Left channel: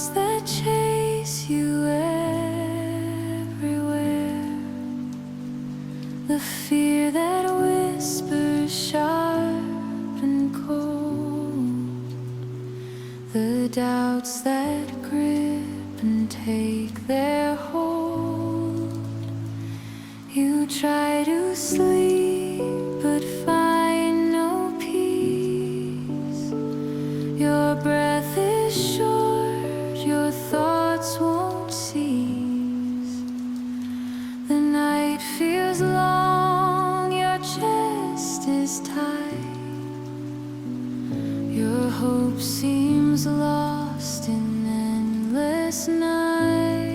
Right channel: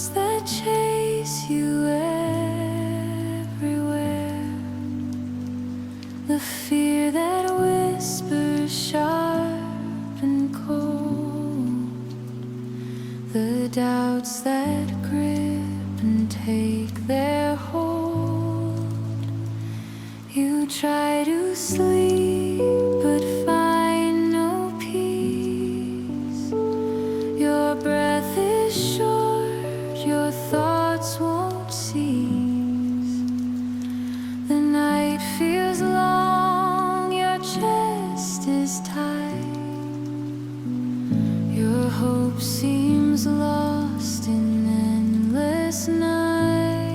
doubts that chase you everywhere, the fear that whispers sharp and cold, the doubts that grip and take their hold. You try to sleep but find no peace. Your breath is short, your thoughts won't cease. The night feels long, your chest is tight. Your hope seems lost in endless night.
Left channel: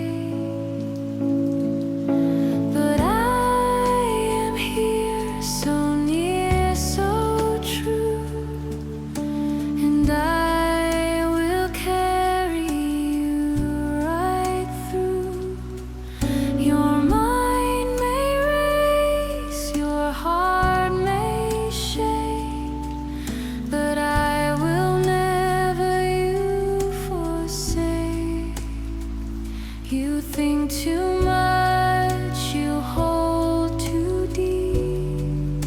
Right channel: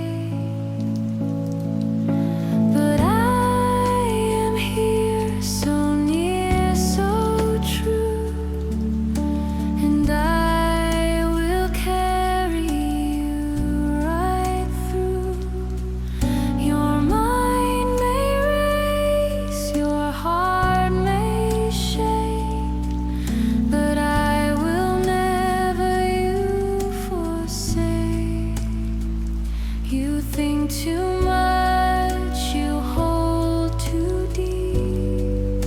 But I am here, so near, so true, and I will carry you right through. Your mind may race, your heart may shake, but I will never you forsake. You think too much, you hold too deep.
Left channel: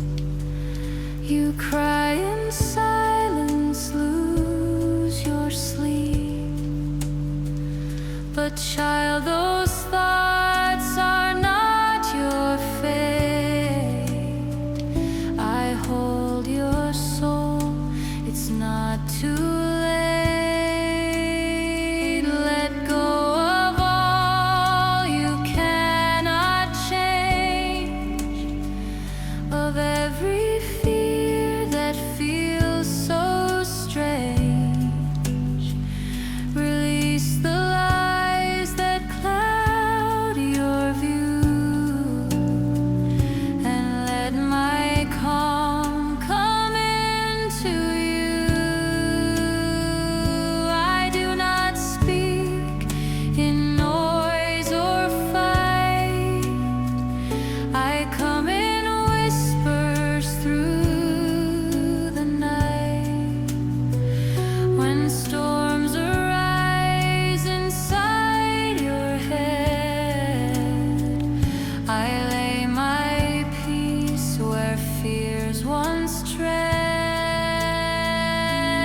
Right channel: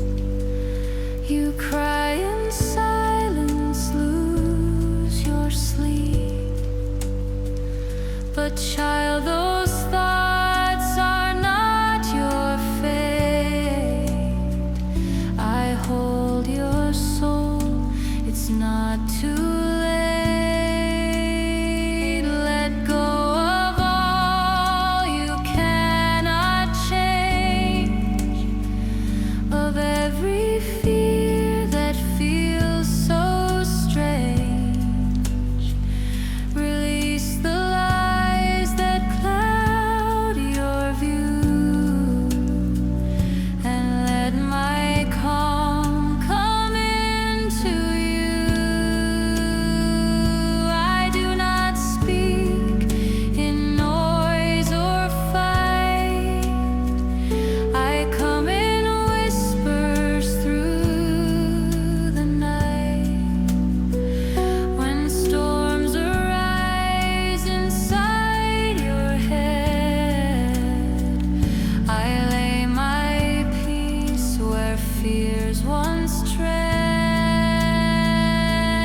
You cry in silence, lose your sleep. But child, those thoughts are not your fate. I hold your soul, it's not too late. Let go of all you cannot change, of every fear that feels so strange. Release the lies that cloud your view, and let my calm come into you. I do not speak in noise or fight. I come in whispers through the night. When storms arise inside your head, I lay my peace where fears once tread.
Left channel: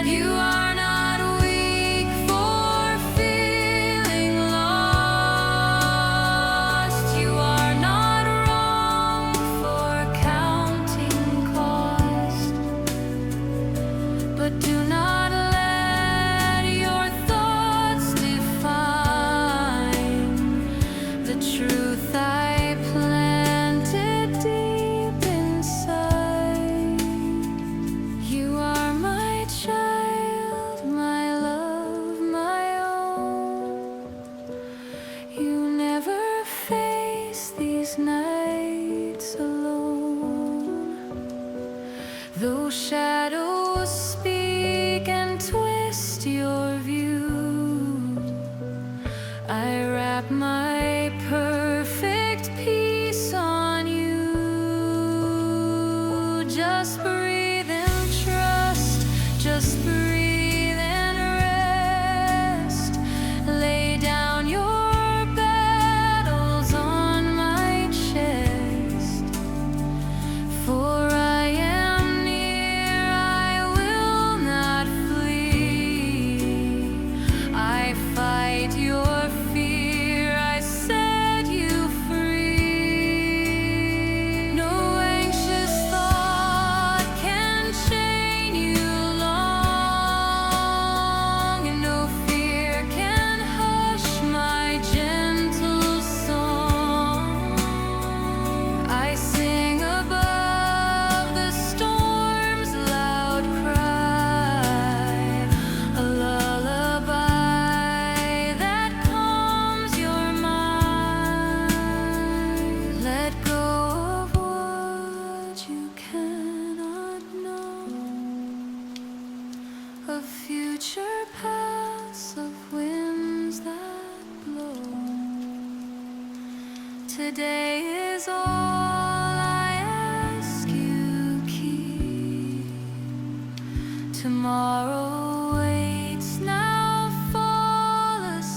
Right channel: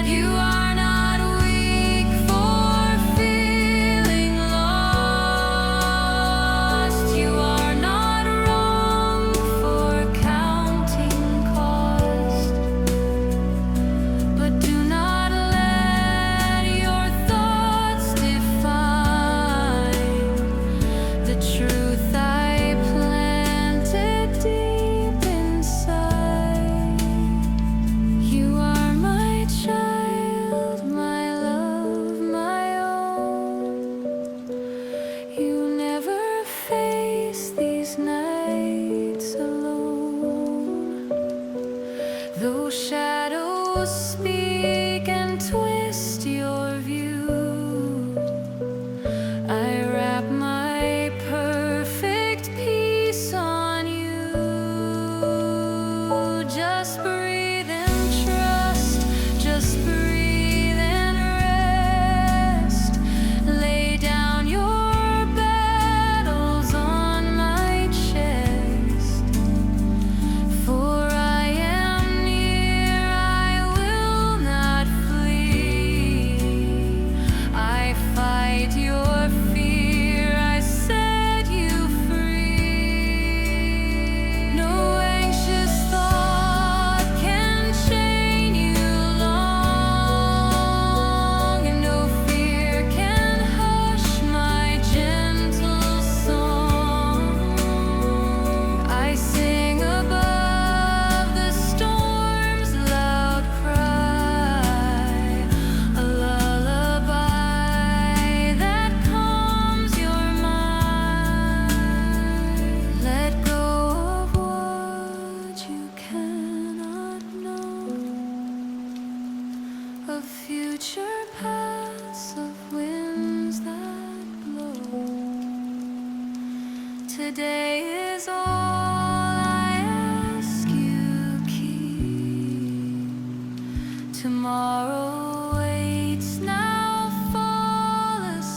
You are not weak for feeling lost. You are not wrong for counting cost. But do not let your thoughts define the truth I planted deep inside. You are my child, my love, my own. You never face these nights alone. Though shadows speak and twist your view, I wrap my perfect peace on you. Just breathe and trust, just breathe and rest. Lay down your battles on my chest, for I am near, I will not flee. I fight your fear, I set you free. No anxious thought can chain you long, and no fear can hush my gentle song. I sing above the storm's loud cry, a lullaby that calms your mind. Let go of what you cannot know, of future paths, of winds that blow. Today is all I ask you keep. Tomorrow waits, now fall asleep.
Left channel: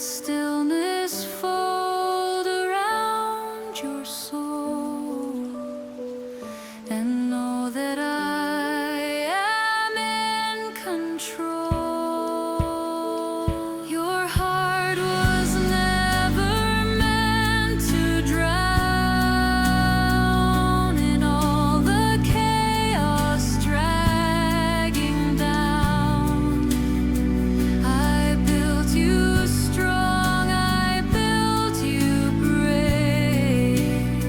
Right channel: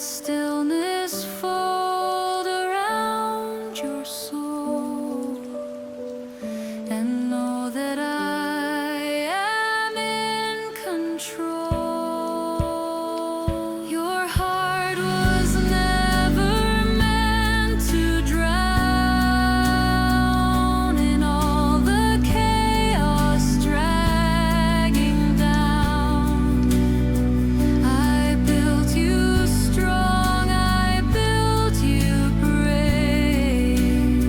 let stillness fold around your soul, and know that I am in control. Your heart was never meant to drown in all the chaos dragging down. I built you strong, I built you brave,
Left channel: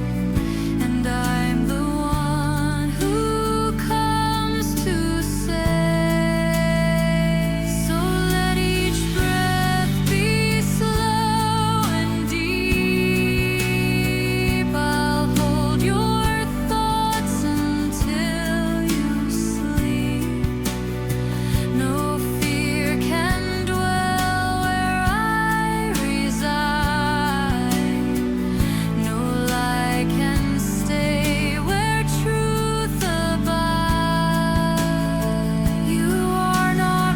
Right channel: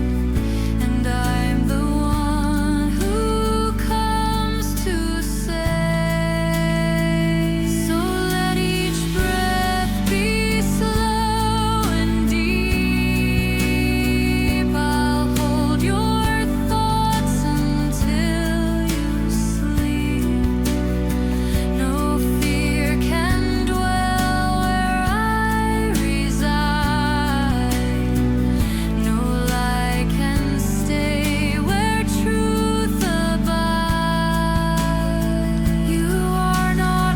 and I'm the one who comes to save. So let each breath be slow and deep. I'll hold your thoughts until you sleep. No fear can dwell where I reside. No lie can stay where truth abides. You are not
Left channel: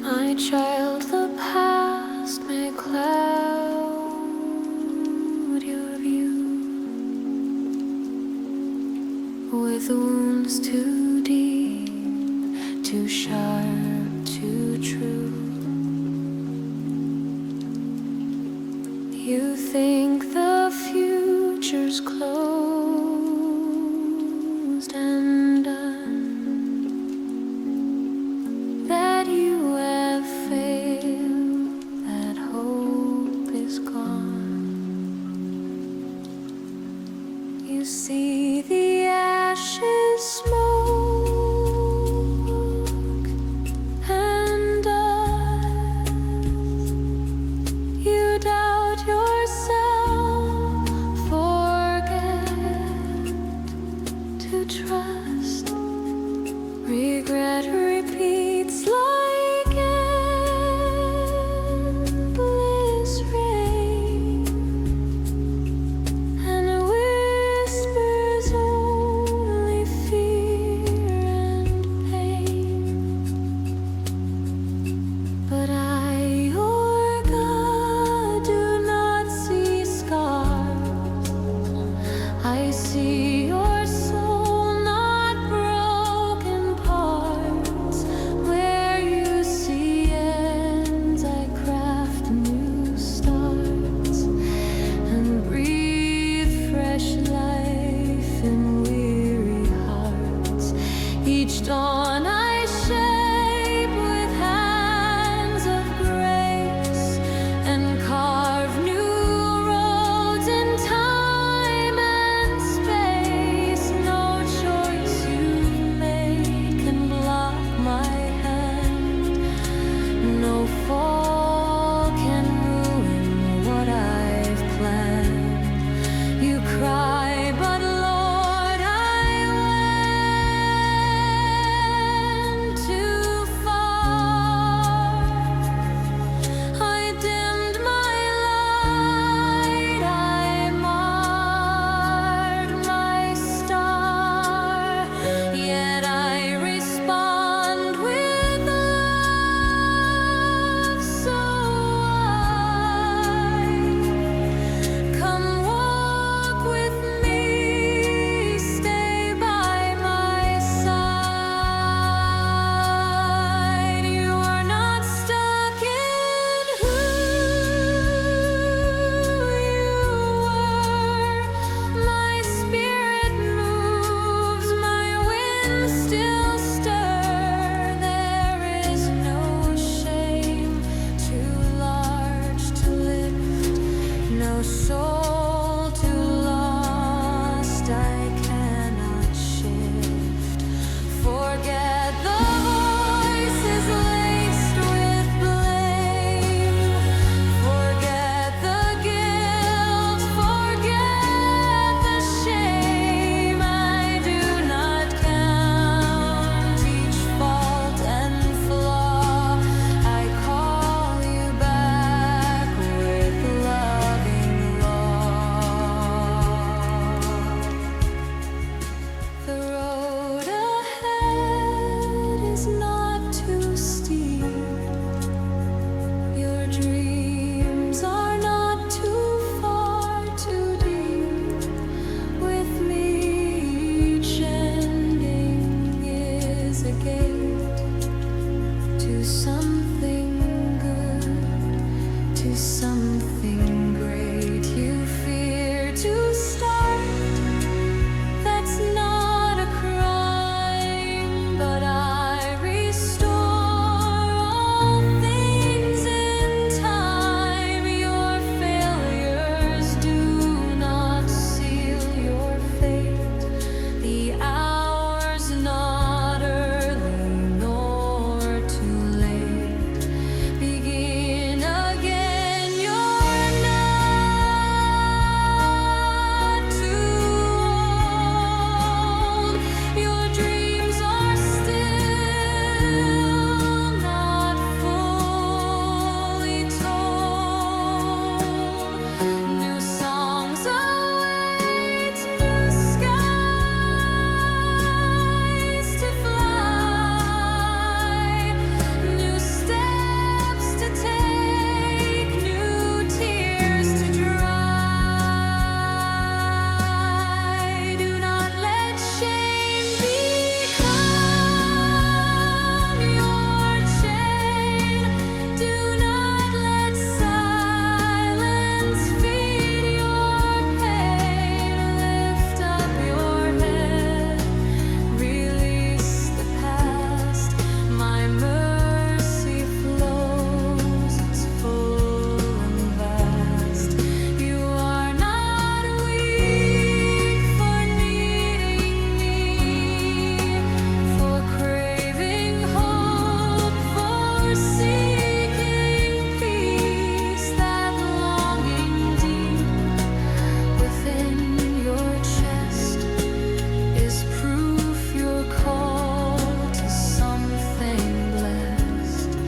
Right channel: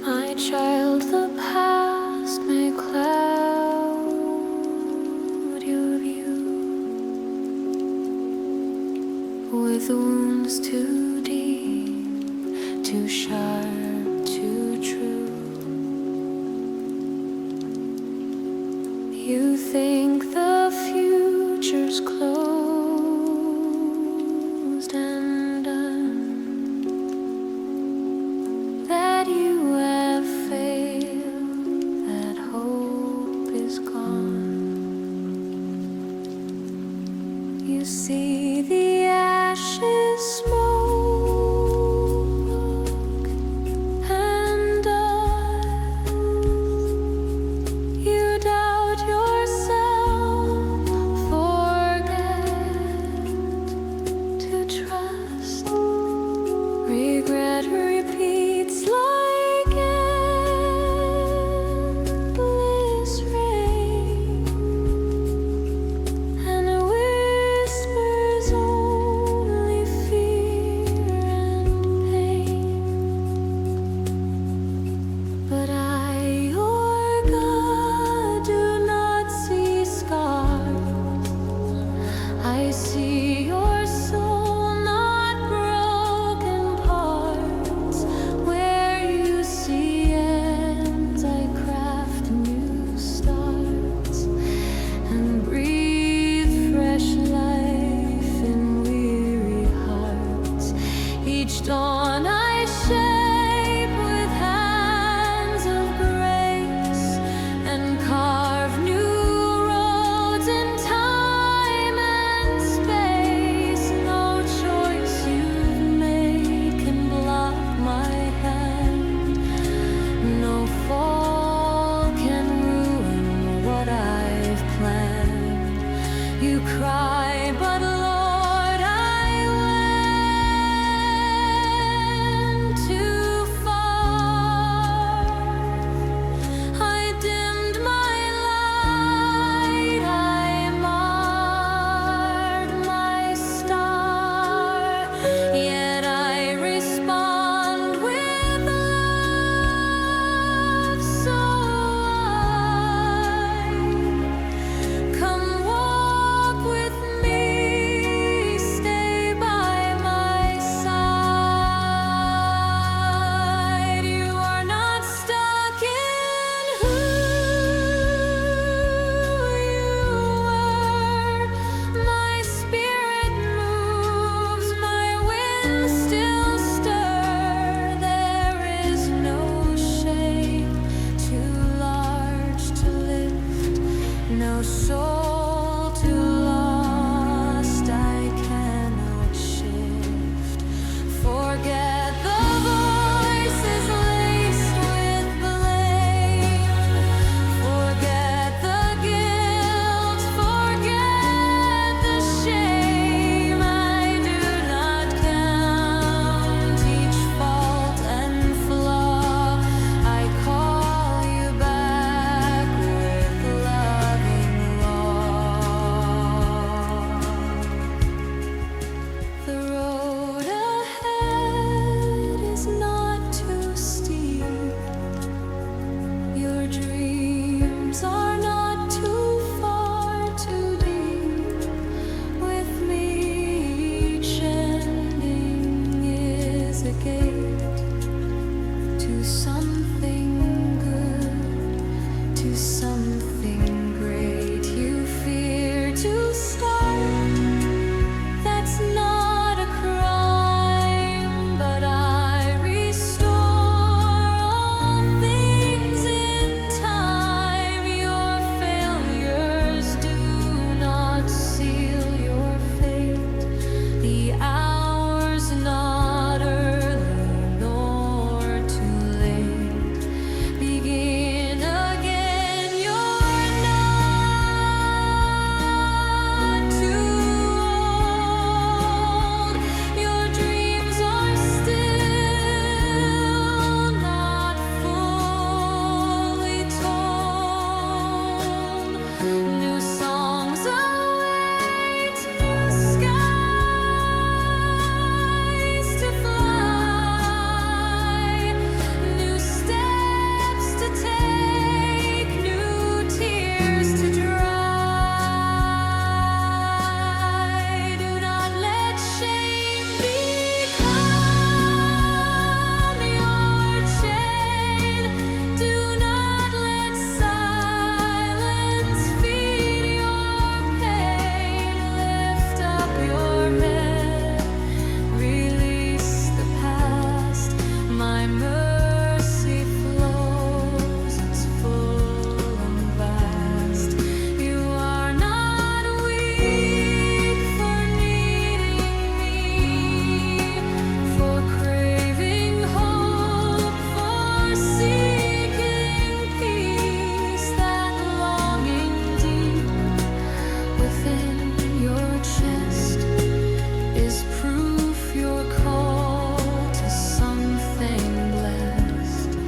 my child. The past may cloud your view with wounds too deep, too sharp, too true. You think the future's closed and done, that you have failed, that hope is gone. You see the ashes, smoke and dust. You doubt yourself, forget to trust. Regret repeats like endless rain, and whispers only fear and pain. But I, your God, do not see scars. I see your soul, not broken parts. Where you see ends, I craft new starts and breathe fresh life in weary hearts. Each dawn I shape with hands of grace and carve new roads in time and space. No choice you've made can block my hand. No fall can ruin what I've planned. You cry, but Lord, I went too far. I dimmed my light, I marred my star, yet I respond with love. So come walk with me, stay by my side. You are not stuck in who you were. My spirit moves, my winds still stir. There is no shame too large to lift, no soul too lost I cannot shift. Forget the voices laced with blame. Forget the guilt, forget the shame. I do not count each fault and flaw. I call Your dreams are not too far, too deep. With me, each ending is a gate to something good, to something great. You fear to start, that's not a crime, but I restore all things in time. Your failures do not seal your fate. The hour's not early nor too late. Begin again, you're not too old. Your dreams are still not fully told. New songs await, new skies to fly, new steps to take, new tears to dry. Do not let shame become your chain. Do not let silence feed your pain. Lift up your head, release the past. My mercy flows, it's full and vast. You are not weak for needing me, for craving hope, for seeking peace. That longing deep within your chest is proof you're called to something blessed.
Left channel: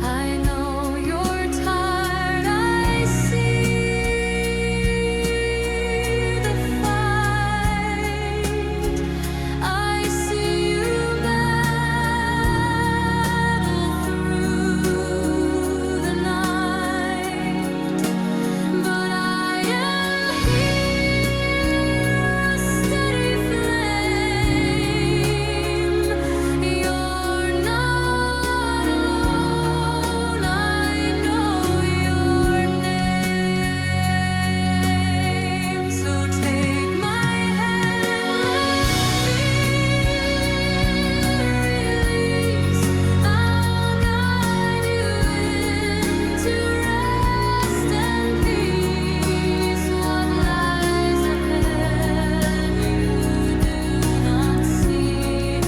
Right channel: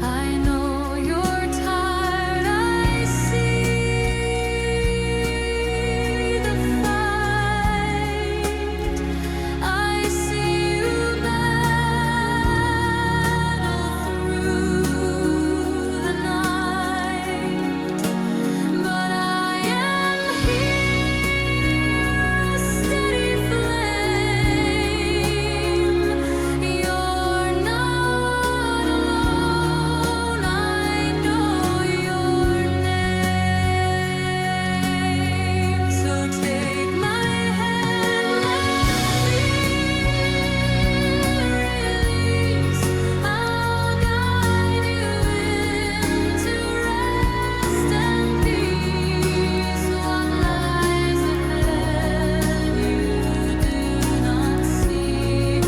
I know you're tired, I see the fight. I see you battle through the night. But I am here, a steady flame. You're not alone, I know your name. So take my hand, let fear release. I'll guide you into rest and peace. What lies ahead you do not see,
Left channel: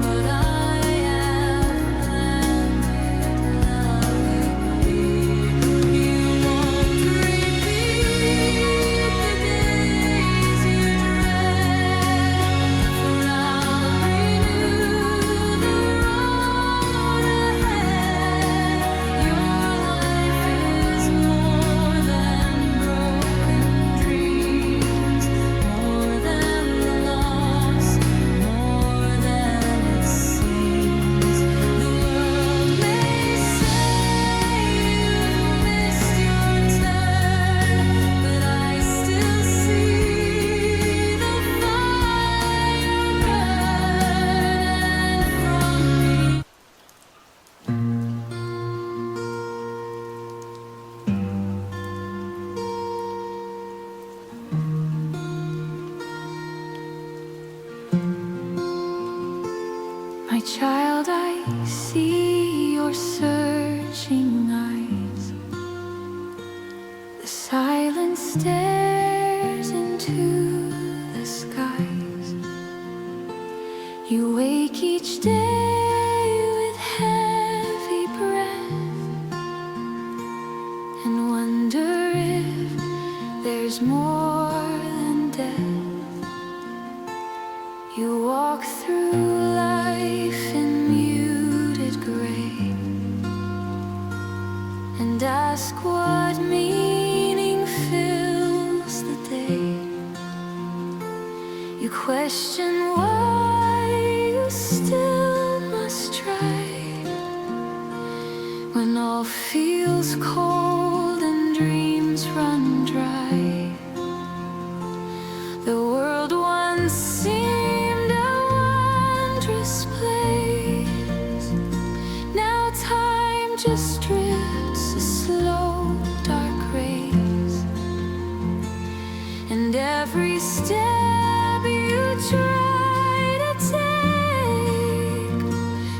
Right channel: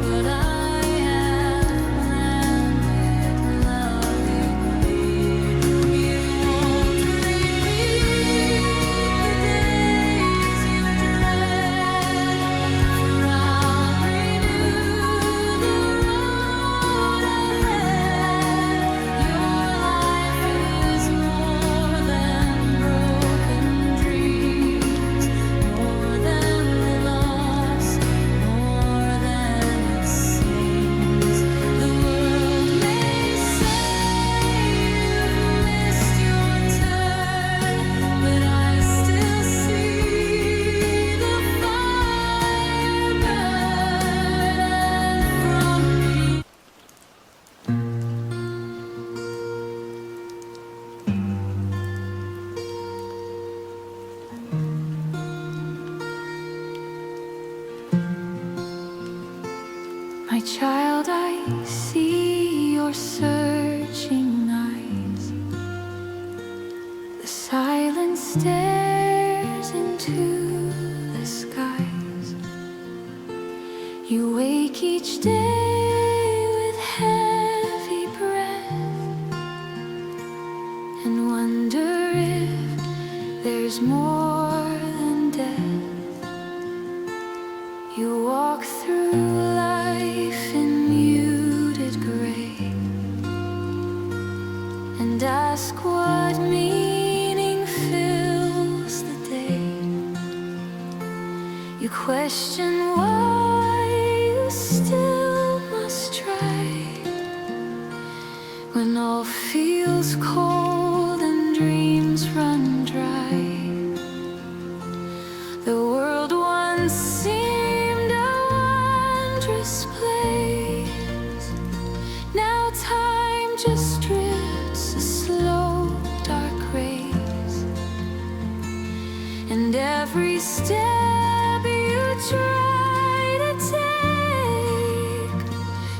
but I have planned it lovingly. You won't repeat the days you dread, for I'll renew the road ahead. Your life is more than broken dreams, more than the loss, more than it seems. The world may say you've missed your turn, but I still see the fire burn, and from me my child, I see your searching eyes. The silence stares into the skies. You wake each day with heavy breath and wonder if there's more than death. You walk through life in muted gray and ask what meaning fills the day. You question why you still must try when all feels feels cold and dreams run dry. The world once seemed a wondrous place. Now time just drifts a slow, dark race, and every step you try to take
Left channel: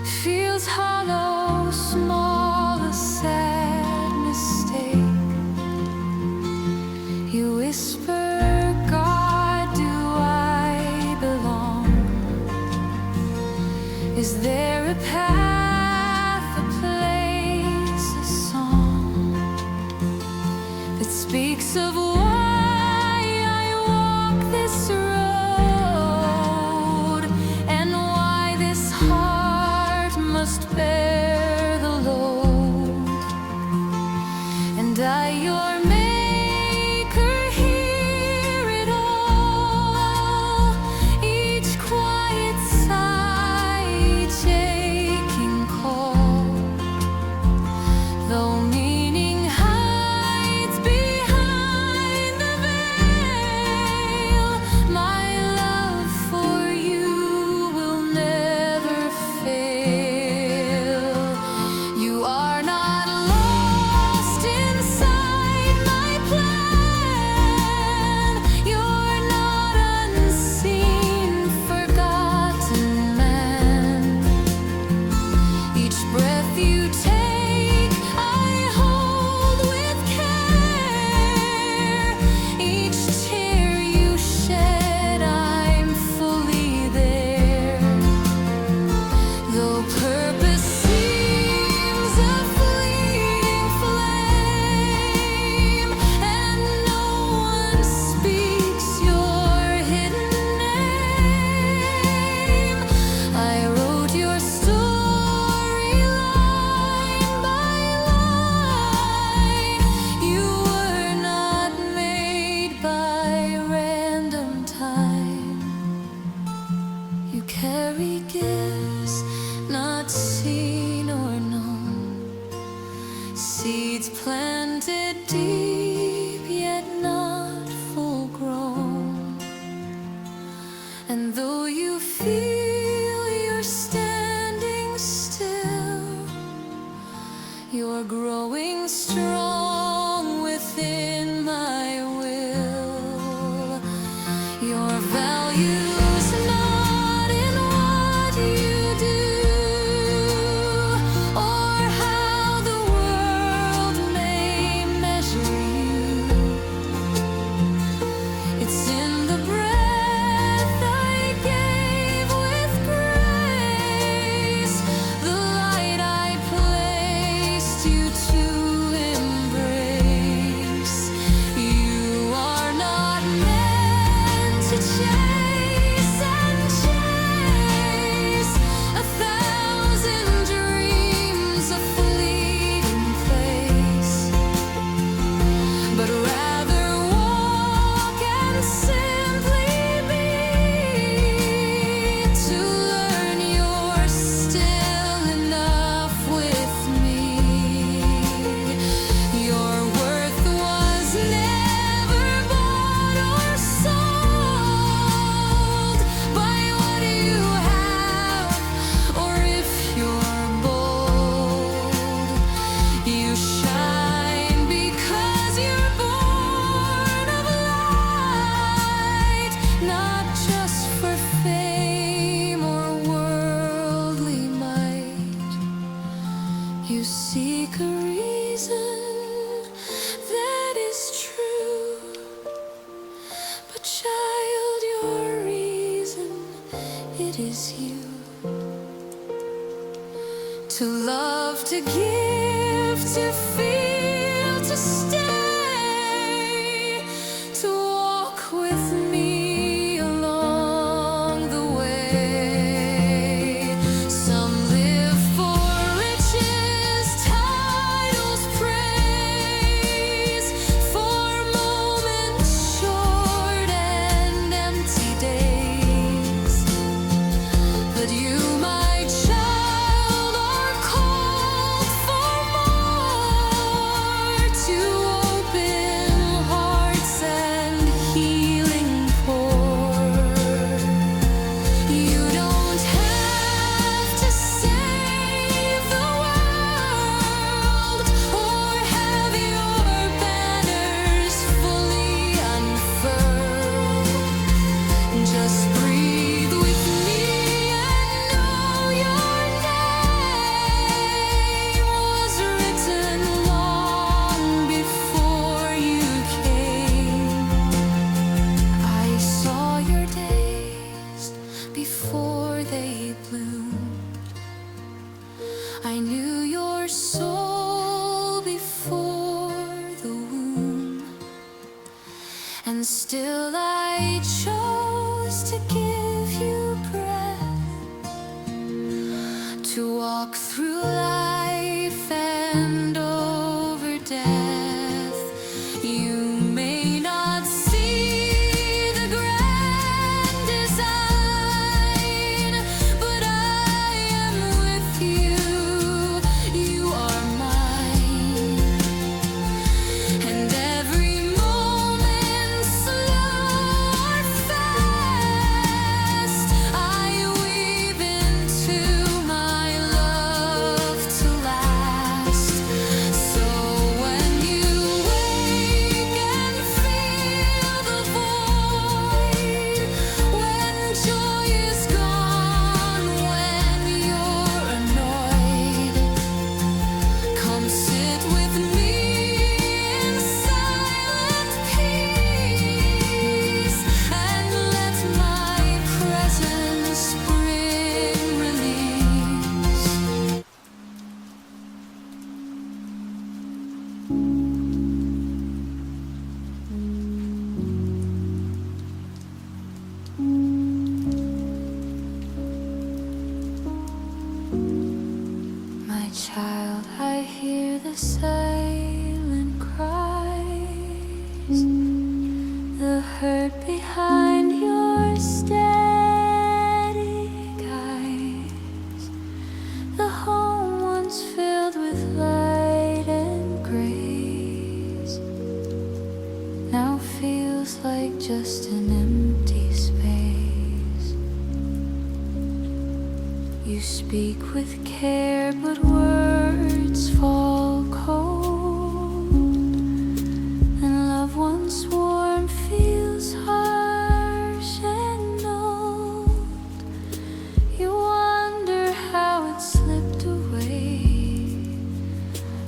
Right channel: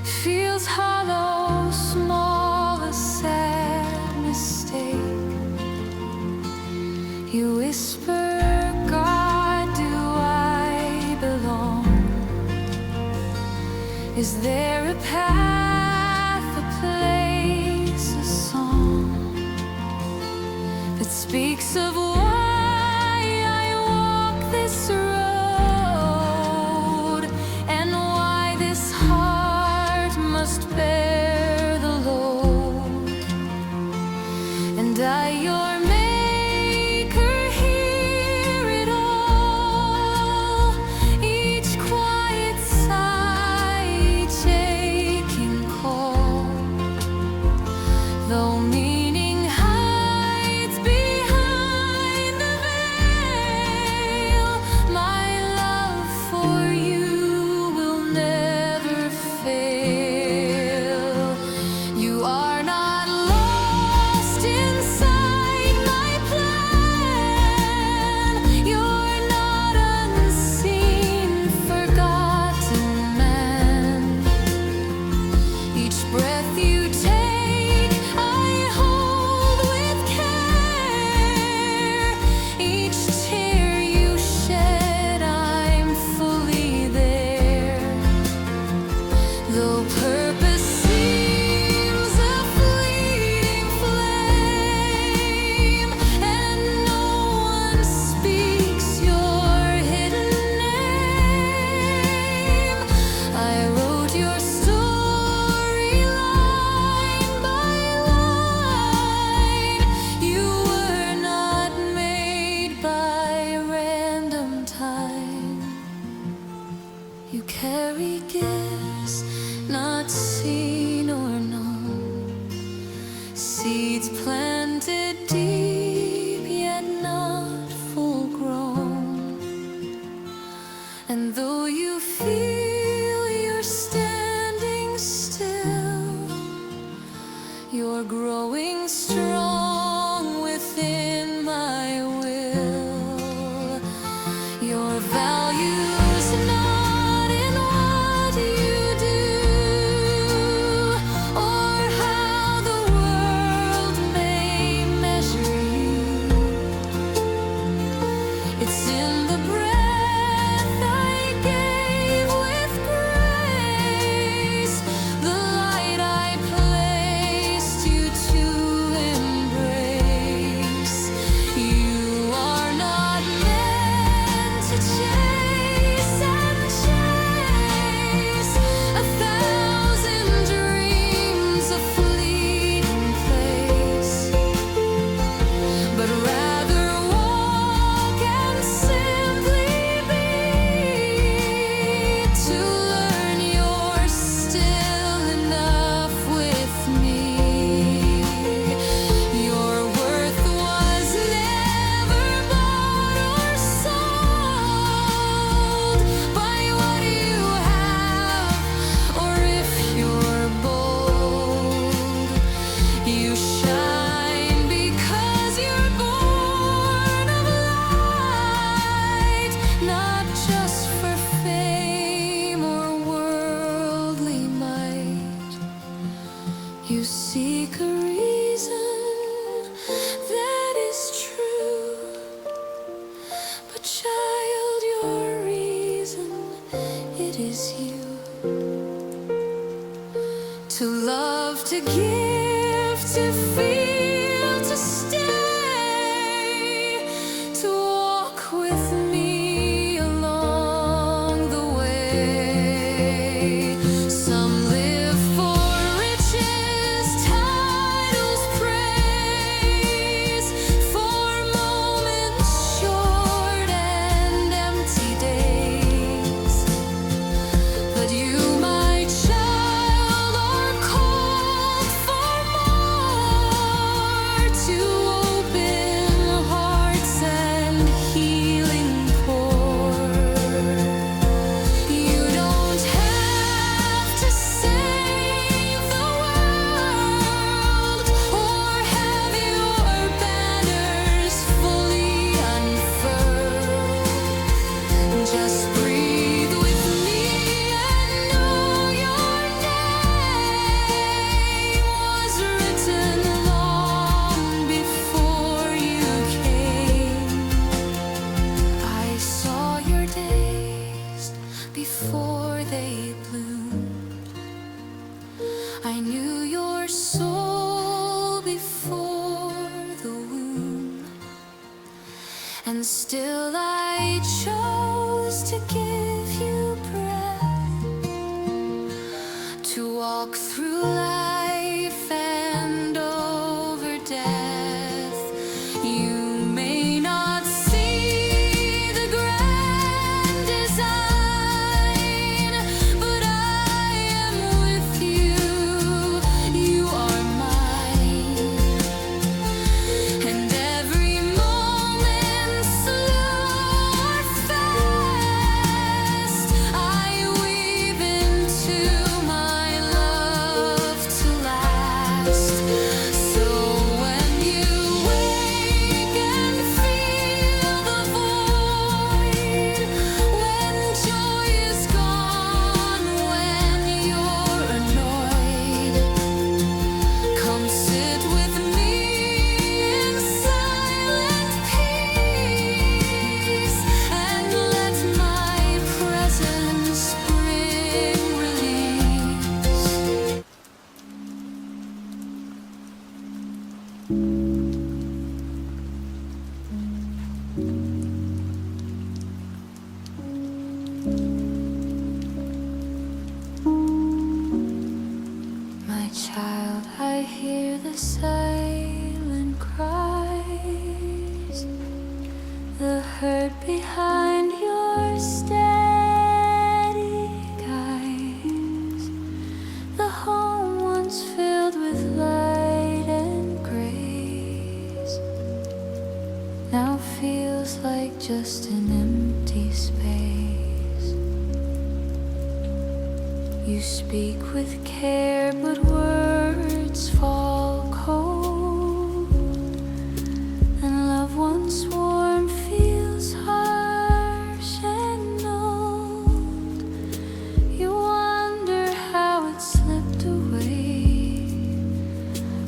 feels hollow, small, a sad mistake. You whisper, God, do I belong? Is there a path, a place, a song that speaks of why I walk this road, and why this heart must bear the load? And I, your maker, hear it all, each quiet sigh, each aching call. Though meaning hides behind the veil, my love for you will never fail. You are not lost inside my plan. You're not unseen, forgotten man. Each breath you take, I hold with care. Each tear you shed, I'm fully there. Though purpose seems a fleeting flame, and no one speaks your hidden name, I wrote your story line by line. You were not made by random time. You carry gifts not seen or known, seeds planted deep yet not full grown. And though you feel you're standing still, you're growing strong within my will. Your value's not in what you do, or how the world may measure you. It's in the breath I gave with grace, the light I placed you to embrace. You are not meant to chase and chase 1,000 dreams, a fleeting place, but rather walk and simply be, to learn you're still enough with me. Your worth was never bought or sold by what you have, or if you're bold. You shine because you're born of light, not just for fame or worldly might. You seek a reason that is true, but child, your reason, it is you. To love, to give, to feel, to stay, to walk with me along the way. Some live for riches, titles, praise, for moments short and empty days. But you, my child, are called for more. I knew your soul before the womb, and still I chose to give you breath, to walk through life and over death. You may not see the grand design, but I am with you. You are mine, and every moment, slow or fast, I weave into my love to last. So when you wake and feel the void, when joy is gone, when you're annoyed, come sit with me in silent peace, and let my presence bring release. My child, I hear the silent cries, the hurt behind your steady eyes. The home once filled with light and grace now feels like just an empty space. You speak with care, but words fall cold, and love once warm feels harsh and old. You wonder how it slipped away,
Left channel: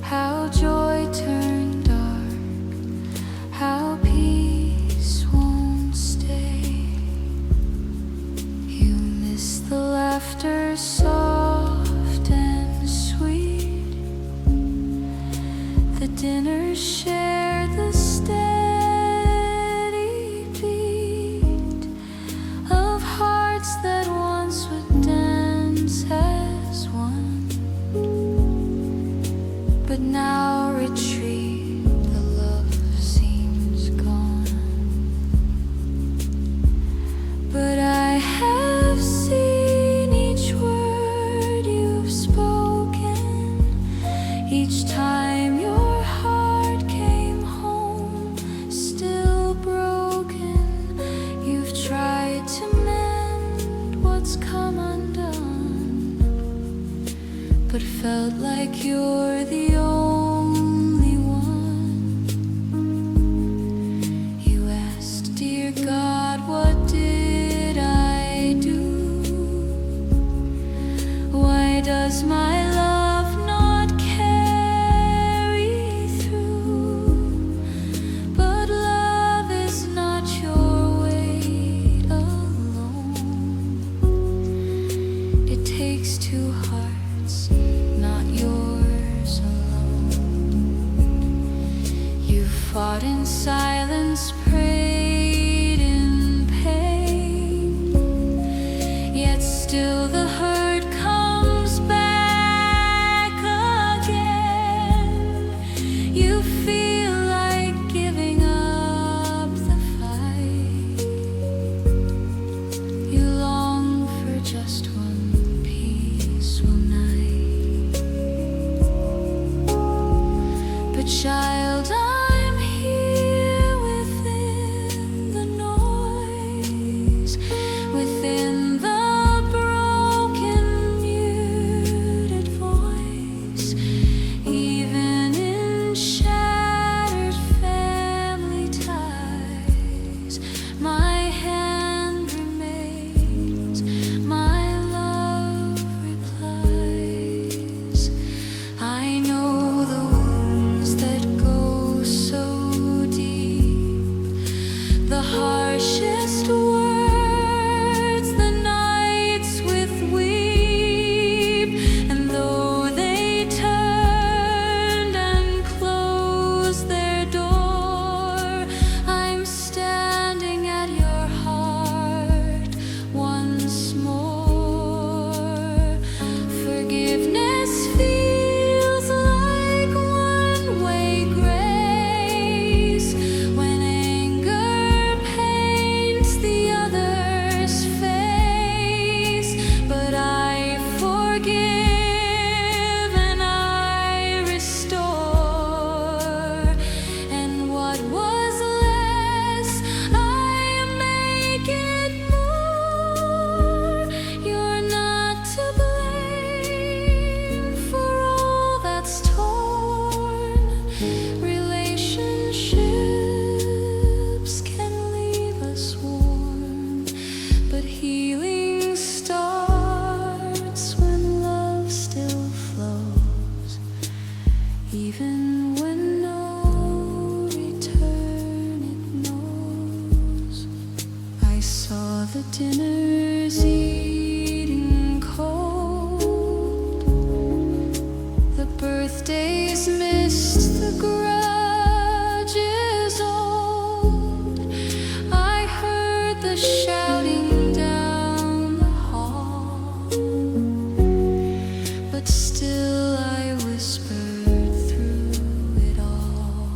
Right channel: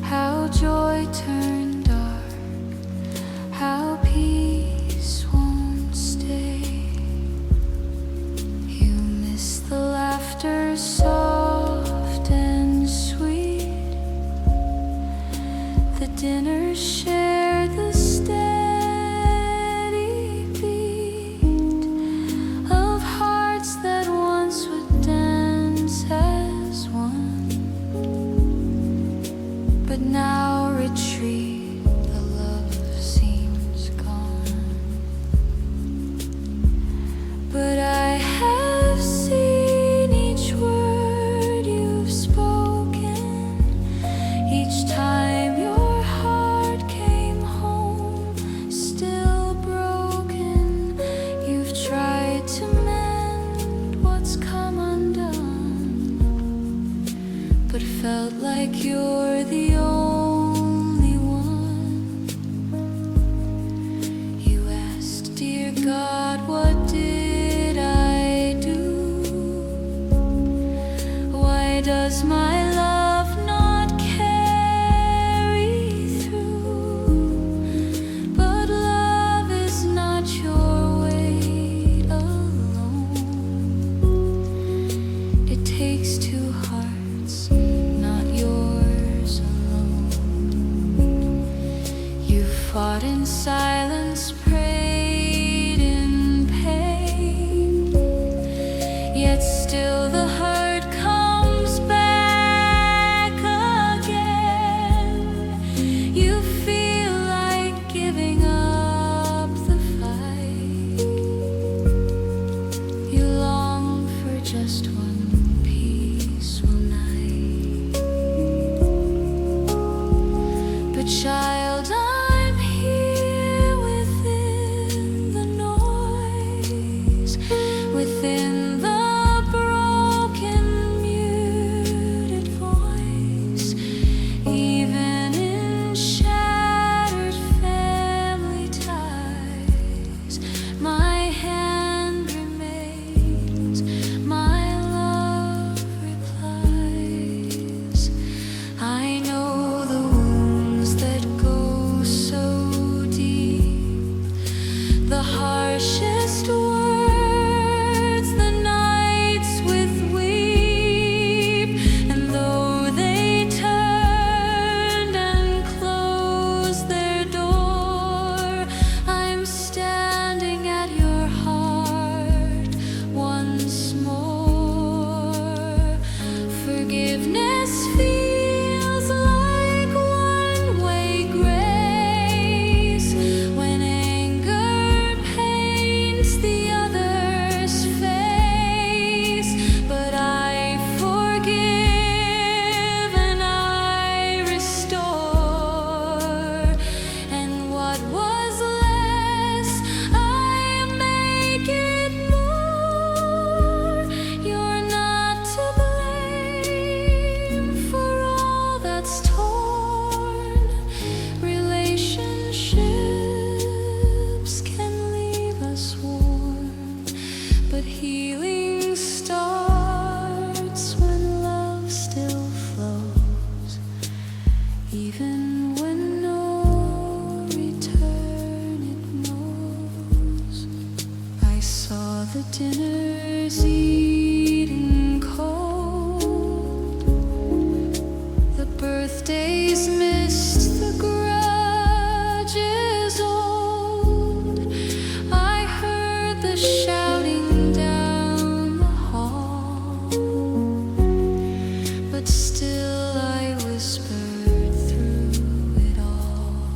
how joy turned dark, how peace won't stay. You miss the laughter soft and sweet, the dinners shared, the steady beat of hearts that once would dance as one, but now retreat. The love seems gone, but I have seen each word you've spoken, each time your heart came home still broken. You've tried to mend what's come undone, but felt like you're the only one. You asked, dear God, what did I do? Why does my love not carry through? But love is not your weight alone. It takes two hearts, not yours alone. You fought in silence, prayed in pain, yet still the hurt comes back again. You feel like giving up the fight. You long for just one peaceful night. But child, I'm here within the noise, within the broken, muted voice. Even in shattered family ties, my hand remains, my love replies. I know the wounds that go so deep, the harshest words, the nights with weep, and though they Even when no return it knows. I saw the dinners eaten cold, the birthdays missed, the grudges old. I heard the shouting down the hall, but still I whispered through it all.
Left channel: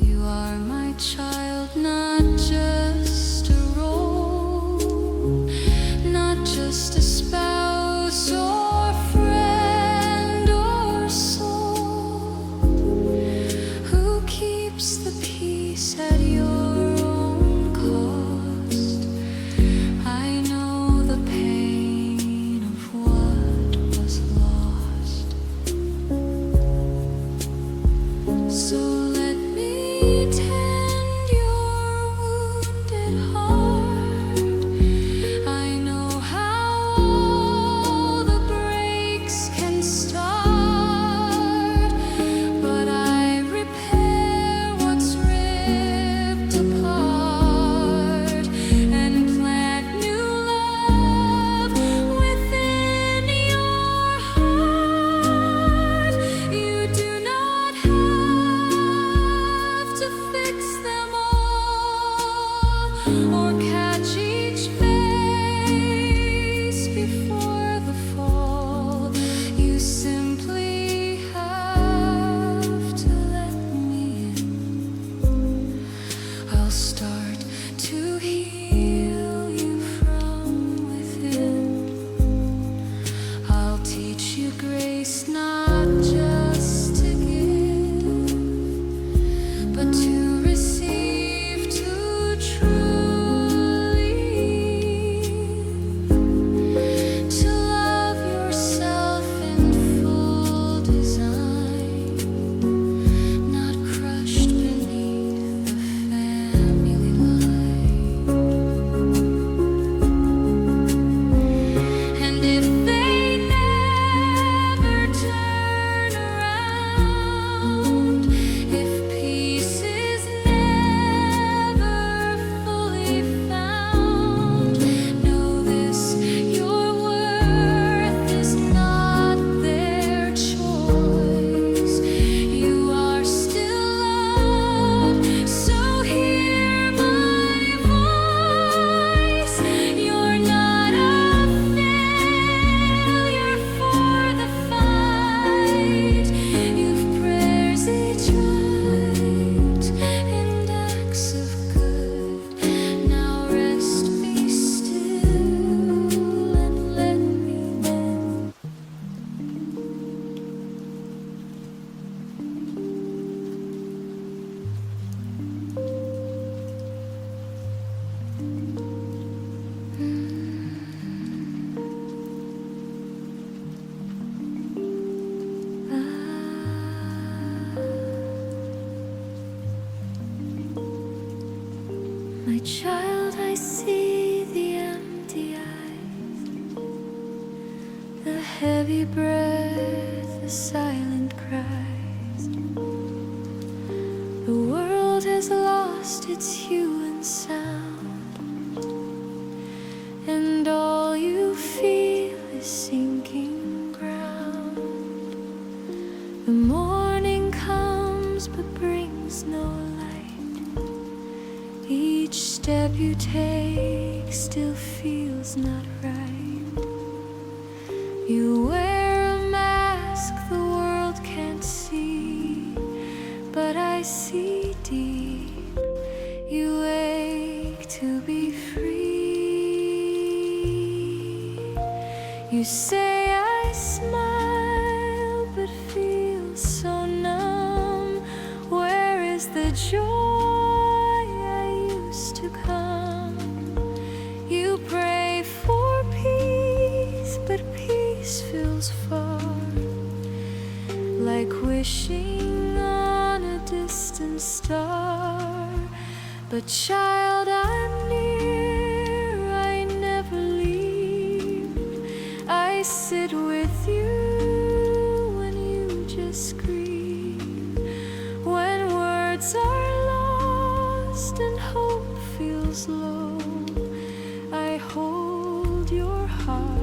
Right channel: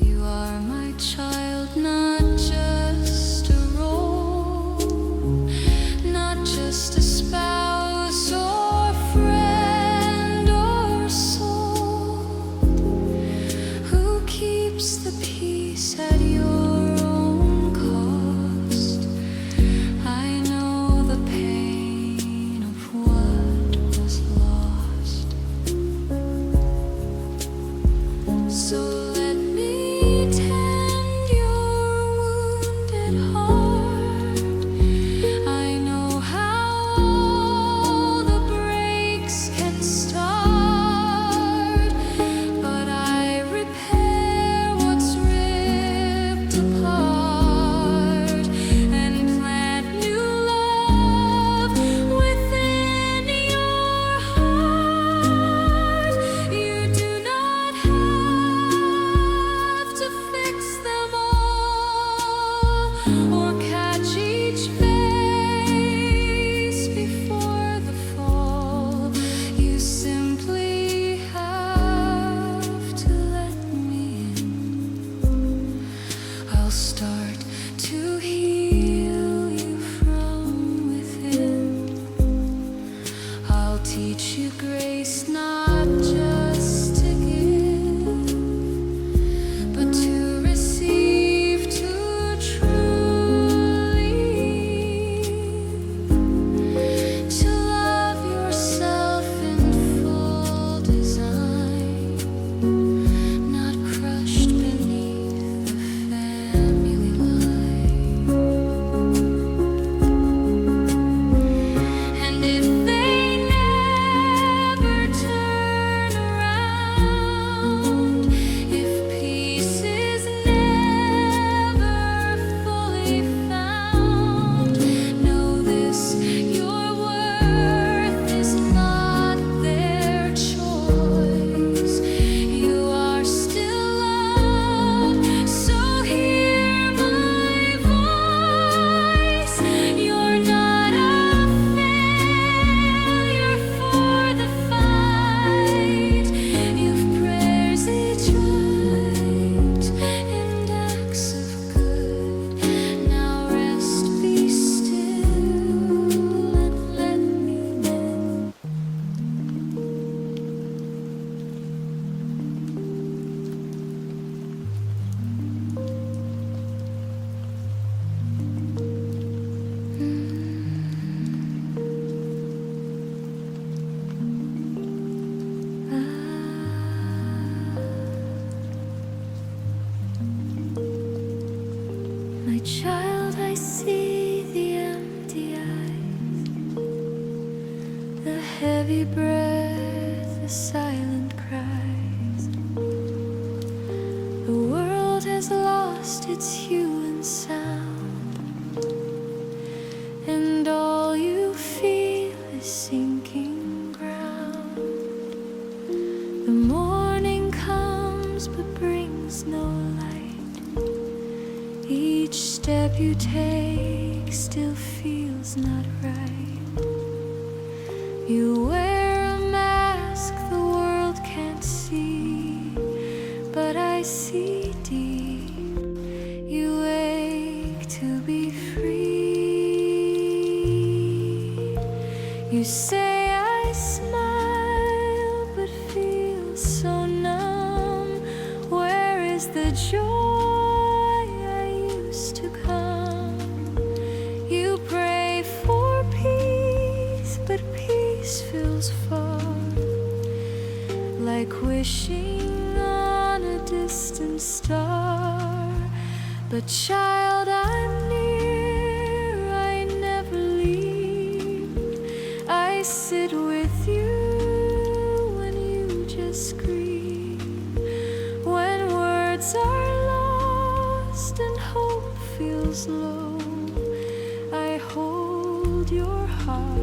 You are my child, not just a role, not just a spouse or friend or soul. Who keeps the peace at your own cost? I know the pain of what was lost. So let me tend your wounded heart. I know how all the breaks can start, but I repair what's ripped apart and plant new love within your heart. You do not have to fix them all or catch each face before the fall. You simply have to let me in. I'll start to heal you from within. I'll teach you grace, not just to give, but to receive, to truly live, to love yourself in full design, not crushed beneath the family line. And if they never turn around, if peace is never fully found, know this: your worth is not their choice. You are still loved, so hear my voice. You're not a failure for the fight. You've prayers each right and acts of good. Now rest, be still, and let me mend. My child, I see the empty eyes, the heavy breath, the silent cries. The world has lost its hue and sound, and all you feel is sinking ground. The morning comes but brings no light. Each step you take still feels not right. You wear a mask the world can't see, but I see deep. You ache to be free. You say I smile but feel so numb. Where is the joy to come? You pray for peace, but peace feels far, like wishing on a distant star. But child, I'm near, I never leave. I sit with you when you endless grief. When words are lost and hope feels low, I hold your heart.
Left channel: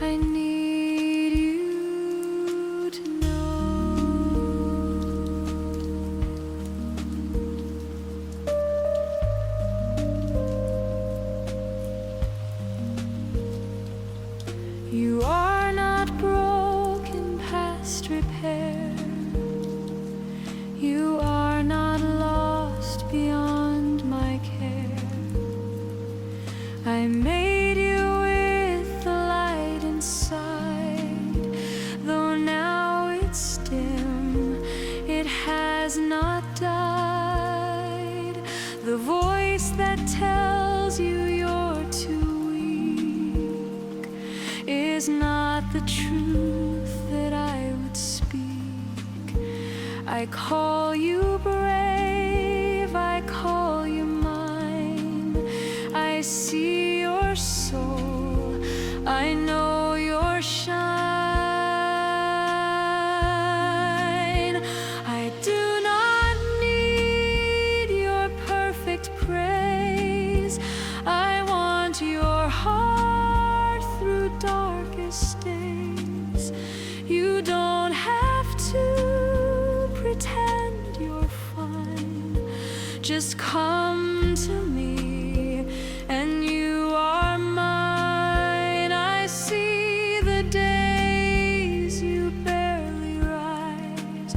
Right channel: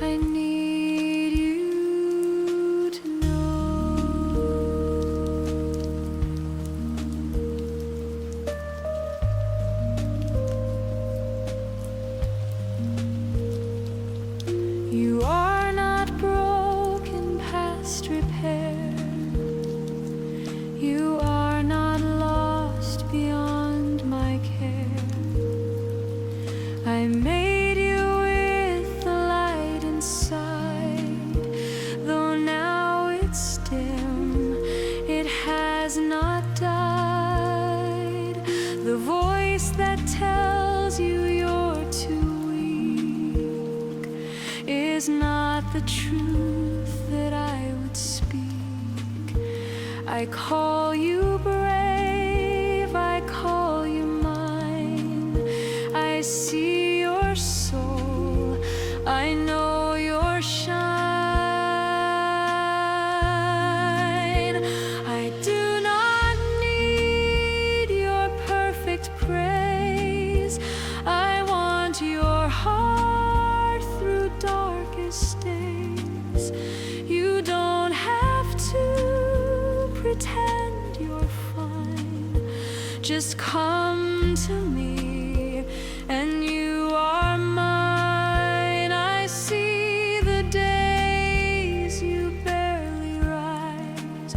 I need you to know. You are not broken past repair. You are not lost beyond my care. I made you with the light inside, though now it's dim, it has not died. The voice that tells you you're too weak is not the truth that I would speak. I call you brave, I call you mine. I see your soul, I know your shine. I do not need your perfect praise. I want your heart through darkest days. You don't have to pretend you're fine. Just come to me and you are mine. I see the days you barely rise,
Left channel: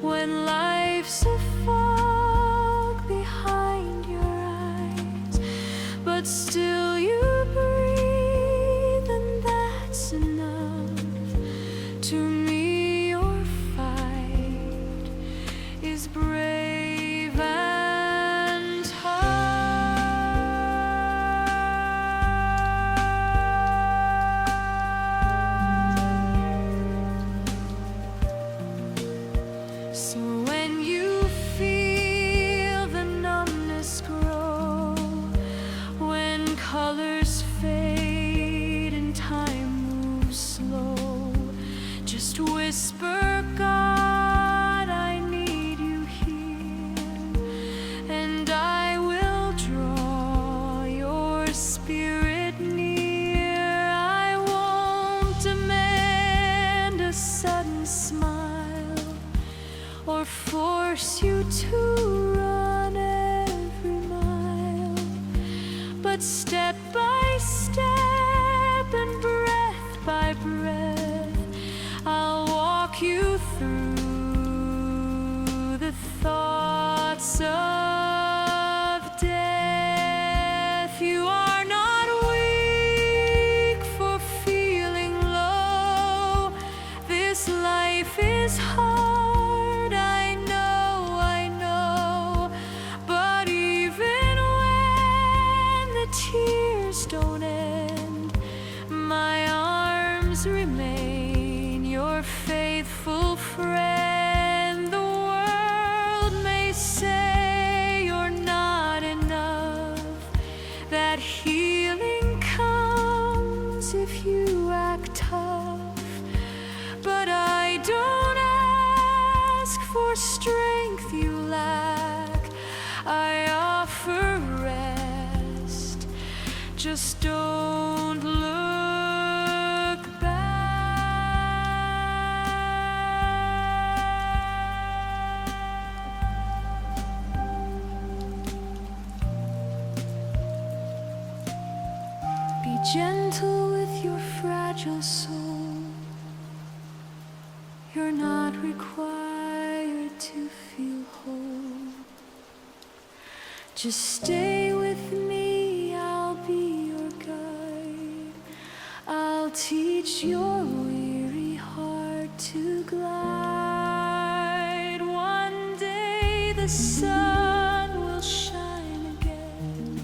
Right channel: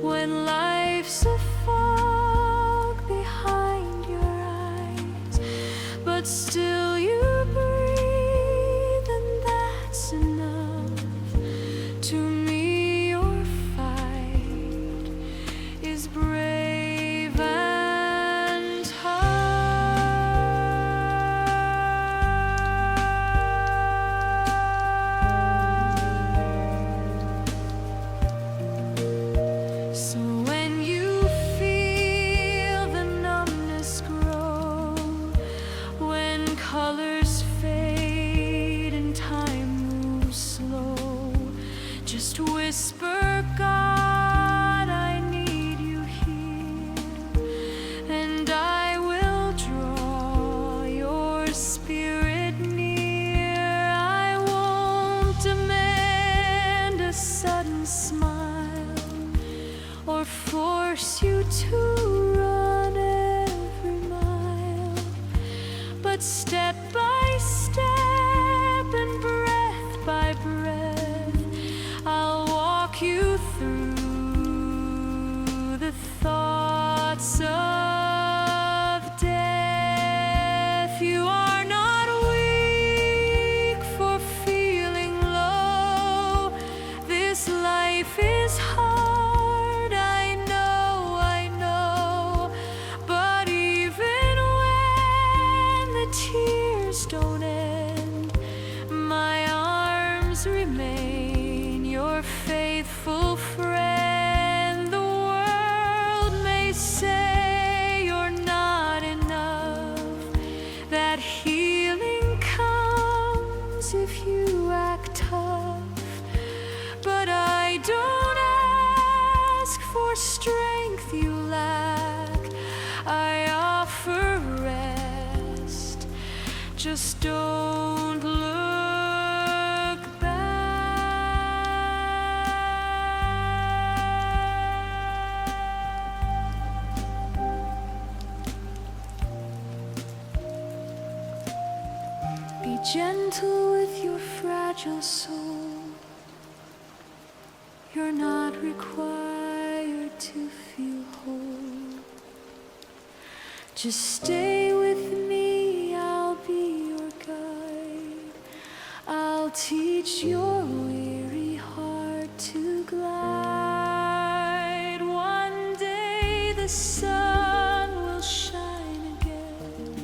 when life's a fog behind your eyes, but still you breathe, and that's enough. To me your fight is brave and hard. So when you feel the numbness grow, when colors fade and time moves slow, just whisper, God, I need you here, and I will draw your spirit near. I won't demand a sudden smile or force you to run every mile, but step by step and breath by breath, I'll walk you through the thoughts of death. You are not weak for feeling low. This life is hard, I know, but even when the tears don't end, my arms remain your faithful friend. The world may say you're not enough, that healing comes if you act tough, but I don't ask for strength you lack. I offer rest, just don't look back. Be gentle with your fragile soul. You're not required to feel whole. Just stay with me, I'll be your guide. I'll teach your weary heart to glide. One day the sun will shine again.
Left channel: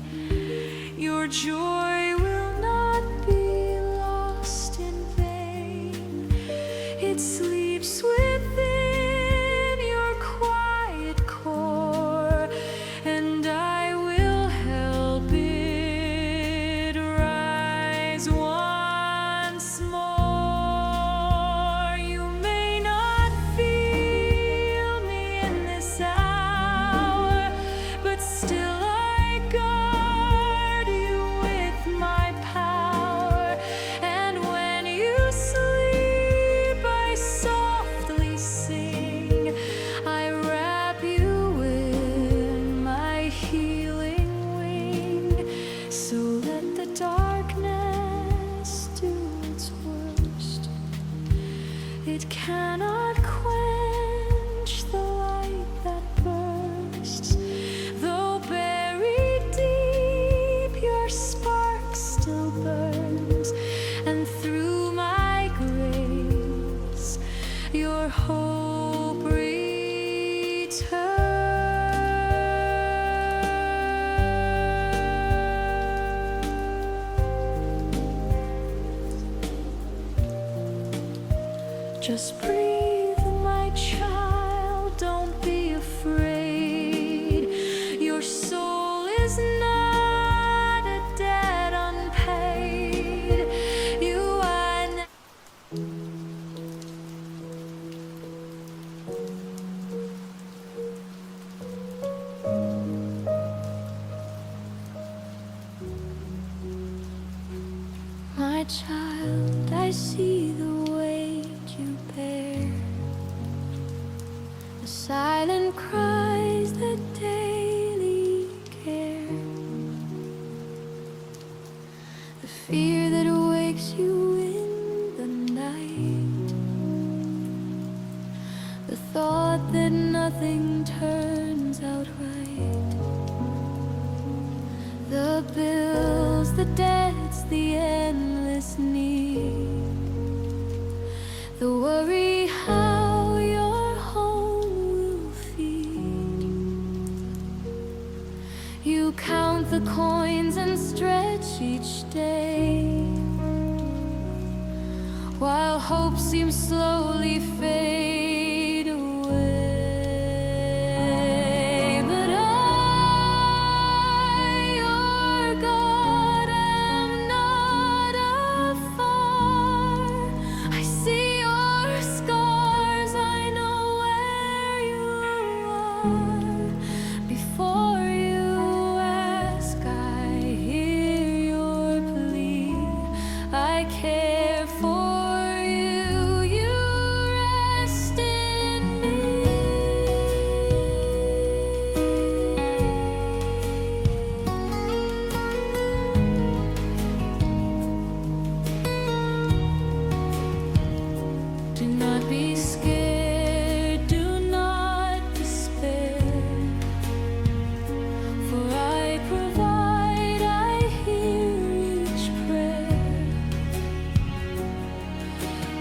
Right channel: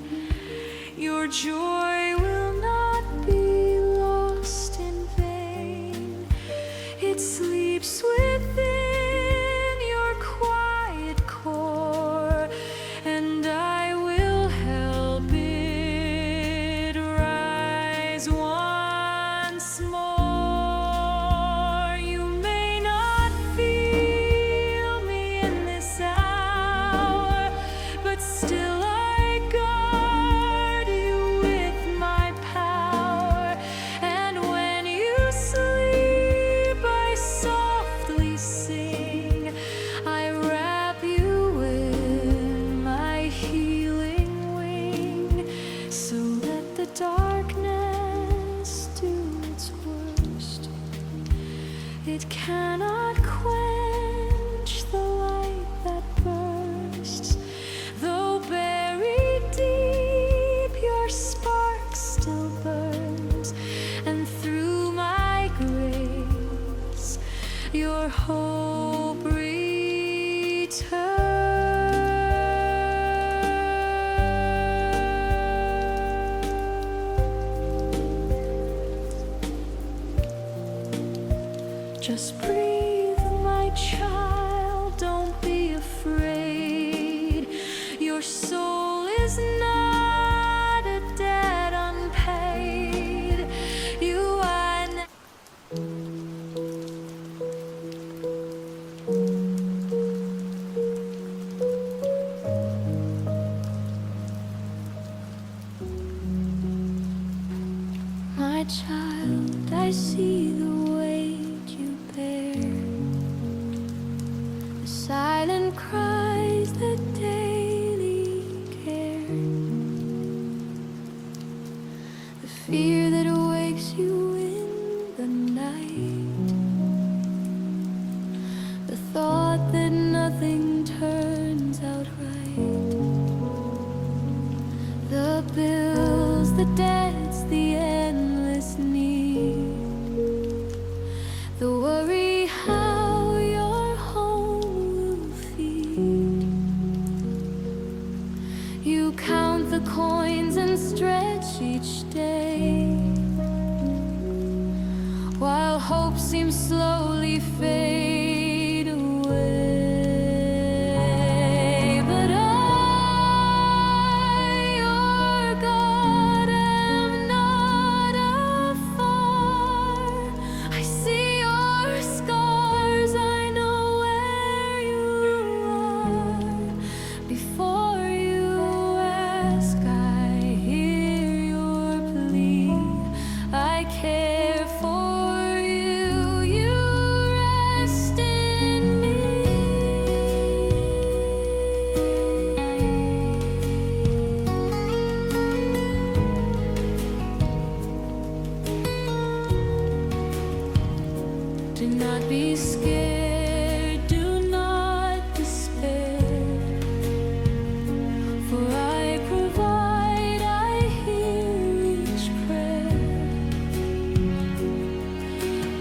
Your joy will not be lost in vain. It sleeps within your quiet core, and I will help it rise once more. You may It cannot quench the light that bursts. Though buried deep, your spark still burns, and through my grace, your hope returns. Just breathe, my child, don't be afraid. Your soul is not a debt unpaid. You are my child, I see the weight you bear, the silent cries that daily care, the fear that wakes you in the night, the thought that nothing turns out right, the bills, the debts, the endless need, the worry how your home will feed. You count the coins and stretch each day, while hope seems slowly fade away. But I, your God, am not afar. I see your scars, I know where you are. Before you ask, I hear your plea. I care for you, you rest in me. Do not be scared, do not despair, for I provide, I hear each prayer.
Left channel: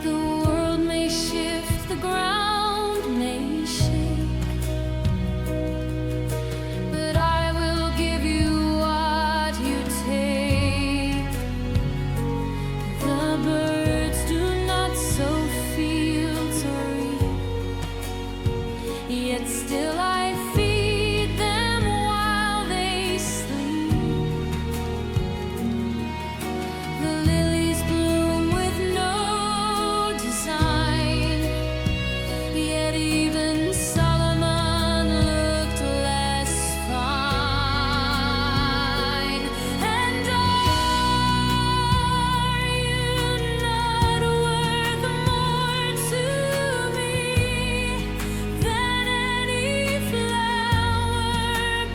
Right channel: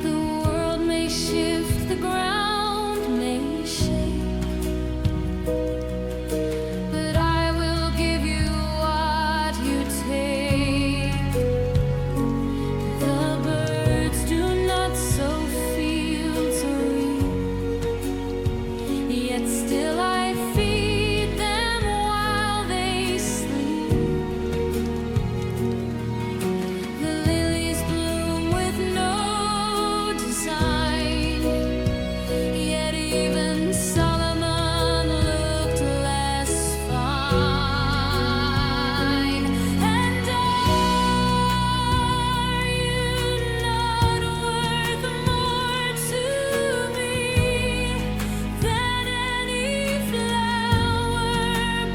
The world may shift, the ground may shake, but I will give you what you take. The birds do not sow fields or reap, yet still I feed them while they sleep. The lilies bloom with no design, yet even Solomon looked less fine. And are you not worth more to me than any flower,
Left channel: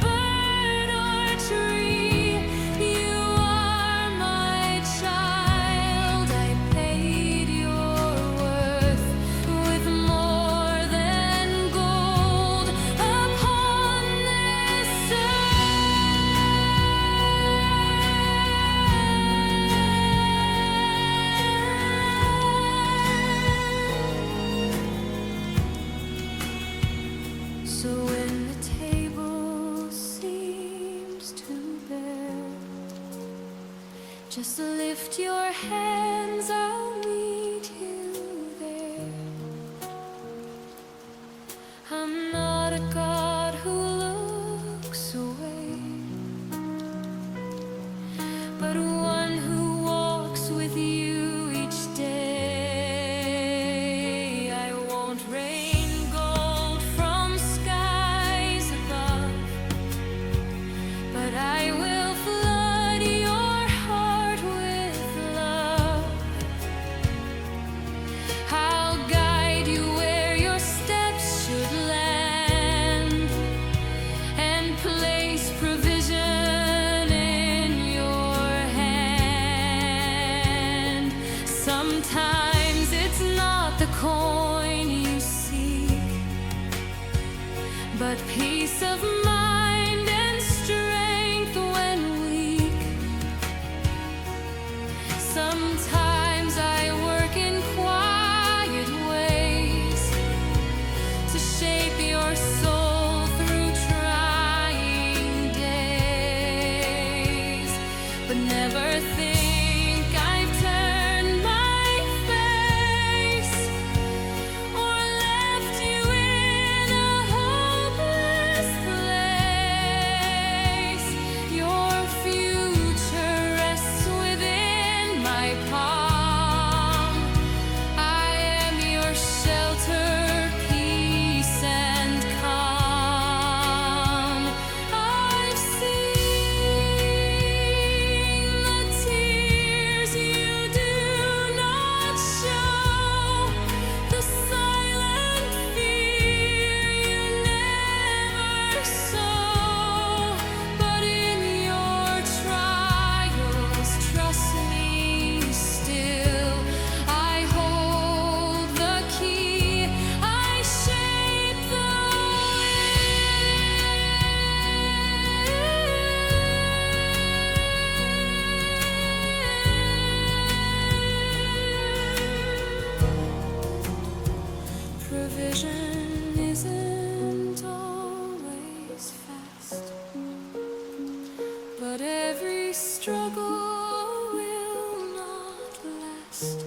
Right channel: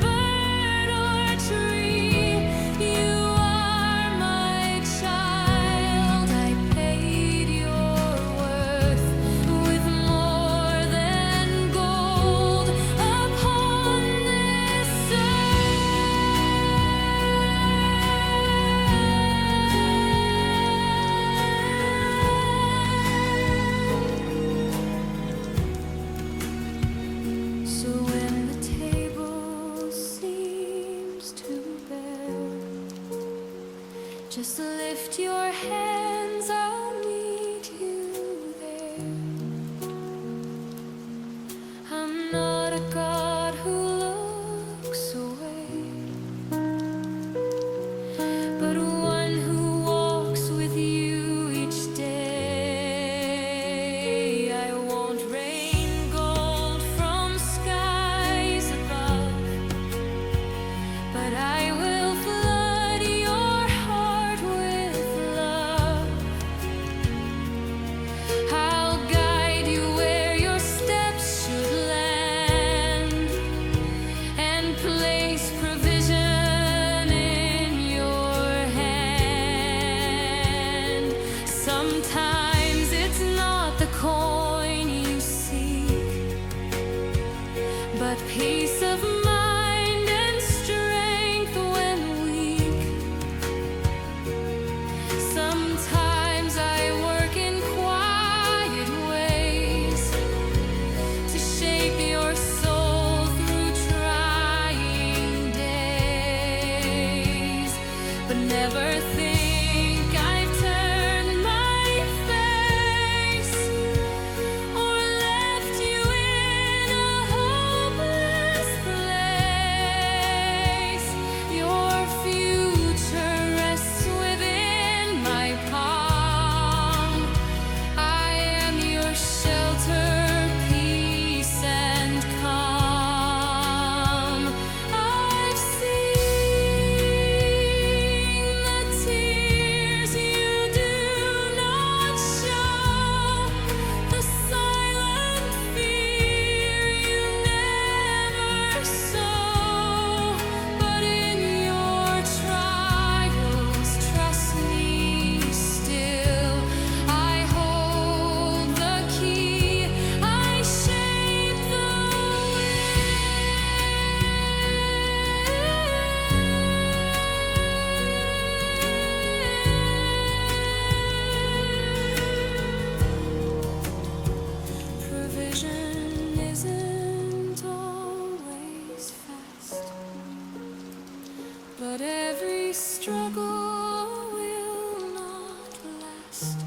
bird, or tree? You are my child, I paid your worth with more than gold upon this earth. So when the table seems too bare, just lift your hands, I'll meet you there. I'm not a God who looks away, but one who walks with you each day. I won't rain gold from skies above, but I will flood your heart with love. I'll guide you where your steps should land, and place provision in your hand. Sometimes it's not the coin you seek, but peace of mind and strength when weak. Sometimes I work in quiet ways to shape your soul through trying days, but never think I've turned my face or left you in a hopeless place. Your future rests within my palm. I am your shelter, peace and calm. I've seen the tears you do not show, the silent fear you never sow. But in your trials, trust me still. I hold the key, I shape the wind. Provision isn't always fast, but every struggle will not last.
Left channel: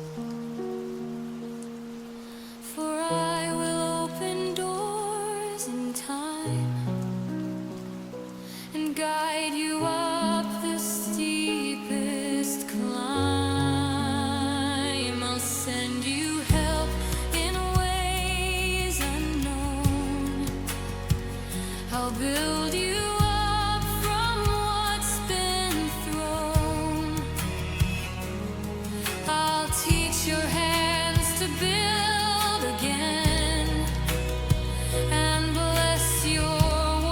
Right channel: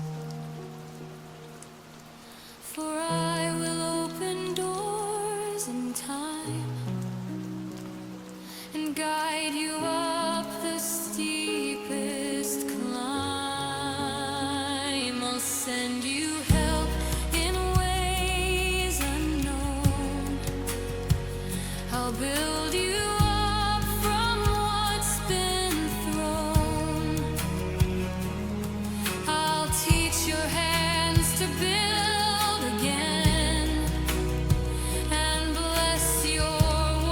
For I will open doors in time and guide you up the steepest climb. I'll send you help in ways unknown. I'll build you up from what's been thrown. I'll teach your hands to build again and bless your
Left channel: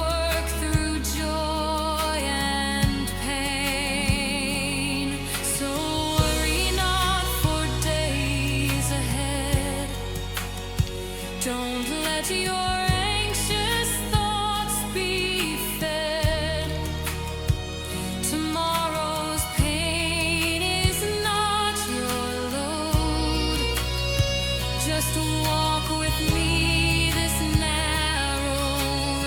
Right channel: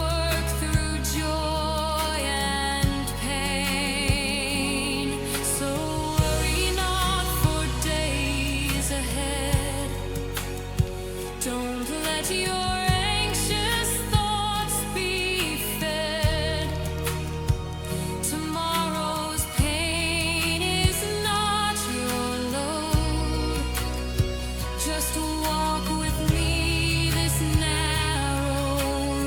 work through joy and pain. So worry not for days ahead. Don't let your anxious thoughts be fed. Tomorrow's pain is not your load. Just walk with me this narrow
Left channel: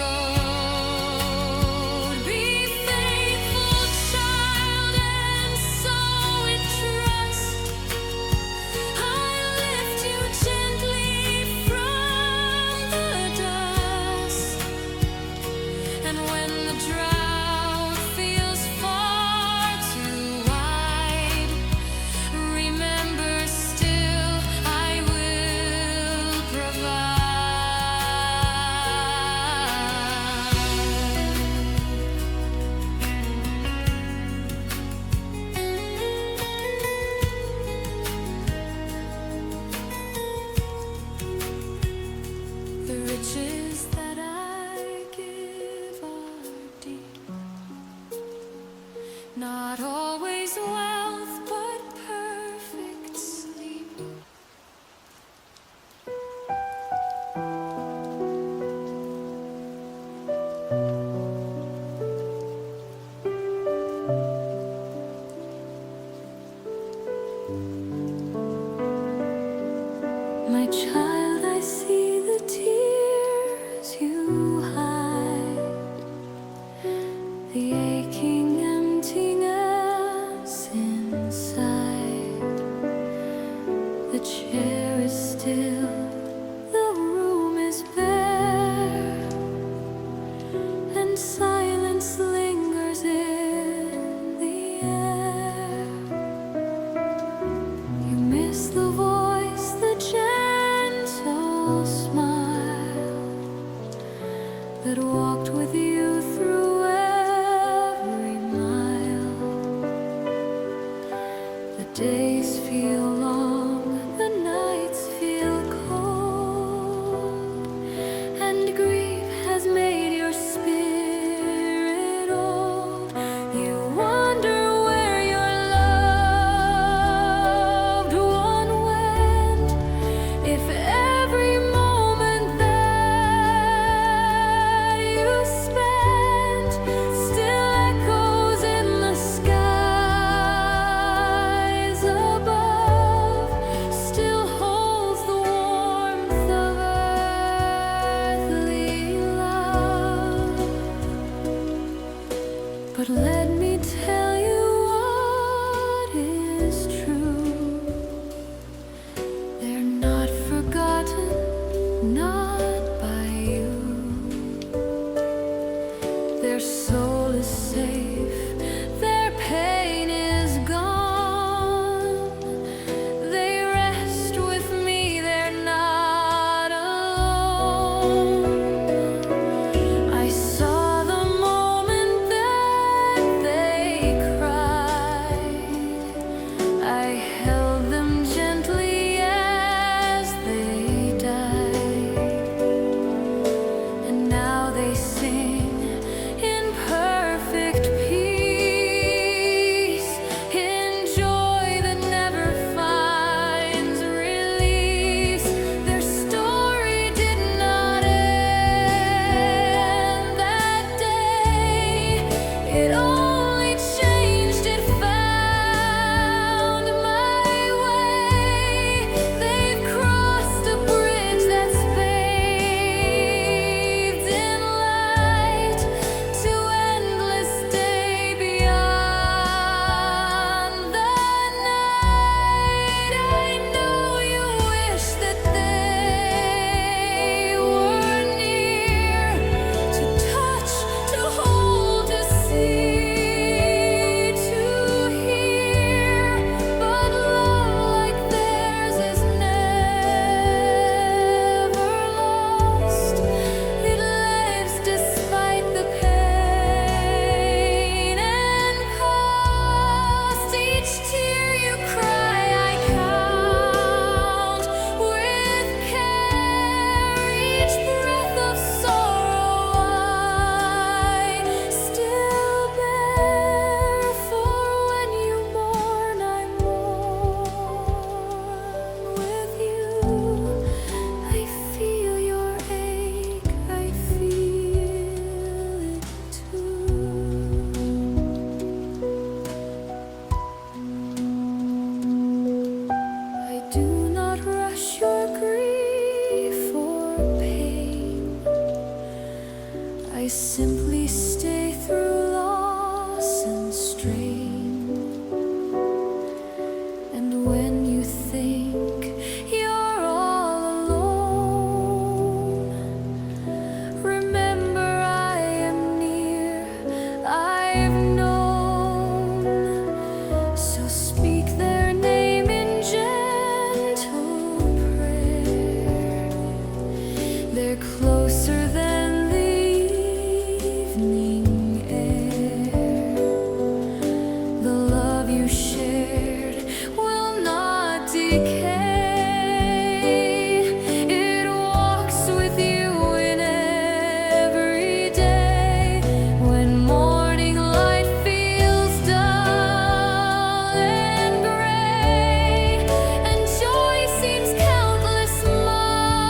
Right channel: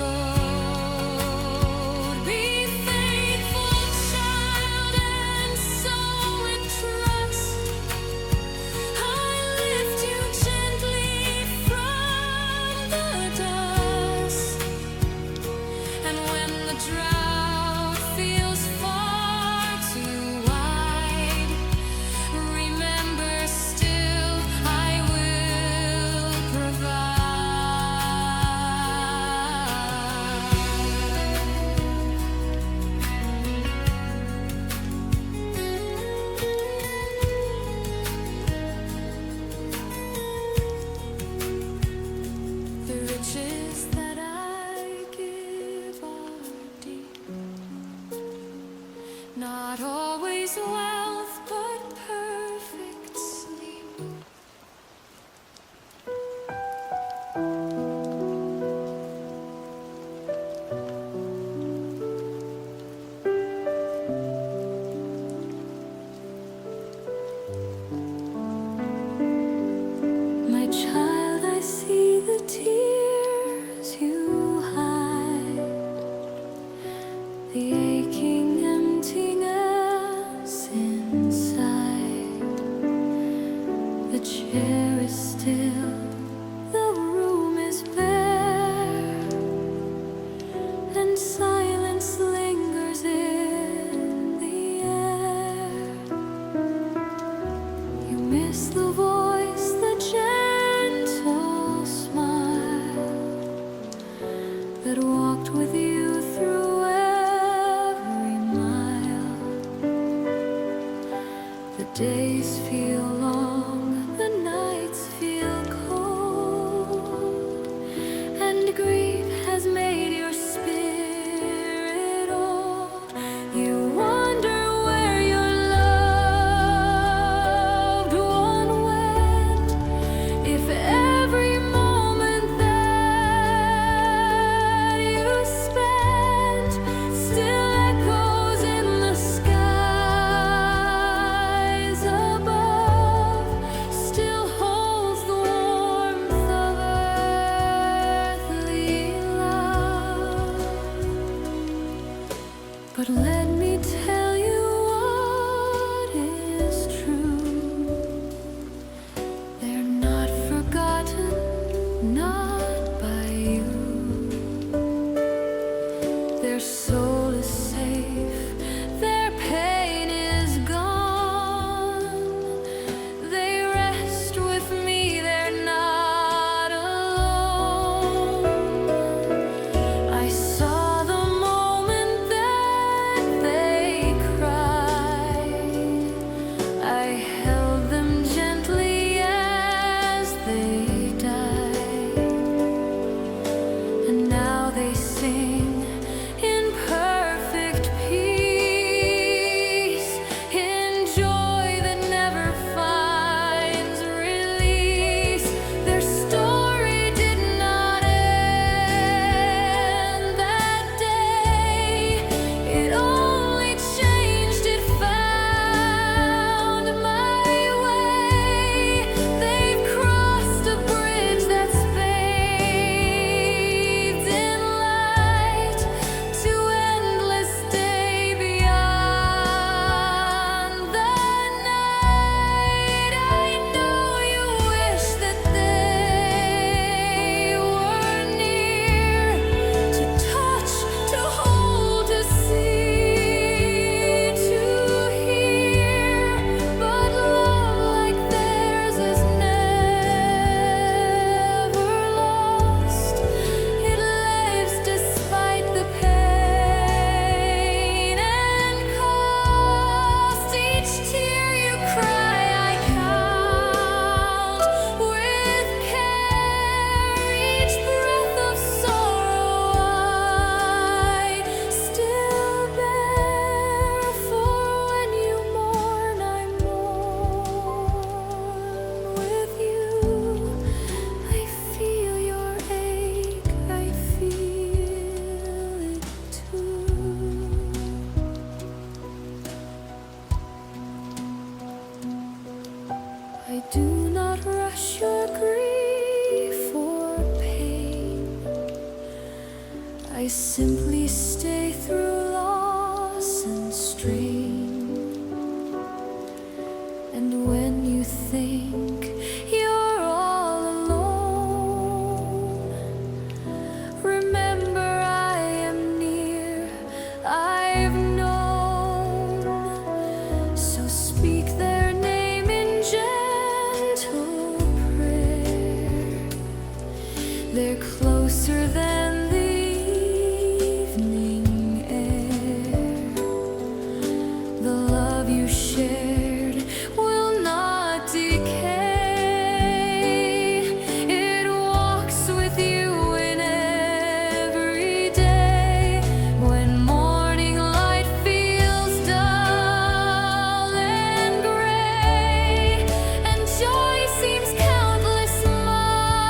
road. Be faithful, child, and sow in trust. I lift you gently from the dust. And when the drought feels far too wide, remember still I will provide. The riches that I give are deep, not always wealth, but perfect sleep. My child, I see the tears you hide, the aching emptiness inside. The chair is still, the room is bare, and silence lingers in the air. You miss the voice, the gentle smile that walked with you through every mile. The days feel long, the nights feel cold. not by you. Their soul is safe, their pain is gone. They rest with me, they're not alone. I saw the moment that they cried. I held them gently as they died. And now they sing in perfect peace, in joy that never finds release. Their story did not end that day. It only changed, it found my way. They've crossed a bridge that's bathed in light to endless day beyond the night. I know you wish that they were near, to touch, to hold, to see, to hear. But love like theirs is never lost. It lives despite the pain and cost. Each tear you cry I count with care. Each breath of sorrow I still bear. For when you mourn, I mourn with you. I feel your ache, I feel it too. I do not rush your grief or pain. I simply stay through loss and strain. And when you think you're all alone, remember I am near, I've known. So speak their name in gentle prayer. They're closer than the evening air. The love you shared will not decay. It walks with you in every day. When morning light feels dull and gray, and joy seems countless miles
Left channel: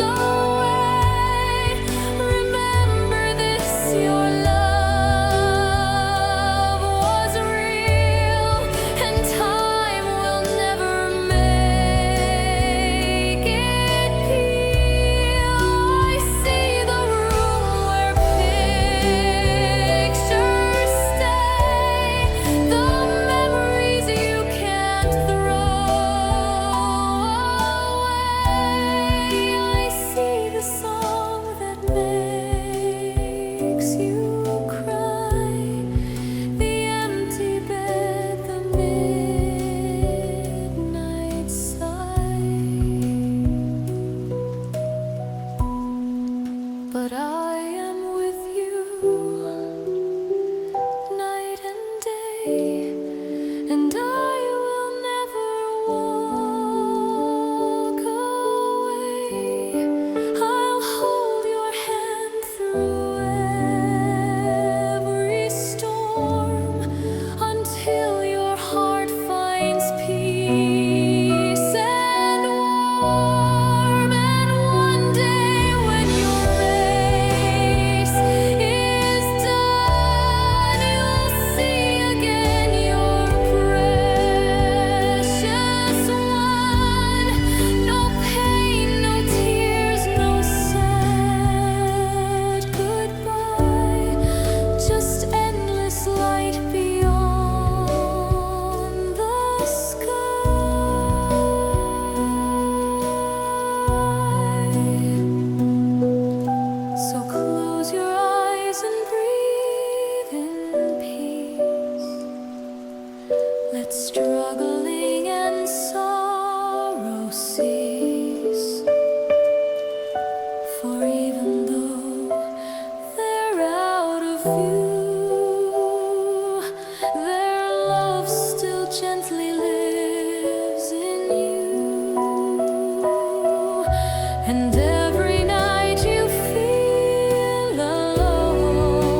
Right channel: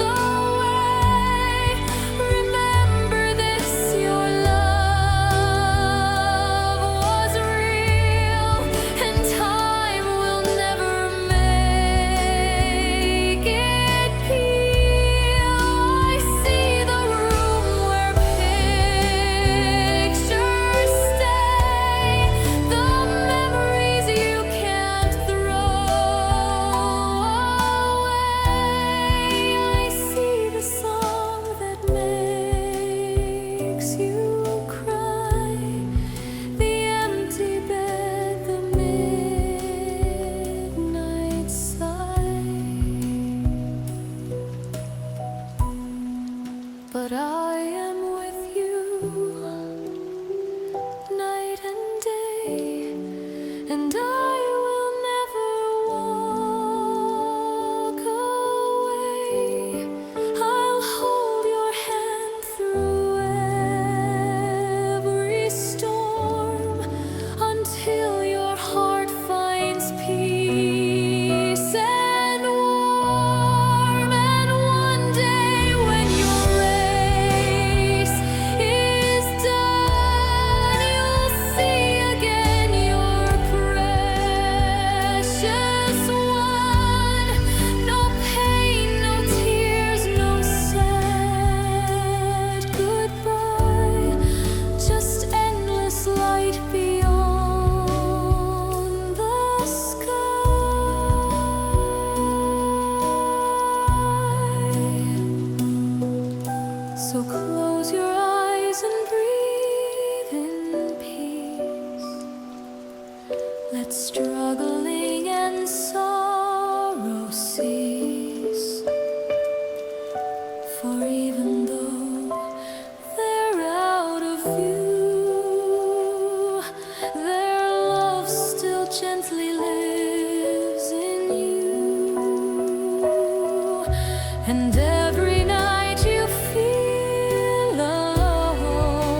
away, remember this, your love was real, and time will never make it peel. I see the room where pictures stay, the memories you can't throw away. I see the song that makes you cry, the empty bed, the midnight sigh. But I am with you night and day, and I will never walk away. I'll hold your hand through every storm, until your heart finds peace and warm. And one day when you're And every night you feel alone,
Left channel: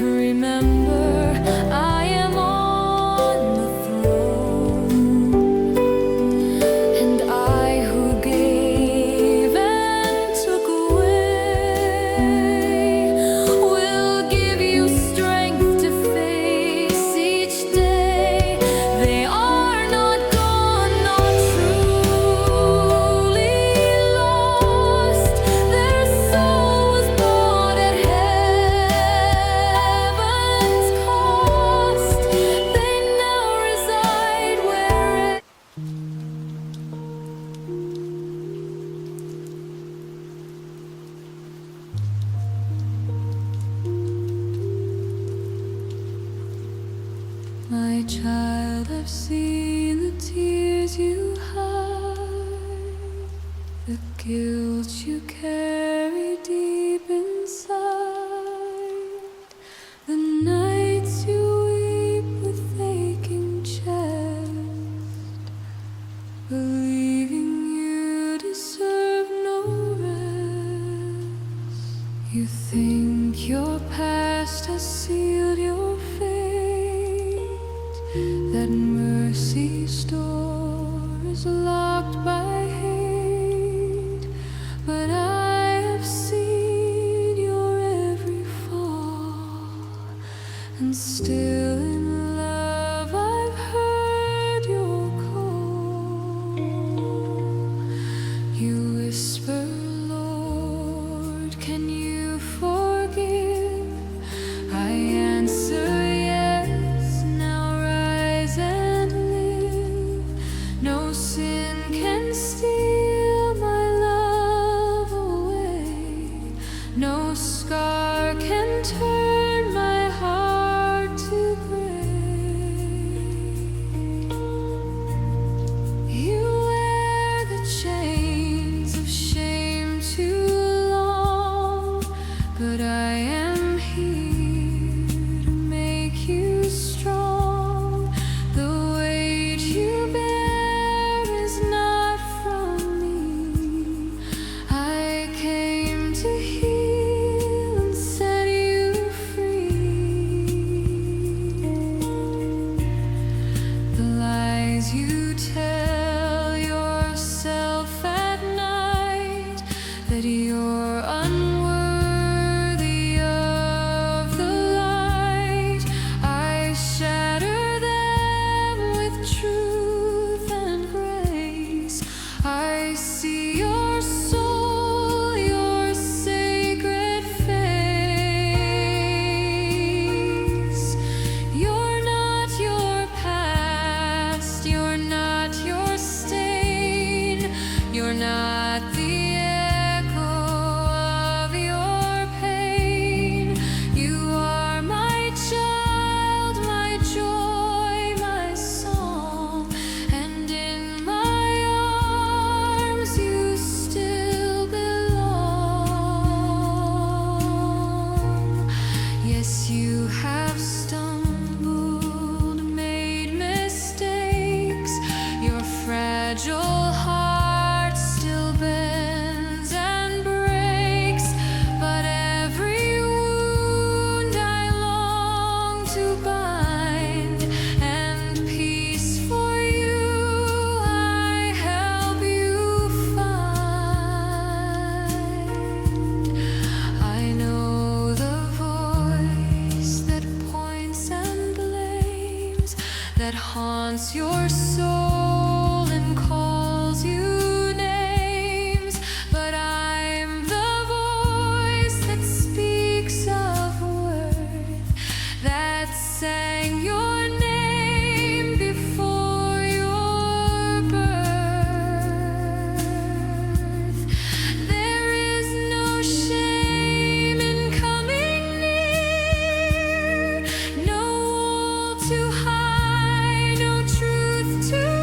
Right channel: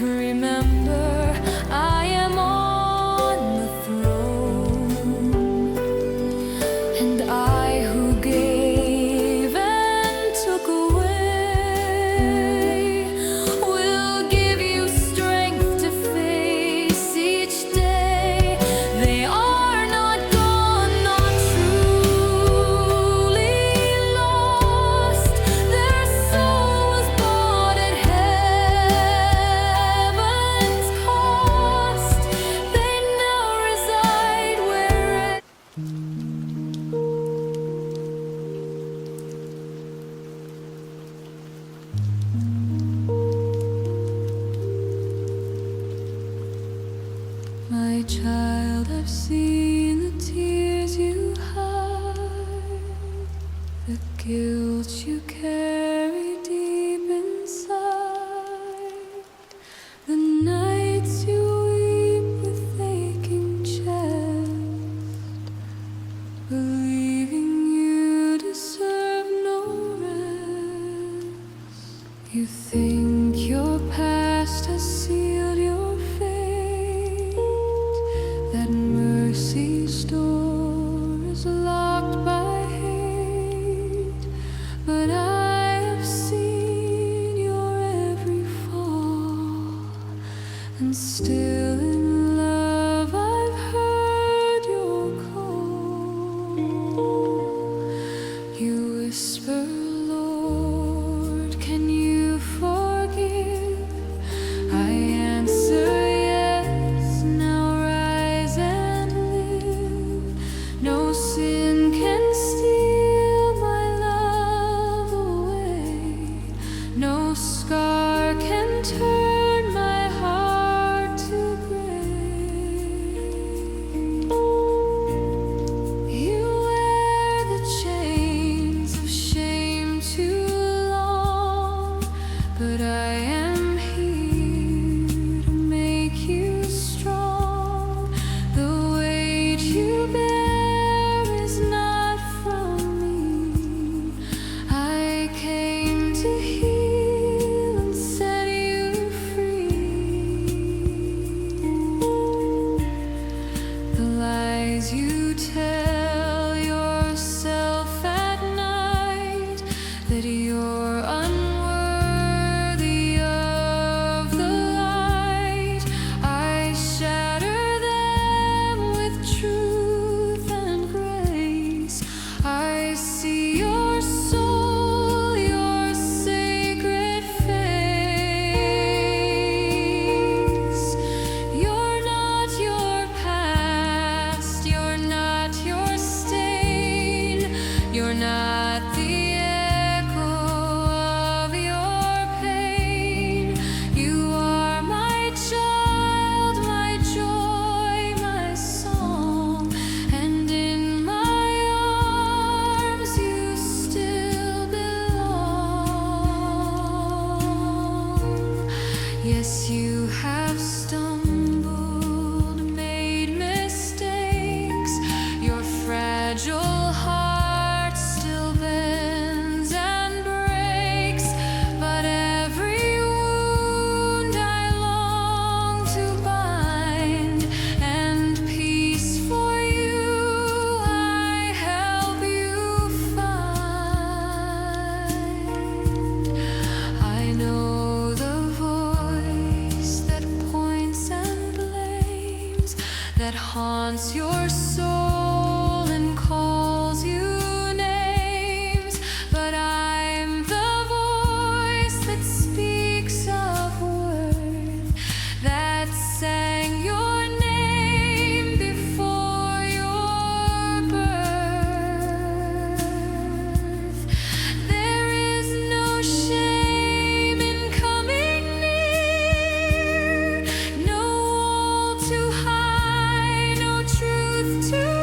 remember I am on the throne, and I who gave and took away will give you strength to face each day. They are not gone, not truly lost. Their soul was bought at heaven's cost. They now reside where my child, I've seen the tears you hide, the guilt you carry deep inside, the nights you weep with aching chest, believing you deserve no rest. You think your past has sealed your fate, that mercy's door is locked by hate. But I have seen your every fall, and still in love I've heard your call. You whisper, Lord, can you forgive? I answer, yes, now rise and live. No sin can steal my love away, no scar can turn my heart to gray. You wear the chains of shame too long, but I am here to make you strong. The weight you bear is not from me. I came to heal and set you free. The lies you tell yourself at night, that you're unworthy of the light, I shatter them with truth and grace. I see your soul, your sacred face. You're not your past, you're not your stain, you're not the echo of your pain. You are my child, my joy, my song, and in my arms you still belong. Yes, you have stumbled, made mistakes. Your fragile heart still bends and breaks, but every wound I long to bind, and peace for you I help you find. I know the voice that points and blames, that haunts your soul and calls you names, but I'm the voice that speaks of worth, that sang your name before your birth. There is no shame in coming near, no wall too high, no truth too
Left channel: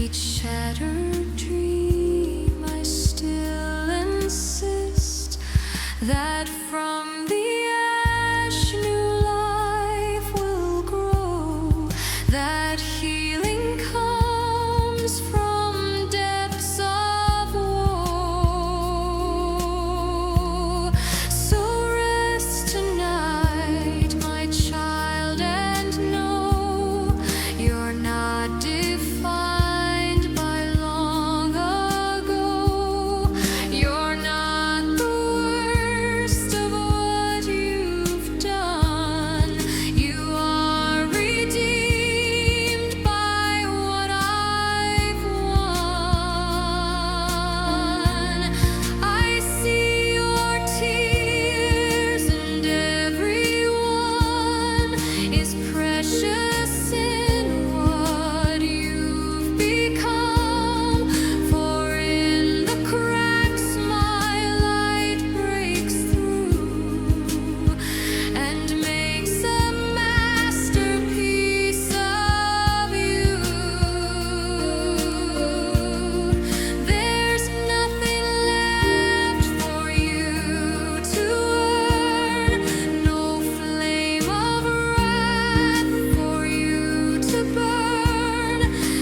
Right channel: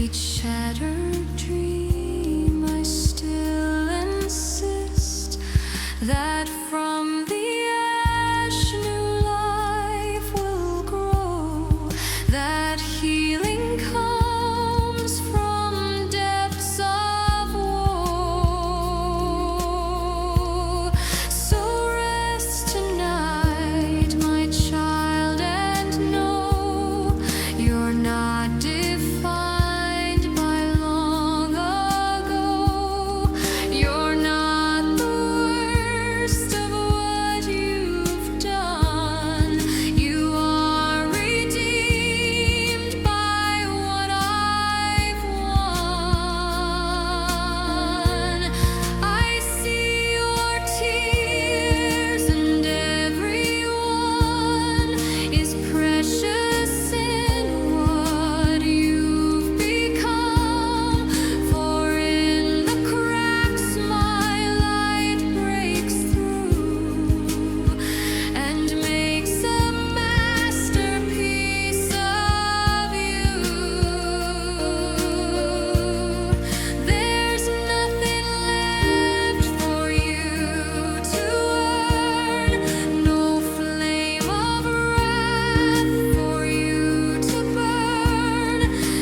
each shattered dream, I still insist that from the ash new life will grow, that healing comes from depths of woe. So rest tonight, my child, and know you're not defined by long ago. You're not the worst of what you've done. You are redeemed by what I've won. I see your tears, and every one is precious in what you've become. For in the cracks my light breaks through and makes a masterpiece of you. There's nothing left for you to earn, no flame of wrath for you to burn.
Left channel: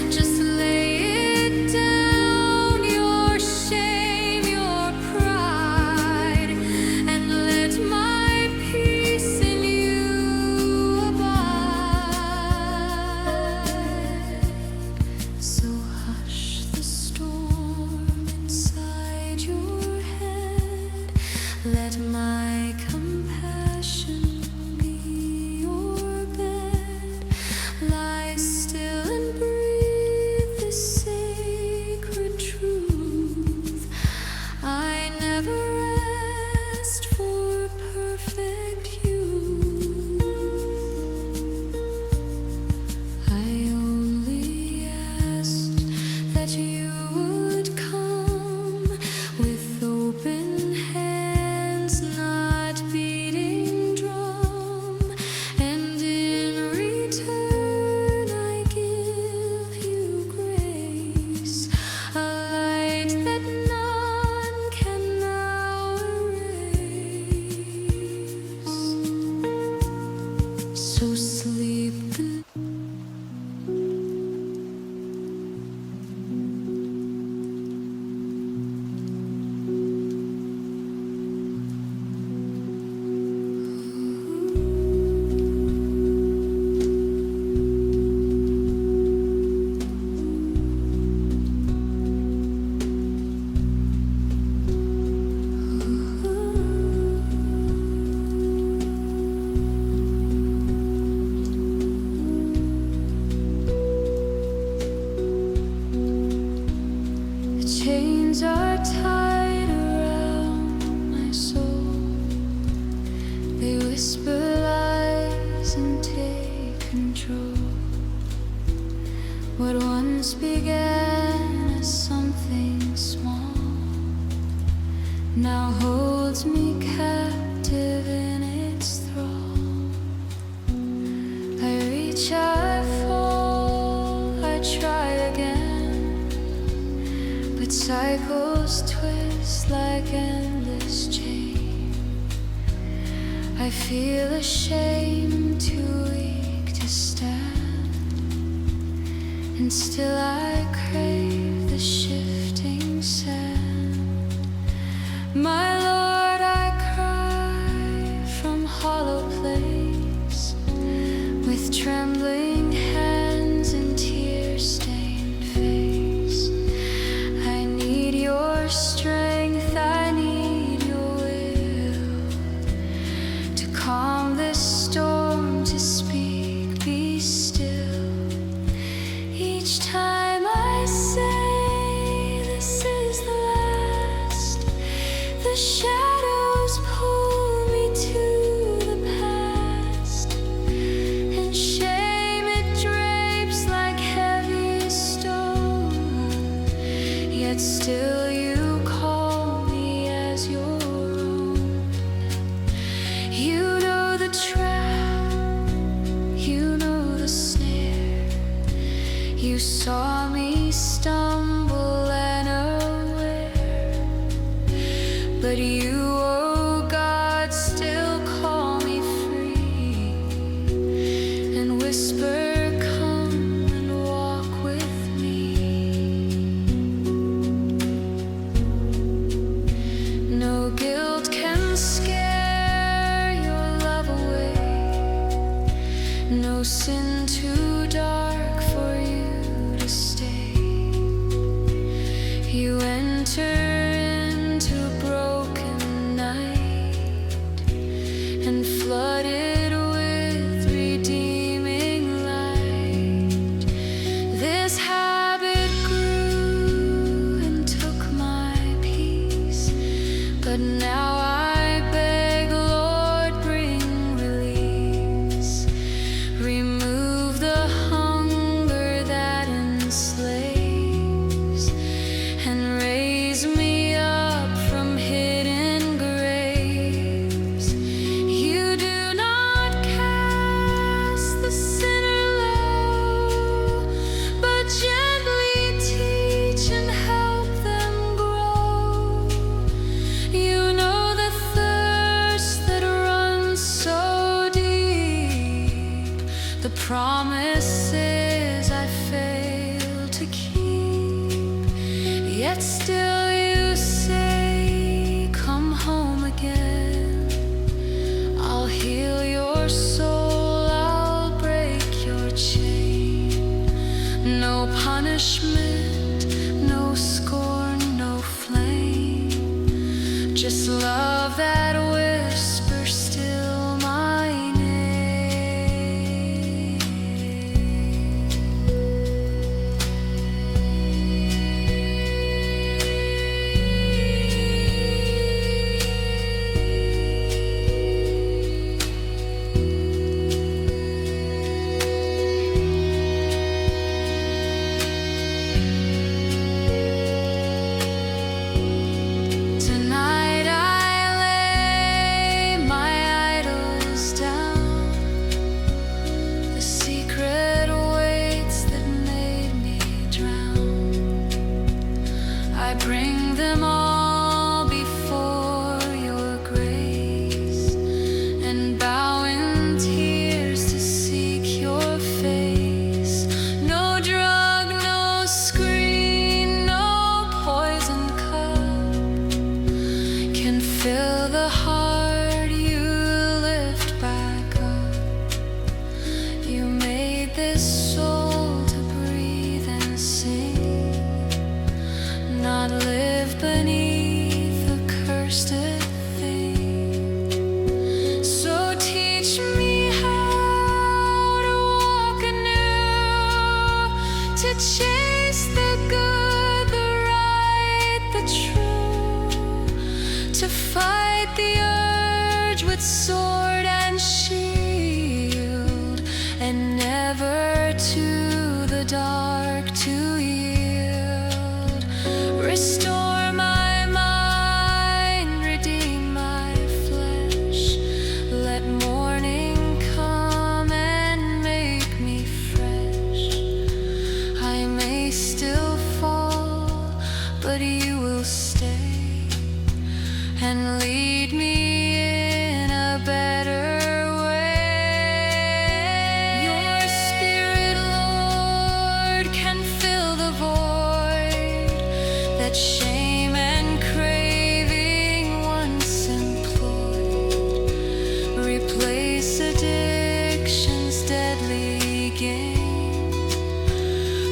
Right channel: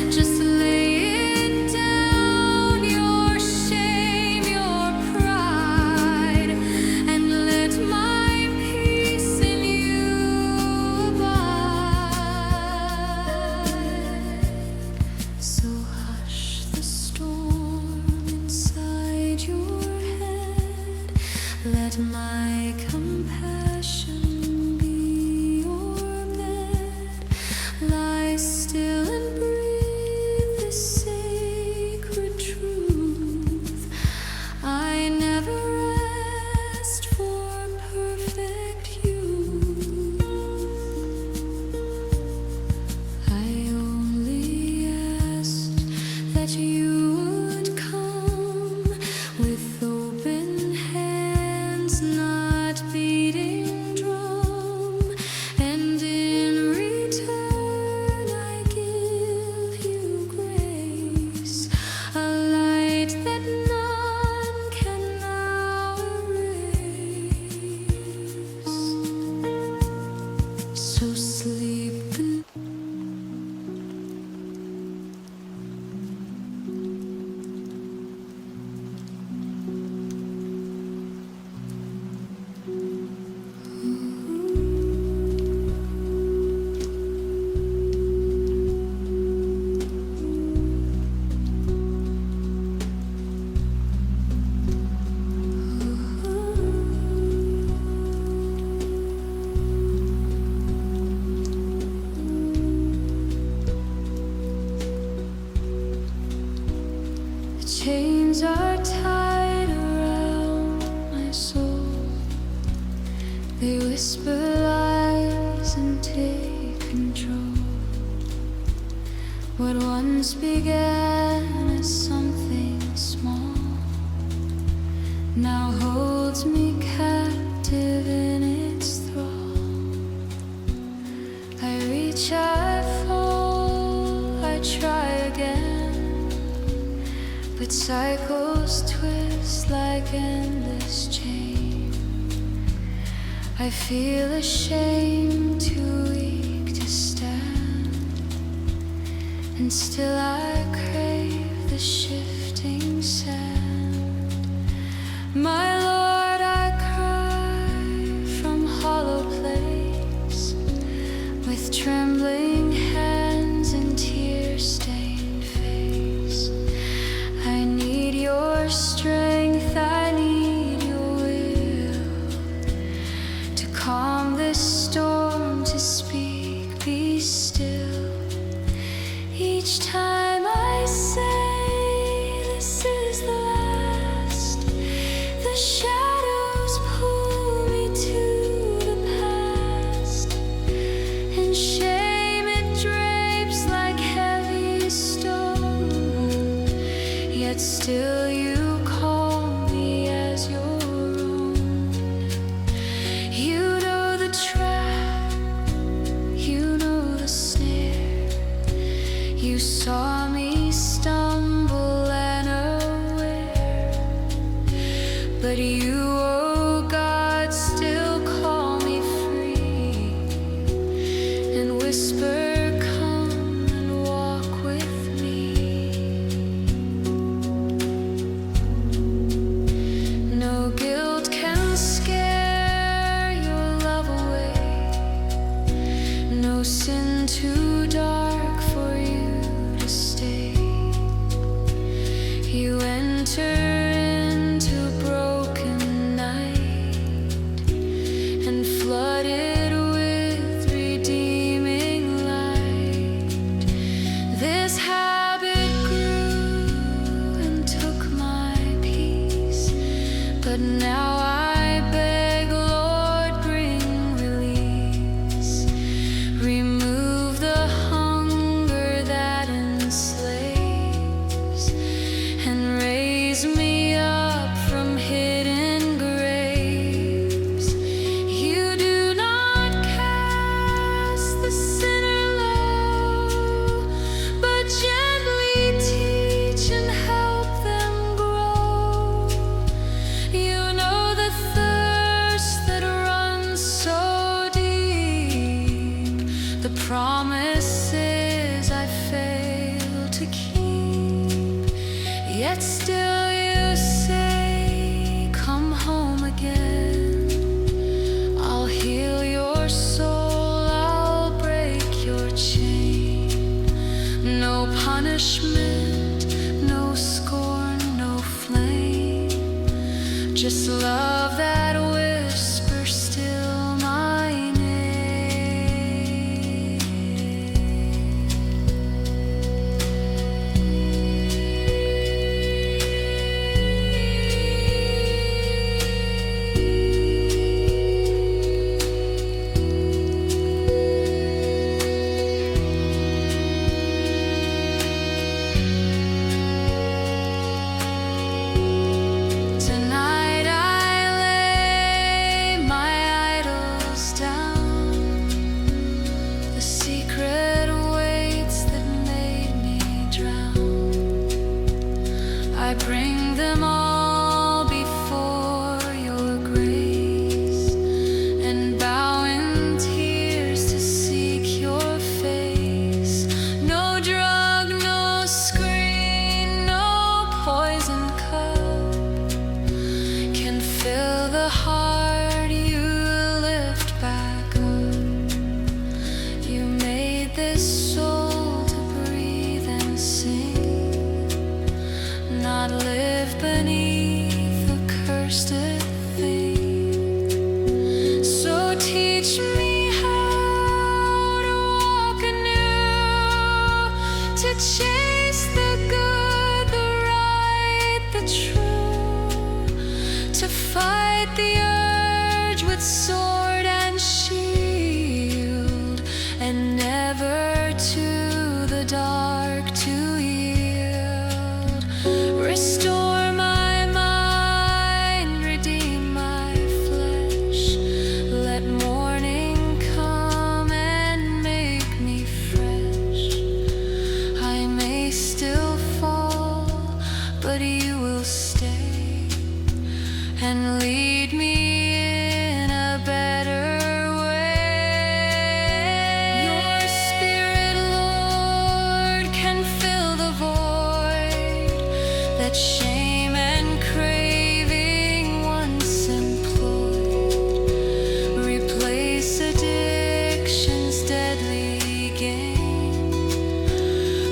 Just lay it down, your shame, your pride, and let my peace in you abide. So hush the storm inside your head, let my compassion be your bed. Lie still and breathe this sacred truth. I never asked for perfect youth. I only asked that you would come with open hands, not beating drum. And in return I give you grace, a light that none can now erase. So sleep good. The chains are tied around my soul. They whisper lies and take control. What once began as something small now holds me captive in its thrall. I reach, I fall, I try again, but cycles twist like endless chain. I feel ashamed, too weak to stand, and still I crave the shifting sand. My Lord, I cry from hollow place, with trembling hands and tear-stained face. I need your strength, I need your will to calm this storm, to speak, be still. Each time I say this is the last, the shadows pull me to the past, and shame it drapes like heavy stone. Yet still you call me as your own. You know the trap, you know the snare, You saw me stumble and aware, but you, oh God, still call me free and whisper, come and walk with me. No guilt can scare your love away, no sin too dark for you to stay. You enter into a broken night and flood it with redeeming light. This habit grew and took my peace, but now I beg, Lord, bring release. Remove the hunger that enslaves and raise me up from hidden graves. You do not cast the sinner low, but gently teach and help them grow. You know the thirst that runs so deep, the promises I fail to keep, yet still you say, come home again. I'll heal your soul, I'll break your chain. No punishment, no scorn, no flame, just love that whispers still my name. Tonight I lay my idols down, the secret weights that made me drown. I bring them all before your grace and bow in tears to seek your face. No drug, no screen, no poison cup can fill the heart you lift back up. You made this soul to breathe and sing, not live beneath a cursed thing. So teach me how to walk anew, to chase the good, the right, the true, to fight the urge with sword and shield, and never to the dark to yield. Restore my mind, redeem my flesh, let morning come and make me fresh. I may still fall, but you will stay and lead me in a better way. Your Spirit, Lord, can fill the void that shame and craving once employed. Replace addiction's deadly game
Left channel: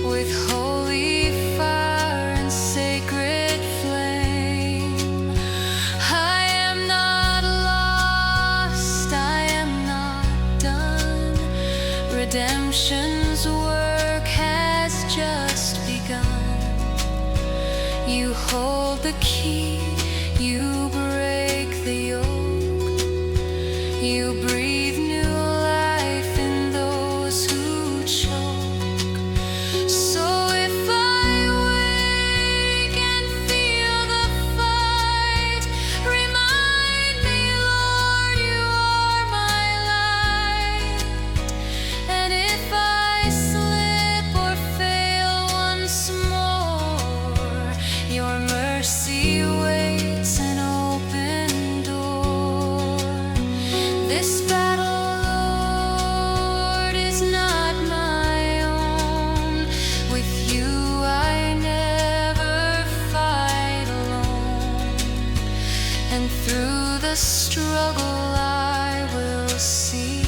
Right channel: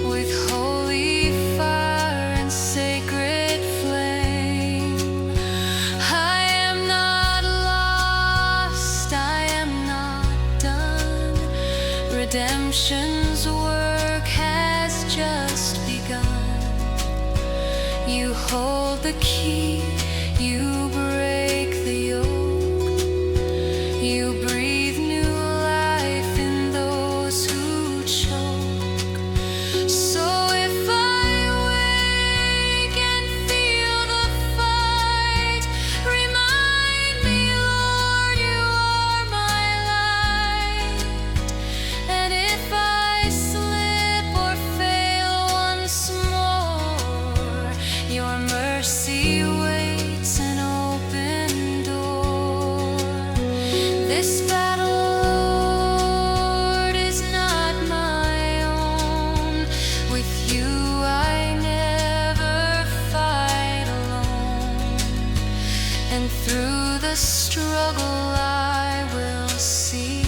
with holy fire and sacred flame. I am not lost, I am not done. Redemption's work has just begun. You hold the key, you break the yoke, you breathe new life in those who choke. So if I wake and feel the fight, remind me, Lord, you are my light. And if I slip or fail struggle I will see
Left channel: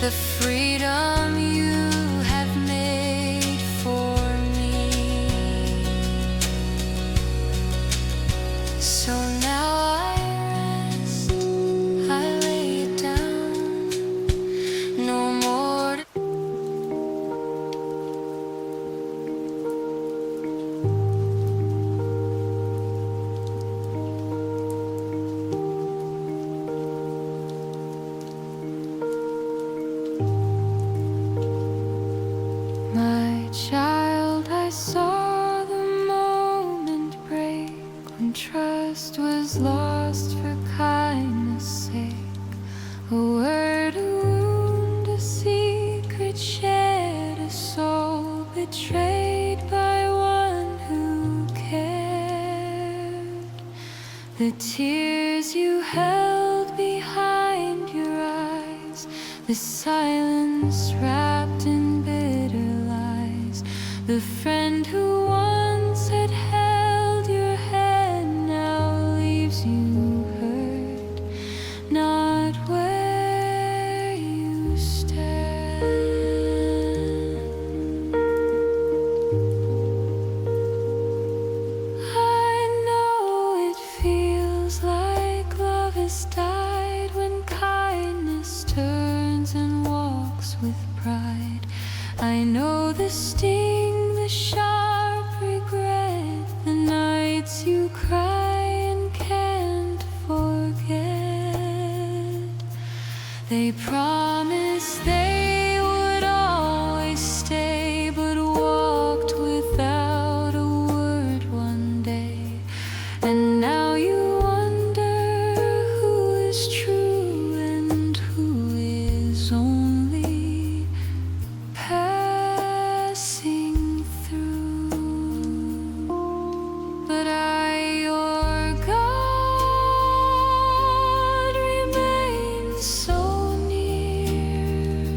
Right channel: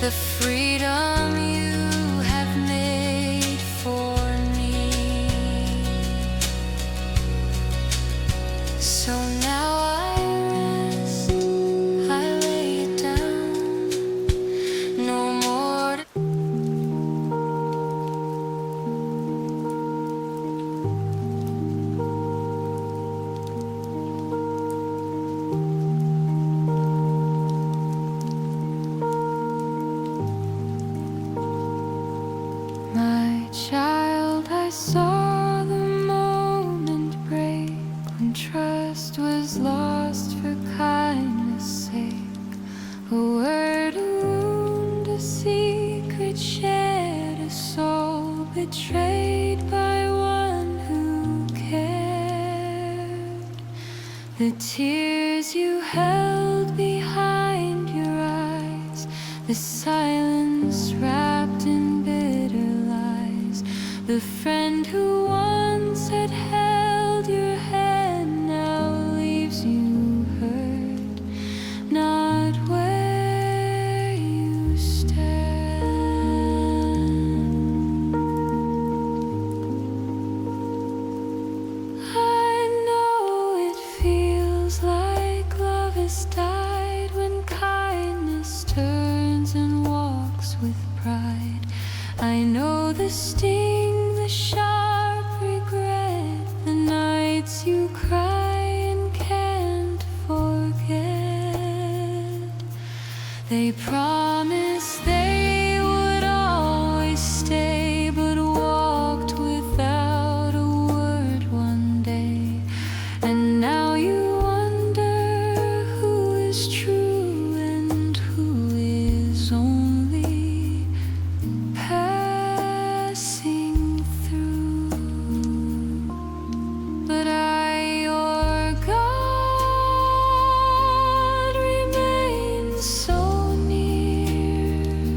the freedom you have made for me. So now I rest, I lay it down, no more to My child, I saw the moment break when trust was lost for kindness' sake. A word, a wound, a secret shared, a soul betrayed by one who cared. The tears you held behind your eyes, the silence wrapped in bitter lies. The friend who once had held your hand now leaves you hurt, not where you stand. I know it feels like love has died when kindness turns and walks with pride. I know the sting, the sharp regret, the nights you cry and can't forget. They promised they would always stay, but walked without a word one day. And now you wonder who is true and who is only passing through. But I, your God, remain so near.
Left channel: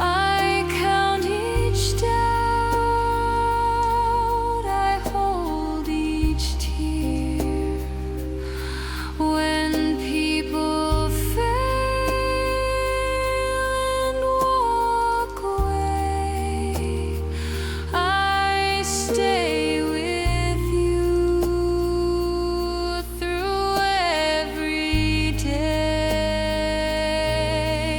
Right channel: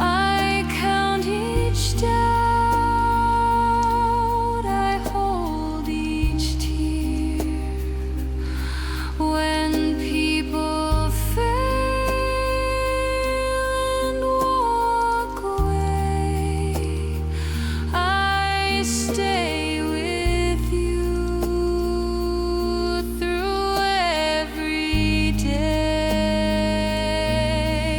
I count each doubt, I hold each tear. When people fail and walk away, I stay with you through every day.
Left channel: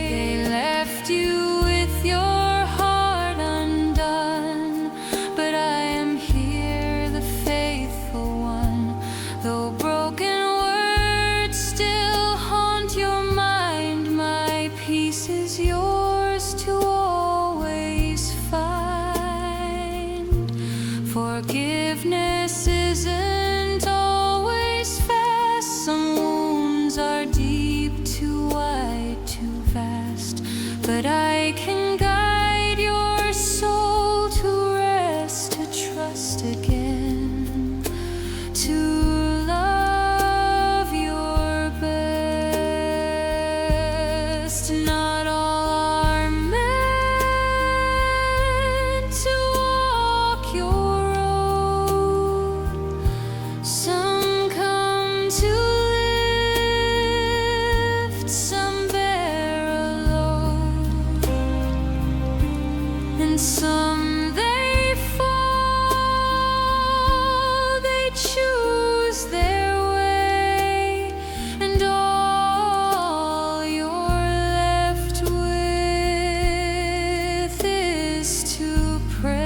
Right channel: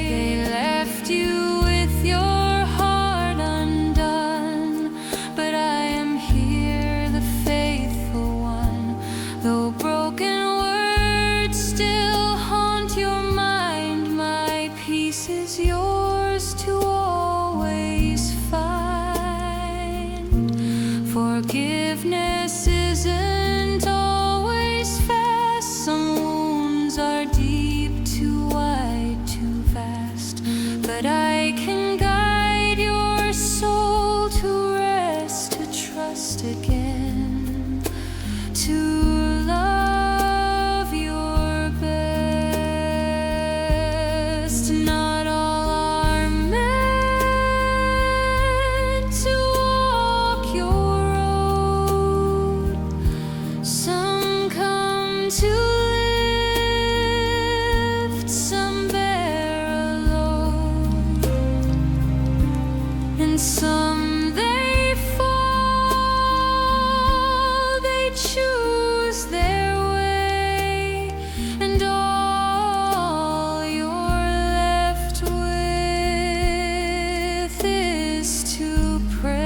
They left you with your heart undone, but I am here, the faithful one. Though broken words still haunt your mind, my peace is yours to always find. Forgiveness isn't always fast. Some wounds are deep, too wide, too vast. But I can guide your soul to rest, to trust again, to love your best. Not all are meant to walk your road. Some come to lift, some bear a load, and some they fall, they choose their way, and all you're left with is to pray.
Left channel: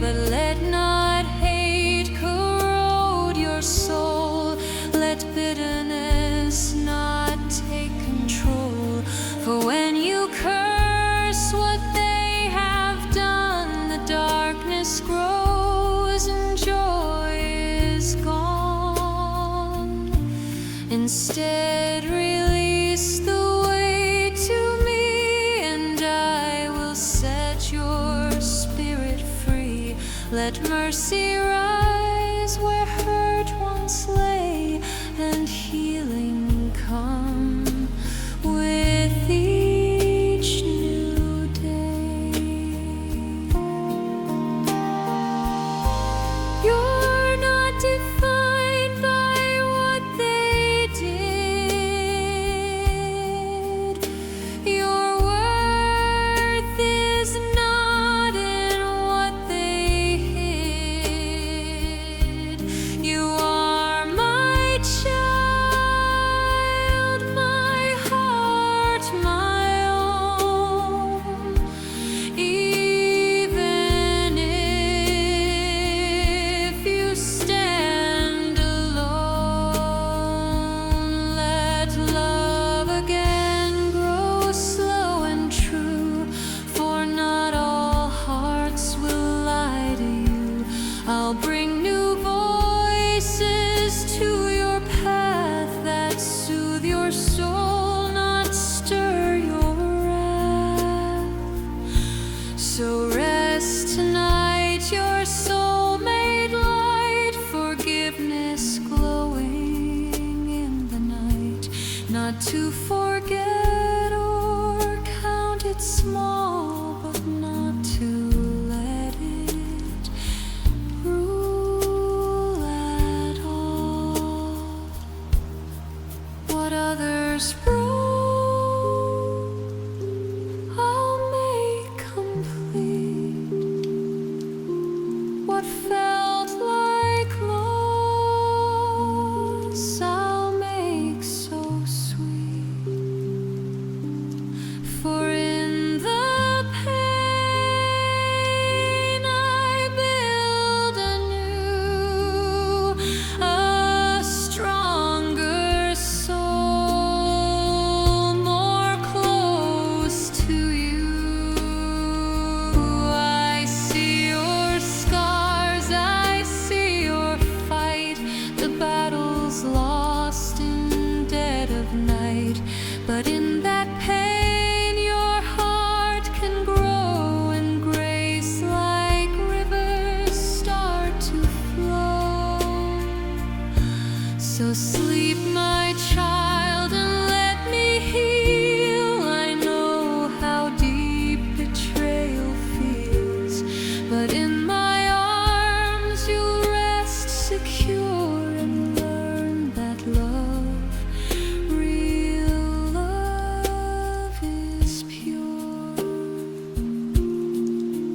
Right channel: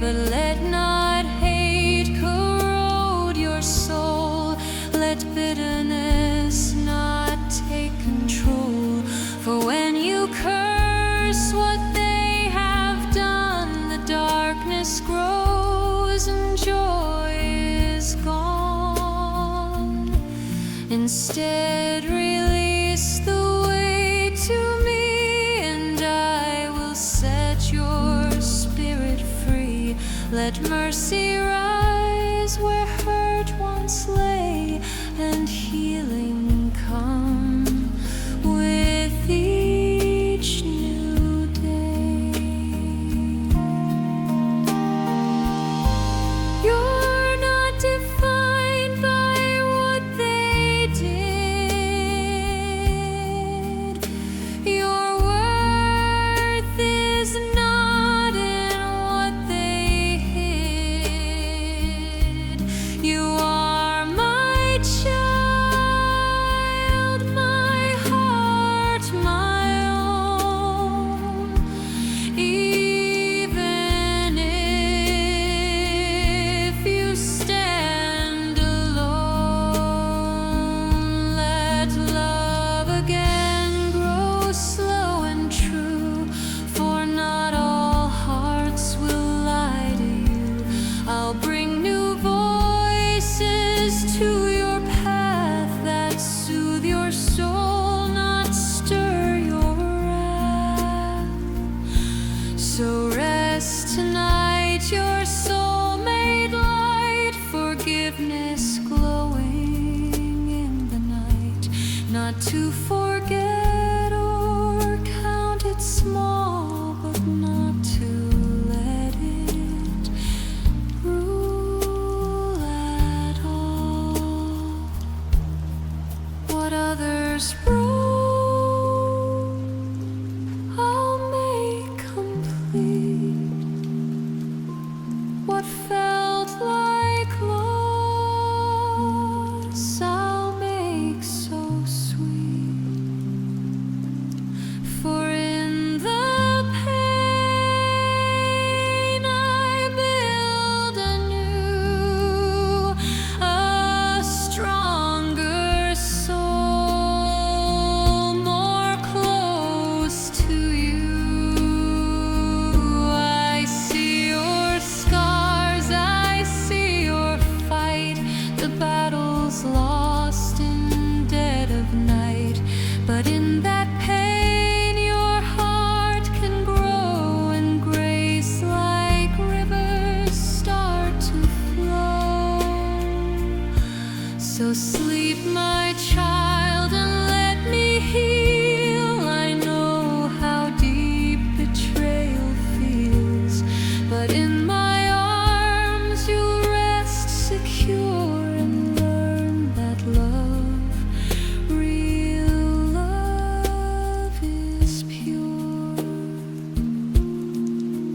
But let not hate corrode your soul, let bitterness not take control. For when you curse what they have done, the darkness grows and joy is gone. Instead, release the way to me, and I will set your spirit free. Let mercy rise where hurt once lay, and healing come with each new day. You're not defined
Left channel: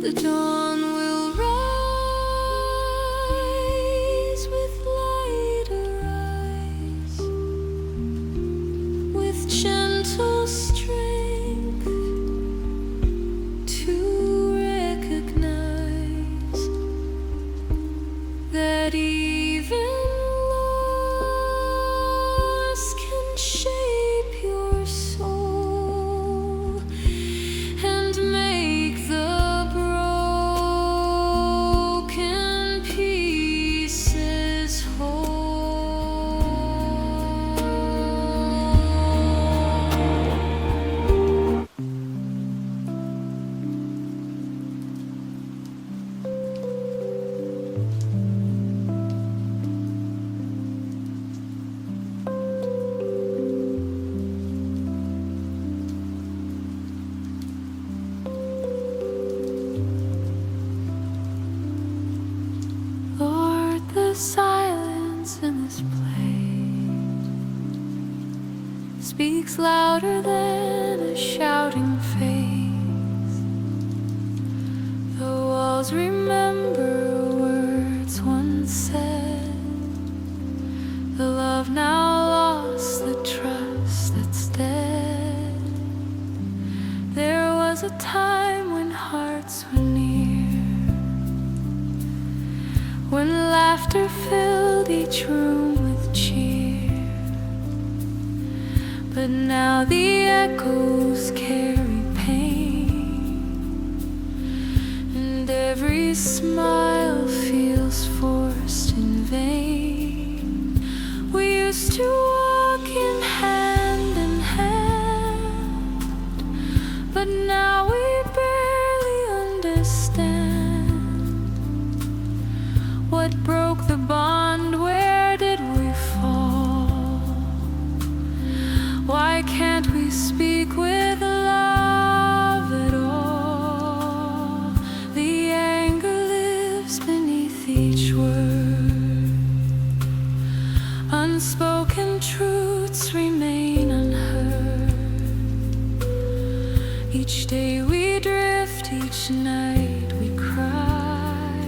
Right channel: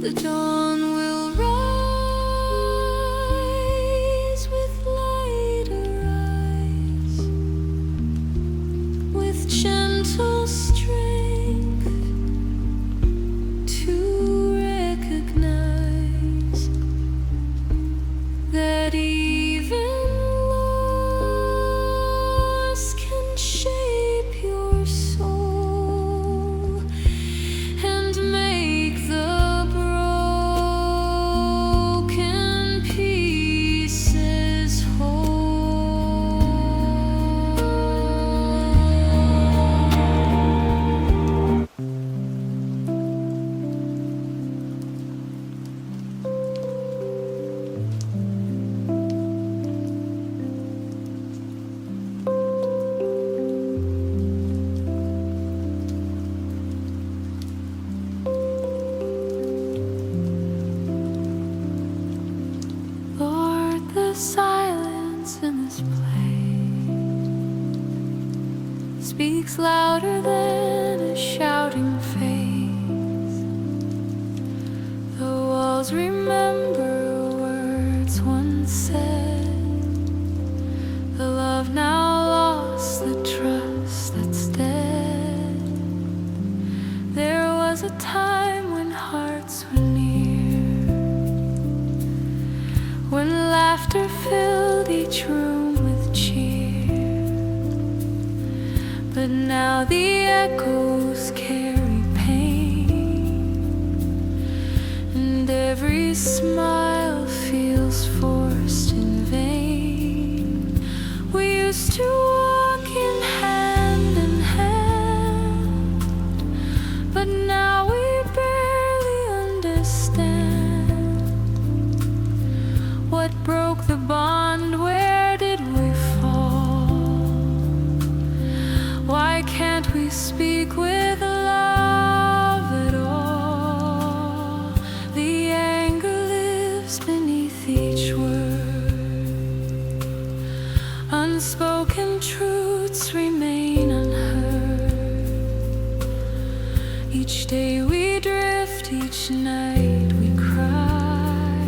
The dawn will rise with lighter eyes, with gentle strength to recognize that even loss can shape your soul and make the broken pieces whole. Lord, the silence in this place speaks louder than a shouting face. The walls remember words once said, the love now lost, the trust that's dead. There was a time when hearts were near, when laughter filled each room with cheer. But now the echoes carry pain, and every smile feels forced in vain. We used to walk in hand, but now we barely understand. What broke the bond? Where did we fall? Why can't we speak with love at all? The anger lives beneath each word. Unspoken truths remain unheard. Each day we drift, each night we cry,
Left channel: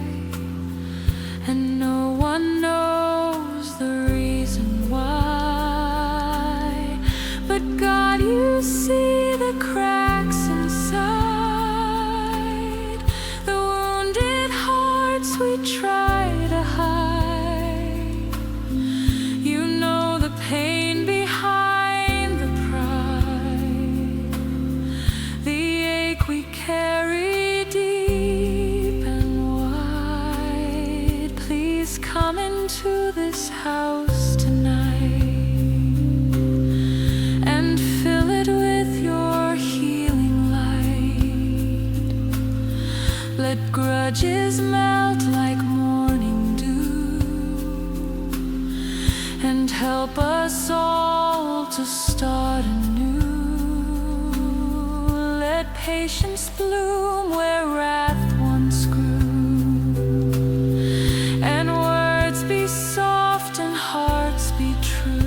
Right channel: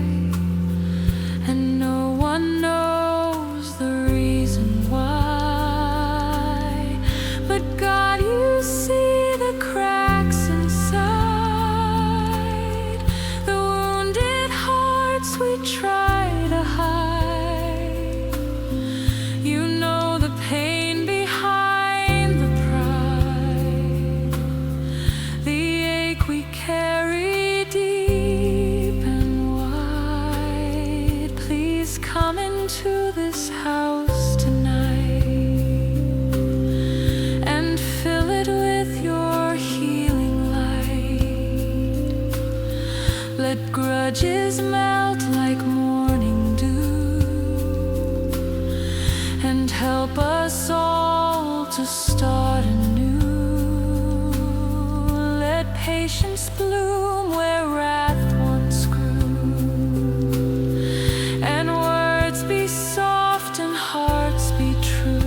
and no one knows the reason why. But God, you see the cracks inside, the wounded hearts we try to hide. You know the pain behind the pride, the ache we carry deep and wide. Please come into this house tonight and fill it with your healing light. Let grudges melt like morning dew, and help us all to start anew. Let patience bloom where wrath once grew, and words be soft and hearts be true.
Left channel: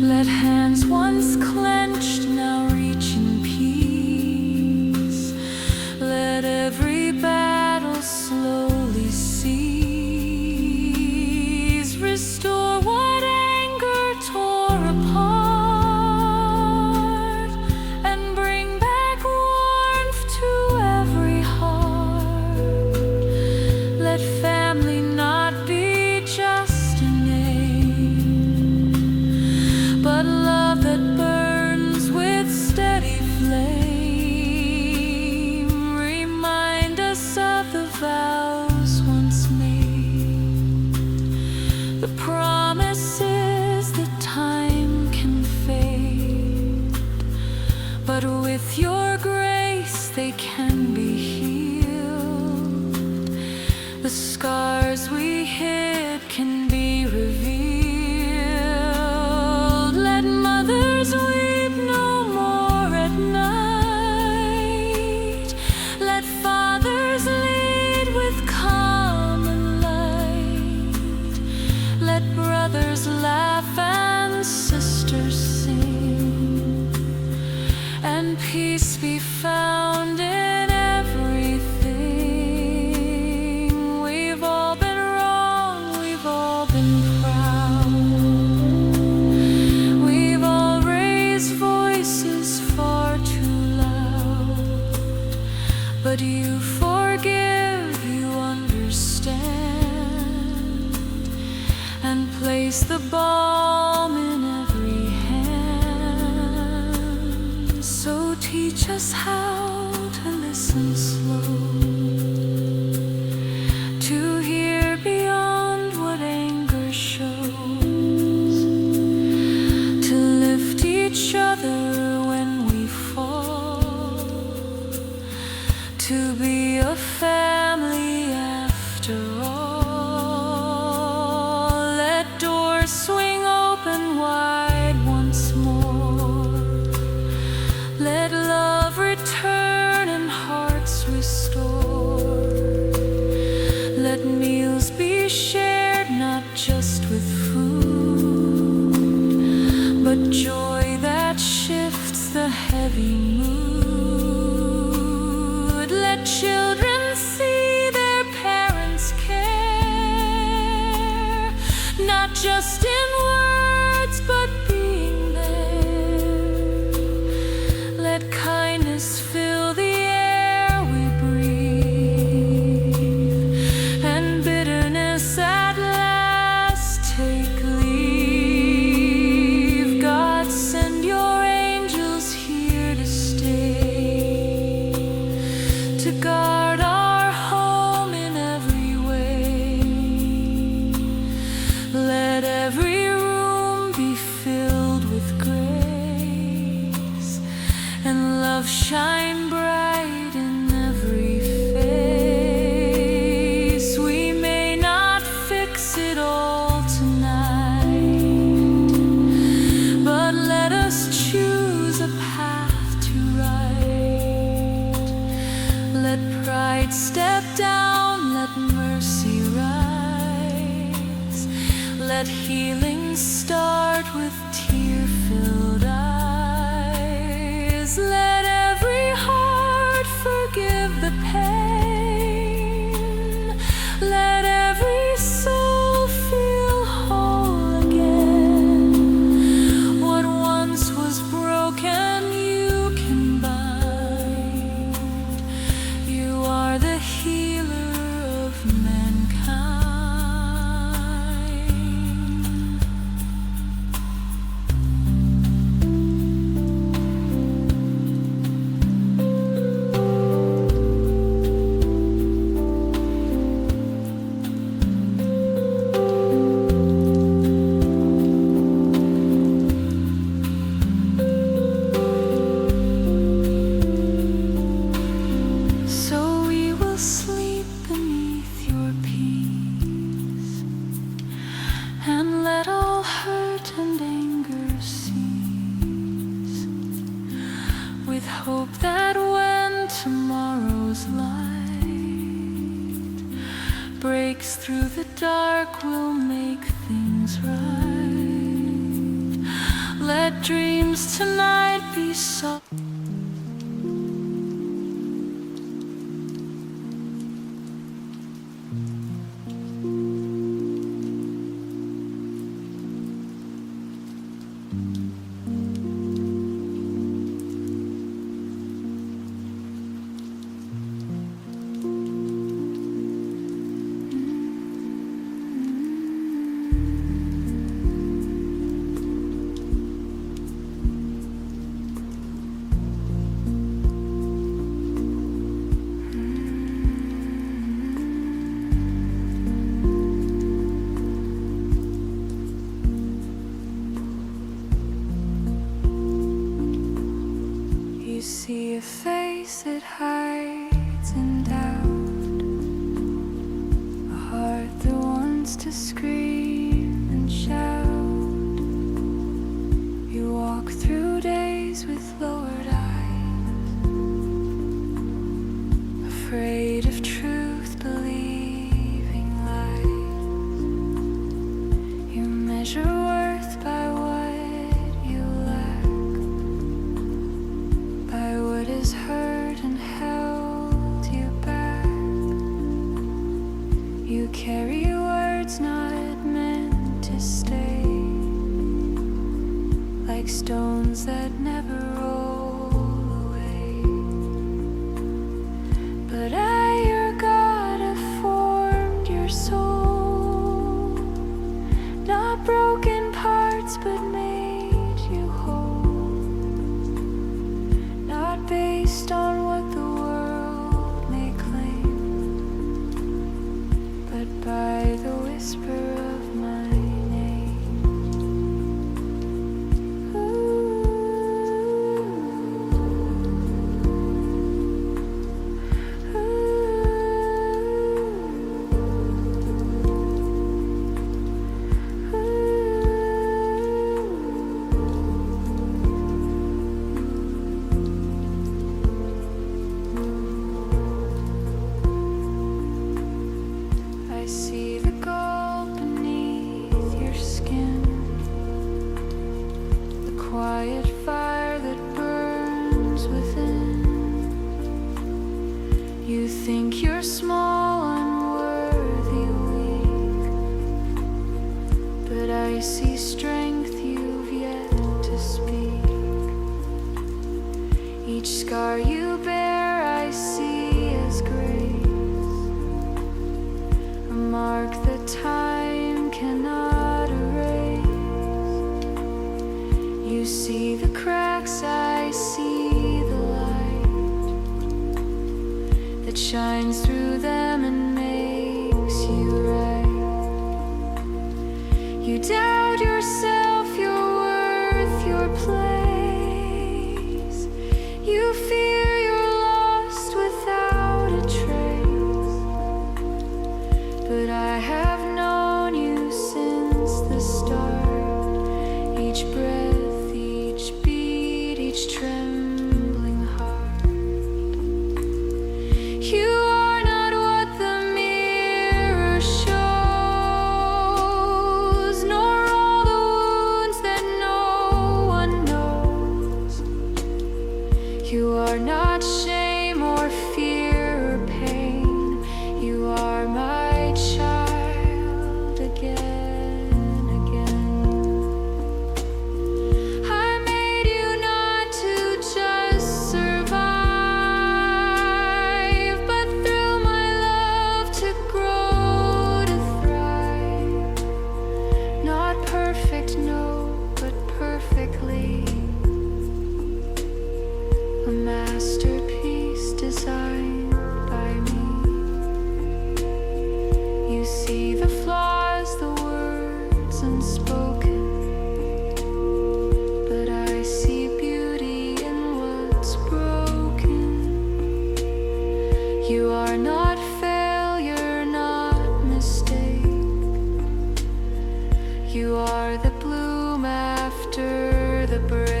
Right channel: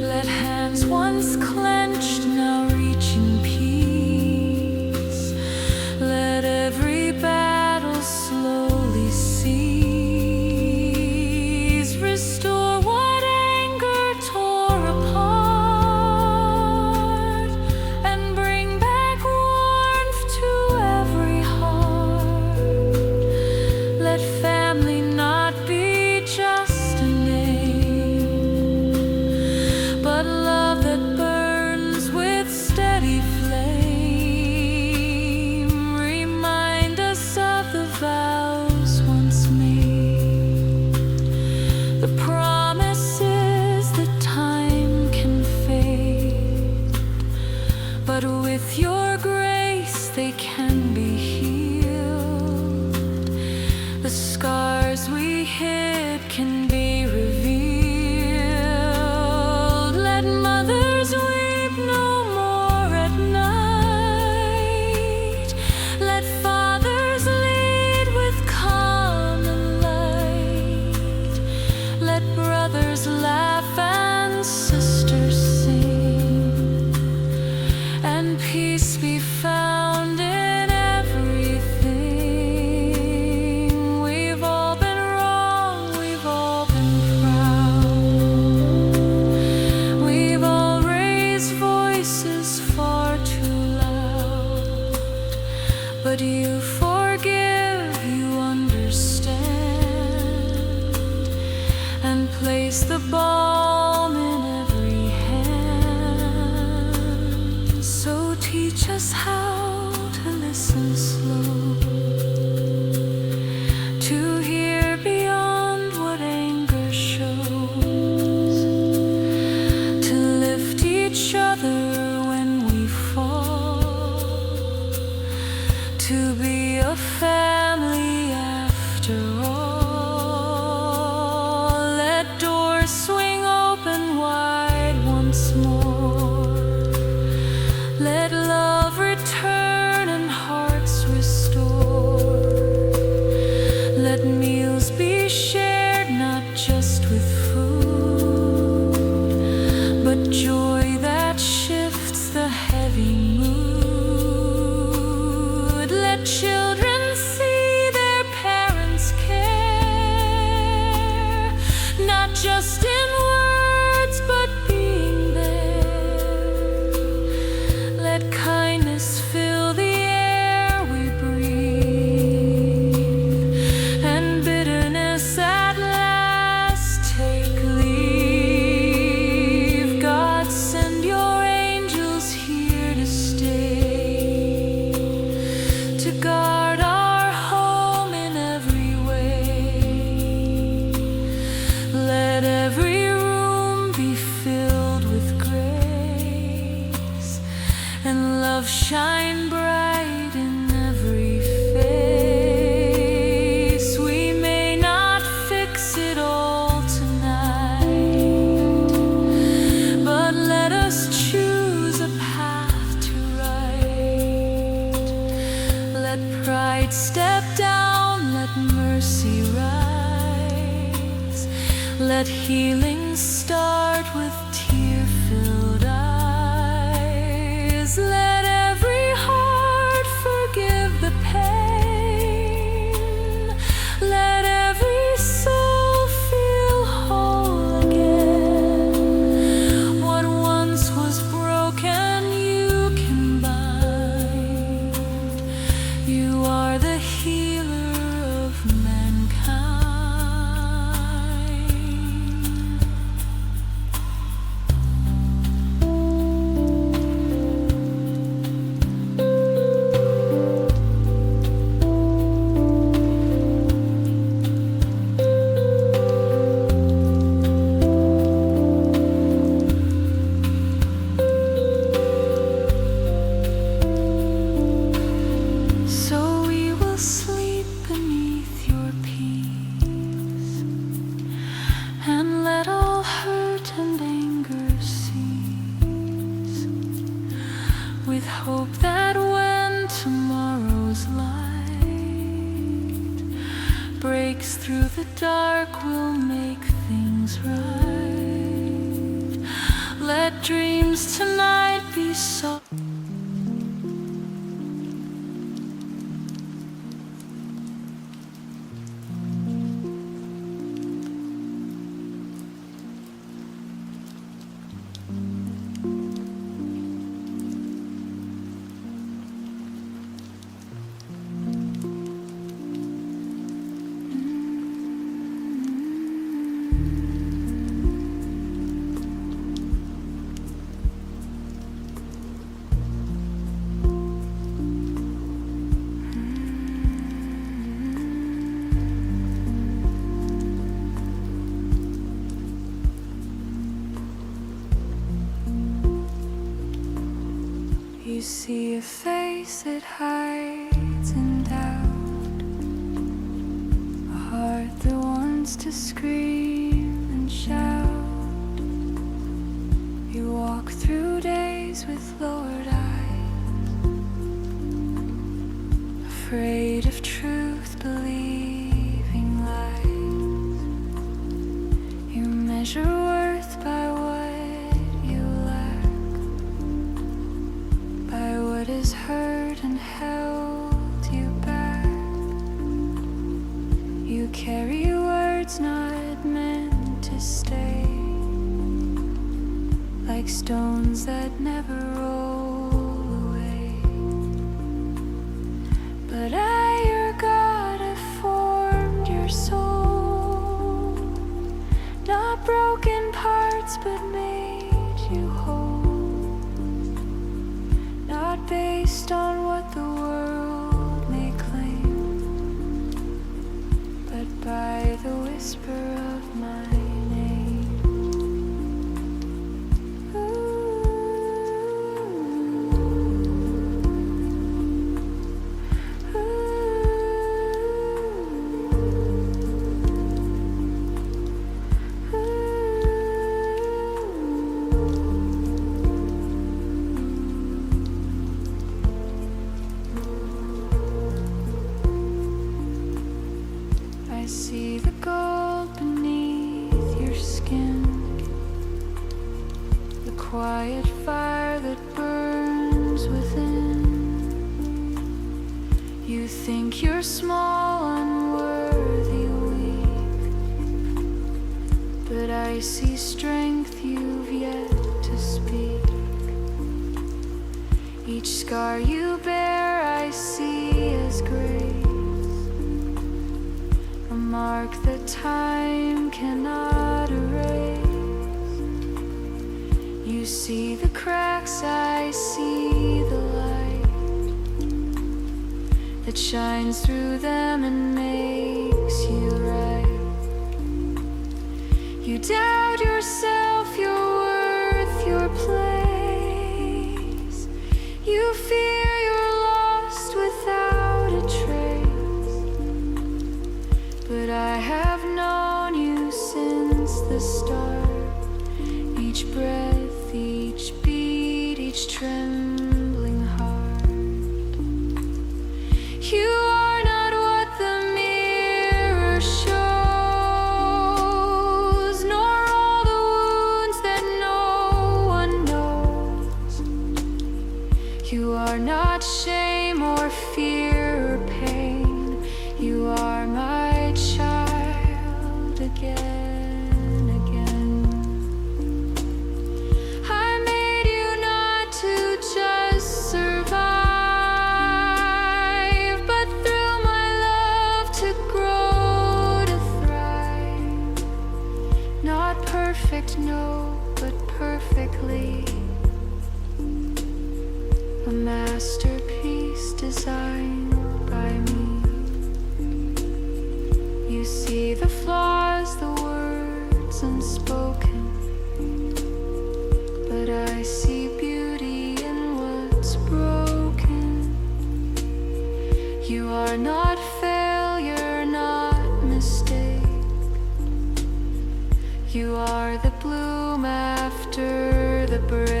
Let hands once clenched now reach in peace. Let every battle slowly cease. Restore what anger tore apart, and bring back warmth to every heart. Let family not be just a name, but love that burns with steady flame. Remind us of the vows once made, the promises that time can fade, but with your grace they can be healed. The scars we hid can be revealed. Let mothers weep no more at night. Let fathers lead with calm and light. Let brothers laugh and sisters sing, and peace be found in but you forgive, you understand, and place the balm in every hand. So teach us how to listen slow, to hear beyond what anger shows, to lift each other when we fall, to be a family after all. Let doors swing open wide once more, let love return and hearts restore. Let meals be shared, not just with food, but joy that shifts the heavy mood. Let children see their parents care, not just in words, but being there. Let kindness fill the air we breathe, and bitterness at last take leave. God, send your angels here to stay, to guard our home in every way. Let every room be filled with grace, and love shine bright in every face. We may not fix it all tonight, but let us choose a path to right. Let pride step down, let mercy rise. Let healing start with tear-filled eyes. Let every heart forgive the pain. Let every soul feel whole again. What once was broken, you can bind. You are the healer of mankind. So we will sleep beneath your peace, and let all hurt and anger cease, with hope that when tomorrow's light breaks through the dark, we'll make things right. Let dreams tonight be soft. You see a face that hides in doubt, a heart that wants to scream and shout. You walk through days with lowered eyes, afraid of truth, believing lies. You measure worth by what you lack, by what is hurt and held you back. You carry words not meant to stay, like stones that never roll away. based on what the world may claim, but by the whisper of my name. Ooh, I see the gold beneath your skin, the quiet fire that burns within. You think you're small, unworthy, weak, but I see strength you've yet to speak. Each scar you bear I see as grace, a mark that time cannot erase. You see the cracks, I see the light that shines through them and makes you right. You doubt yourself, your worth, your place. You fear you're lost without a trace, but I have known you since the start. Each breath, each beat, each trembling heart. You are not what the mirror shows, nor all the wounds that no one knows. You are not shame or fear or pain. You are my child again, again. I made you not to just survive, but through my love to grow, to thrive. Not perfect, no, but perfectly. A masterpiece designed by me. You see the flaws, the words unspoken, but I see beauty in what's broken. You are not failure, not mistake. You are the bloom after the break.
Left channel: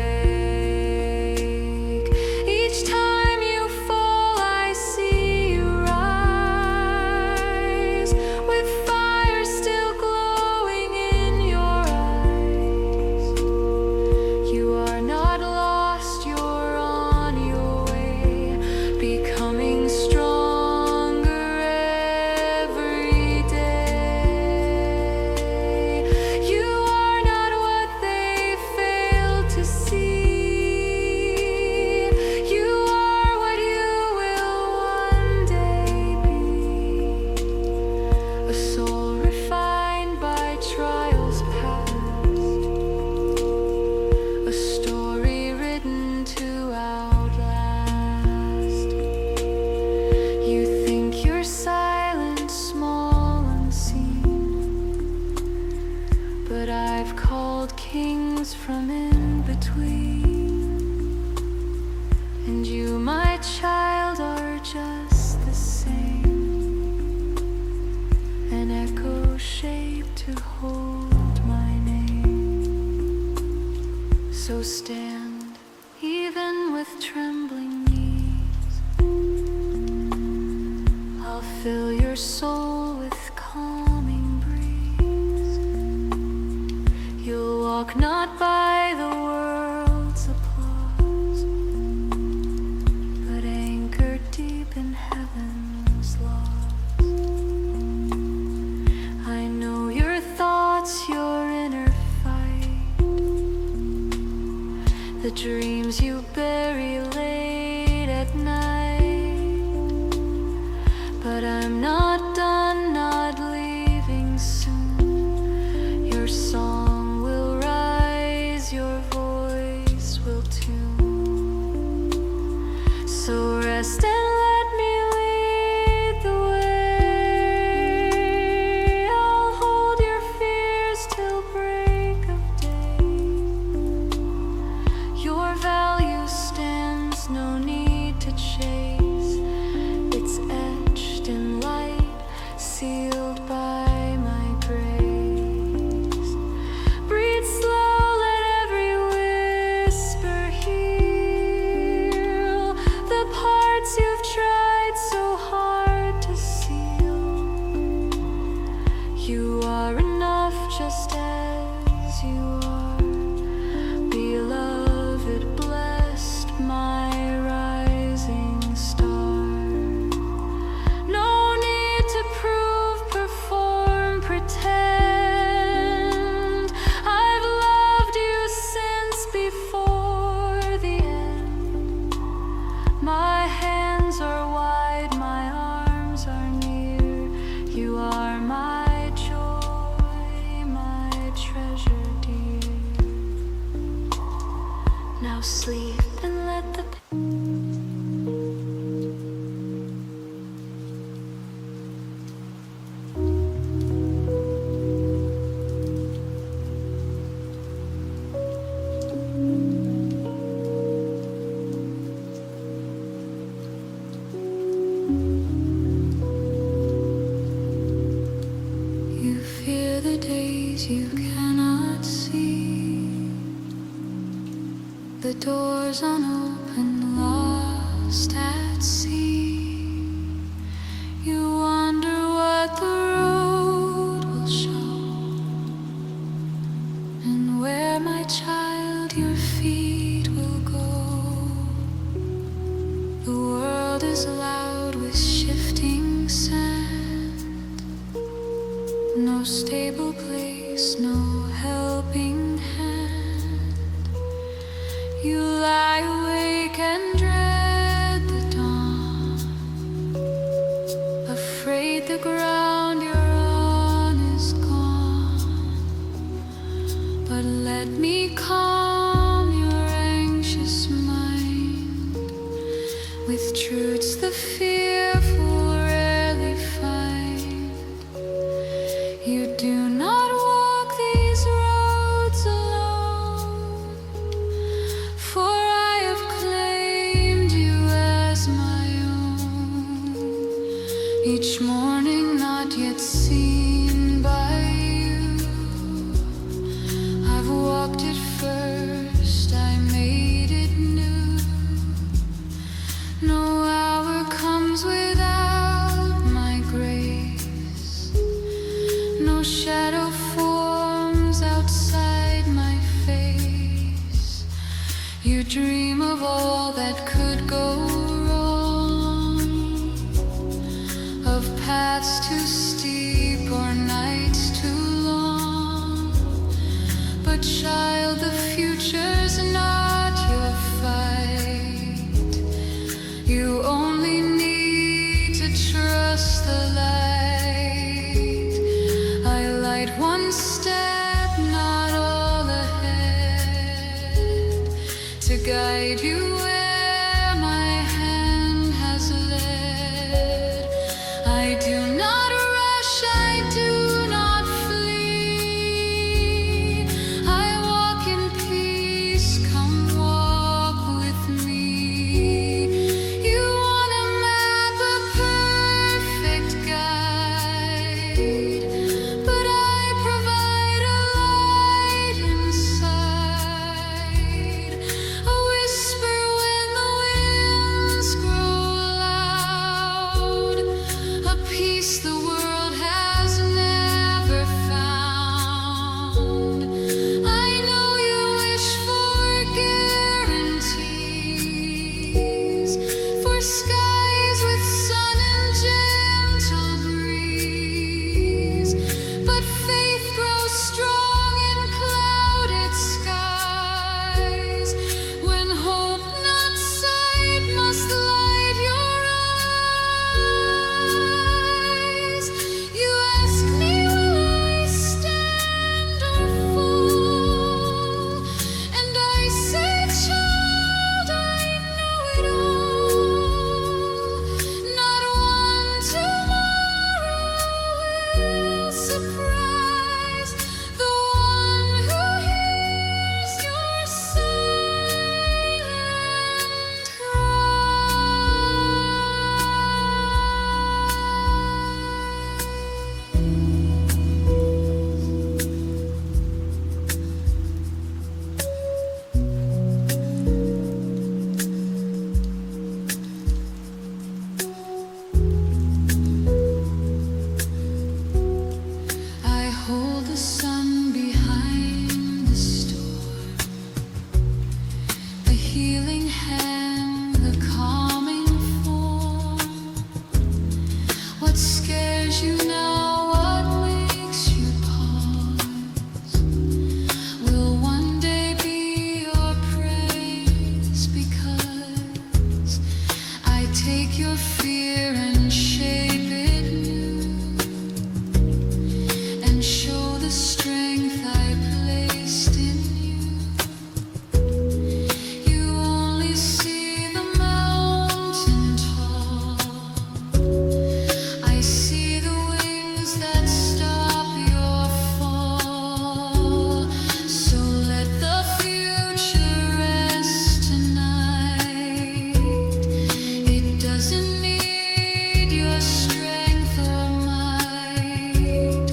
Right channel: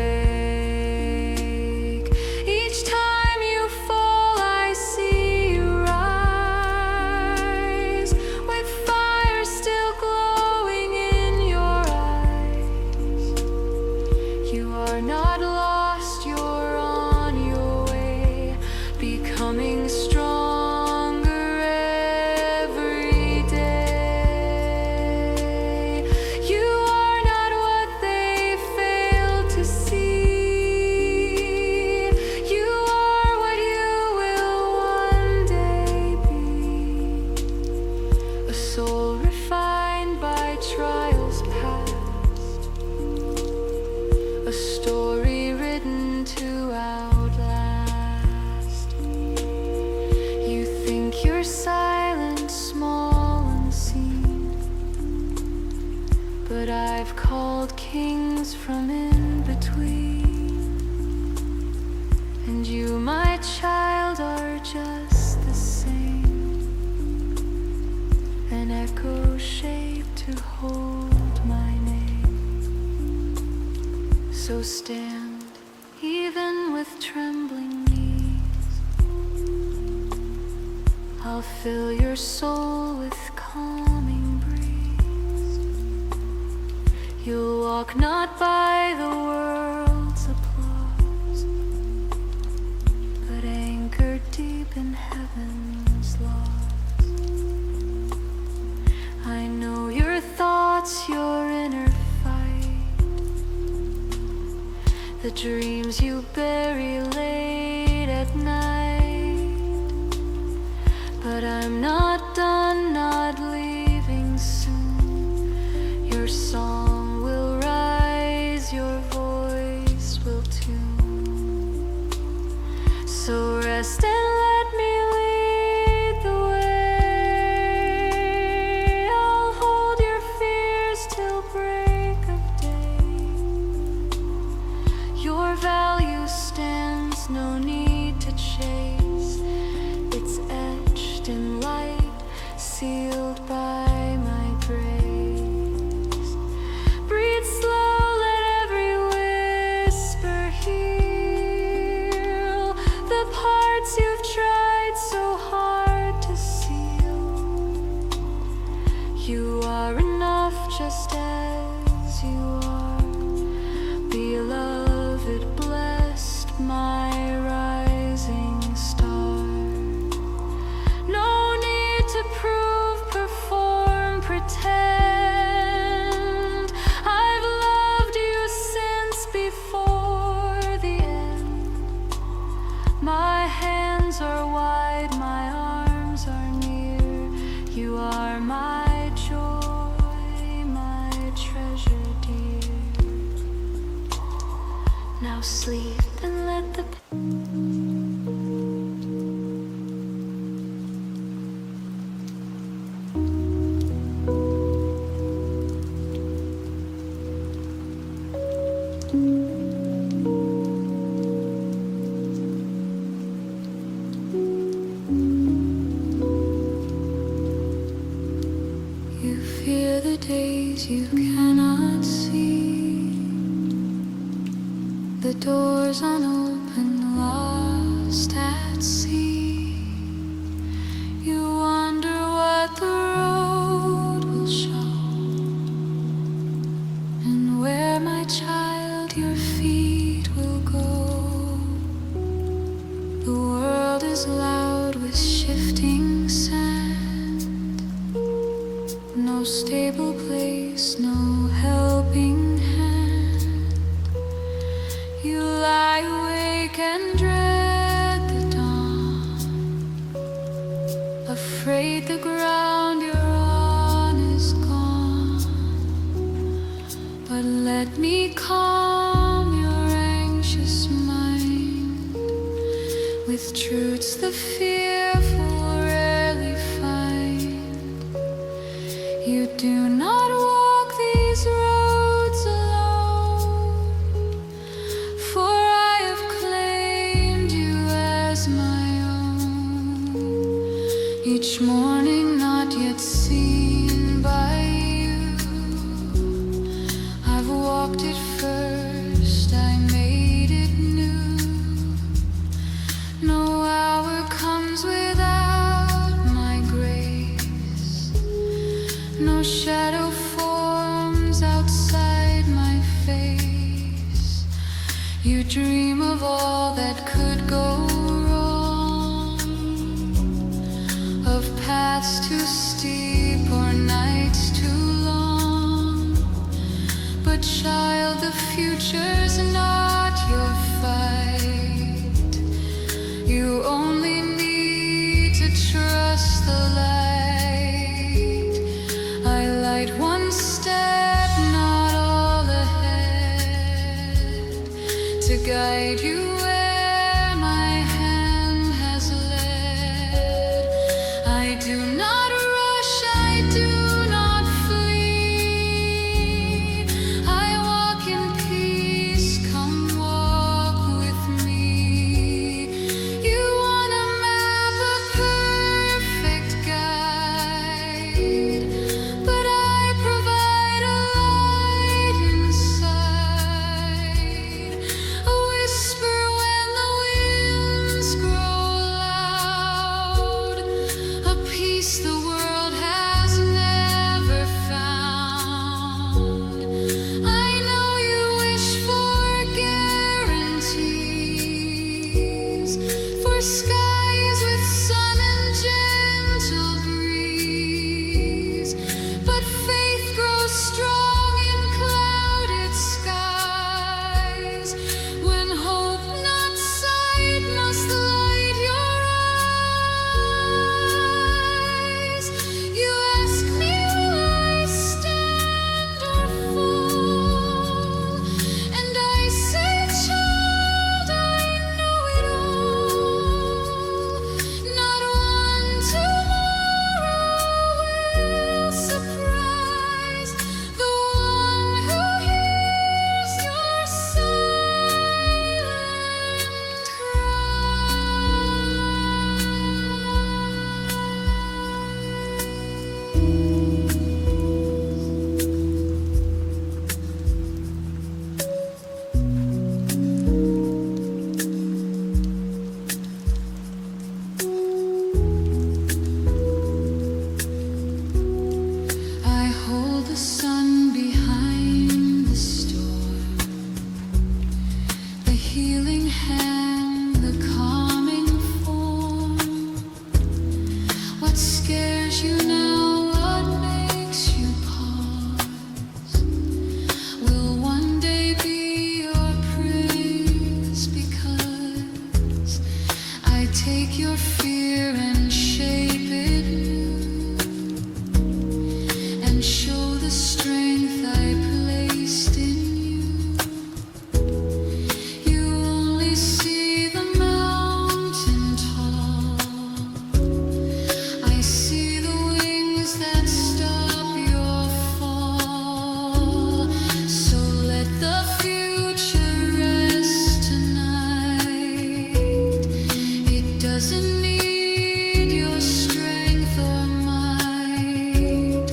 Each time you fall, I see you rise, with fire still glowing in your eyes. You are not lost, you're on your way, becoming stronger every day. You are not what they failed to see. You are what you will one day be. A soul refined by trials past, a story written to outlast. You think you're silent, small, unseen, but I've called kings from in between. And you, my child, are just the same, an echo shaped to hold my name. So stand, even with trembling knees. I'll fill your soul with calming breeze. You'll walk not by the world's applause, but anchored deep in heaven's laws. I know your thoughts, your inner fight, the dreams you bury late at night. But I'm not done, not leaving soon. Your song will rise, your voice will tune. So rest and let me lead the way. I'll hold your fears till break of day. Your value stands, no need to chase. It's etched in light, sealed by my grace. Breathe slow, let every whisper heal the parts you've tried so hard to seal. You are enough just as you are, beloved, blessed, my rising star. No need to prove, perform, pretend. I've loved you since before the end. My hands are wide, my arms are near. You are my joy, my treasure dear. Now sleep and let the You fear the days you cannot see, the doors unopened, lost at sea. You wonder what the road will show, and where, my child, your feet will go. The world is loud with shifting sand, no stable place, no helping hand. You lie awake and dread the dawn, afraid the ground you're on is gone. But let me calm your anxious mind with truths the fearful rarely find. You do not walk these roads alone, for I have claimed you as my own. Each morning not yet seen by you, I've walked it first, I made it new. No hour comes without my grace, no shadow forms outside my face. You dream of all that could go wrong, of paths too steep or nights too long. But child, the future's not your fight. You only need to trust the light. I light one step, not all ahead, to guide you where my hand has led. I do not rush, I do not flee. I walk in peace, come walk with me. You want a map, a perfect guide, but I provide a light inside, a whisper when the winds grow loud, a peace the world has never found. I know you wish for guarantees, for skies with sun and gentle breeze, but faith grows strong in clouded skies, when hope not sight must light your eyes. You ask me, will I stand or fall? And I say, child, I know it all. I take your fear and shape it new, and show the strength I placed in you. You only see the mountain tall, I see the wings that stop your fall. So let the future rest tonight. It doesn't need your strength or might.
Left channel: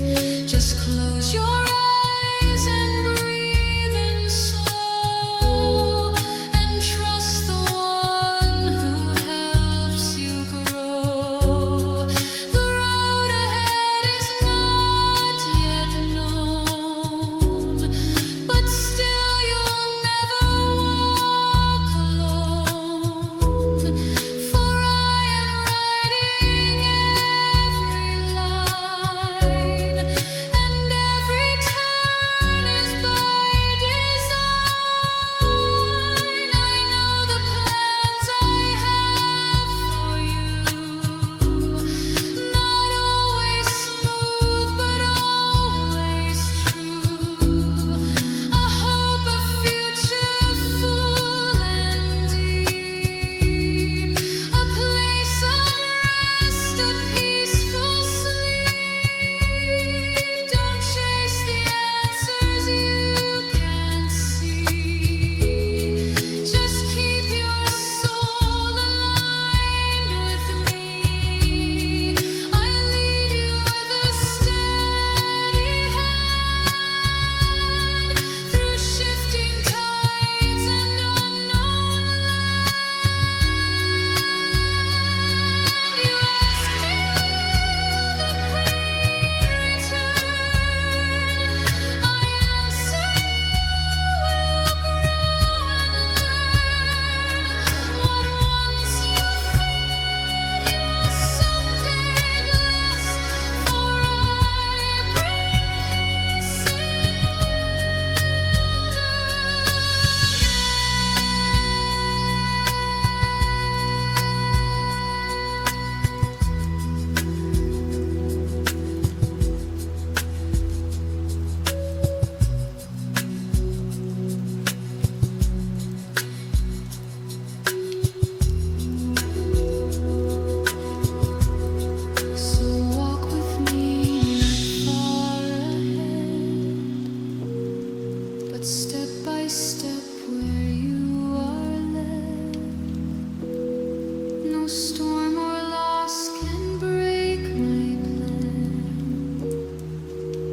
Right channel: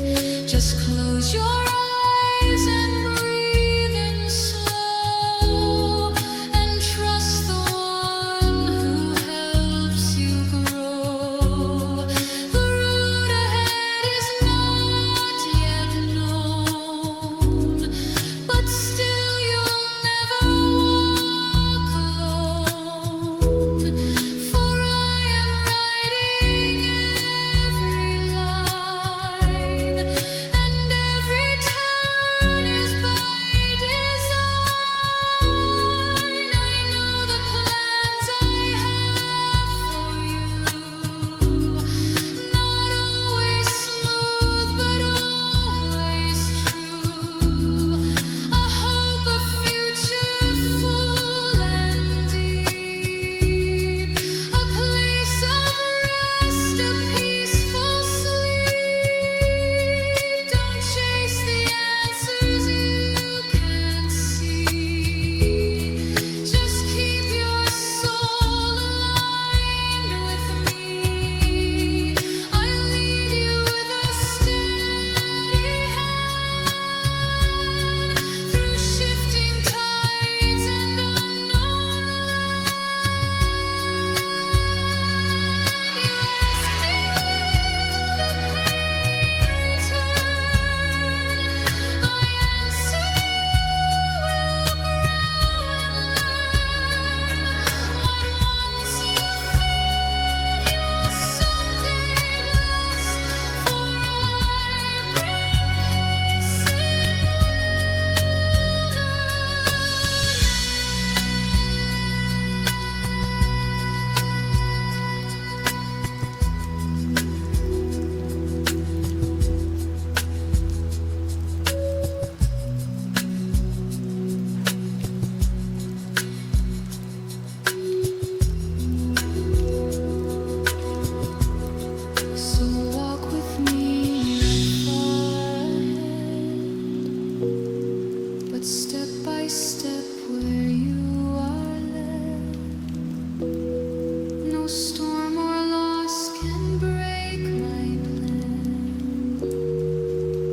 Just close your eyes and breathe in slow, and trust the one who helps you grow. The road ahead is not yet known, but still you'll never walk alone. For I am writing every line, and every turn is by design. I know the plans I have for you, not always smooth, but always true. A hope, a future full and deep, a place of rest, a peaceful sleep. Don't chase the answers you can't see. Just keep your soul aligned with me. I'll lead you with a steady hand through shifting tides and unknown land. You ask me, will the pain return? I answer, you will grow and learn. What once you feared, you'll someday bless. For I bring peace in wilderness. So walk with me, not far ahead, but step by step where you are led. No storm or loss can break my plan.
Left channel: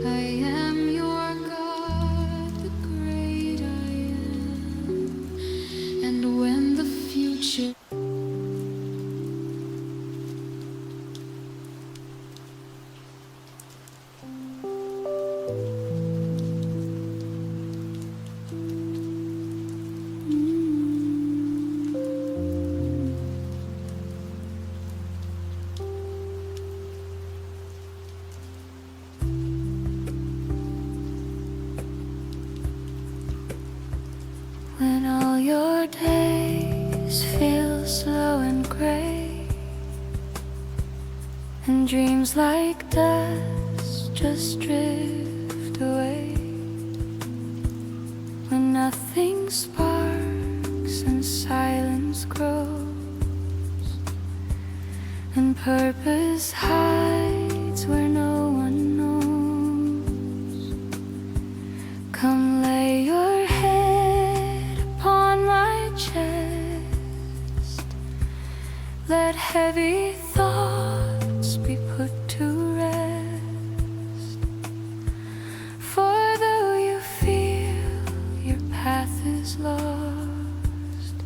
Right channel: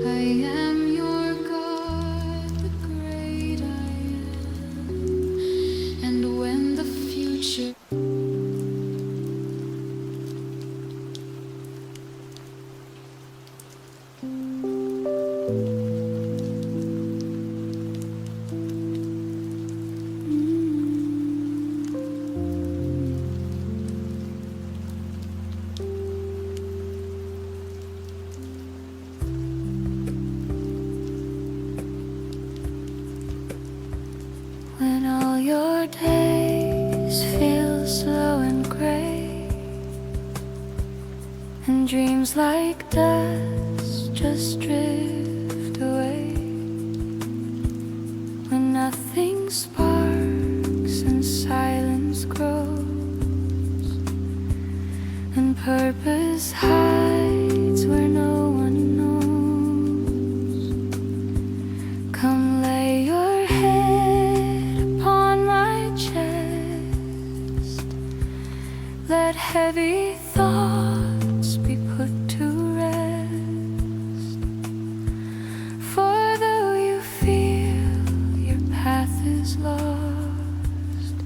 I am your God, the great I am. And when the future when all your days feel slow and gray, and dreams like dust just drift away, when nothing sparks and silence grows, and purpose hides where no one knows, come lay your head upon my chest. Let heavy thoughts be put to rest. For though you feel your path is lost,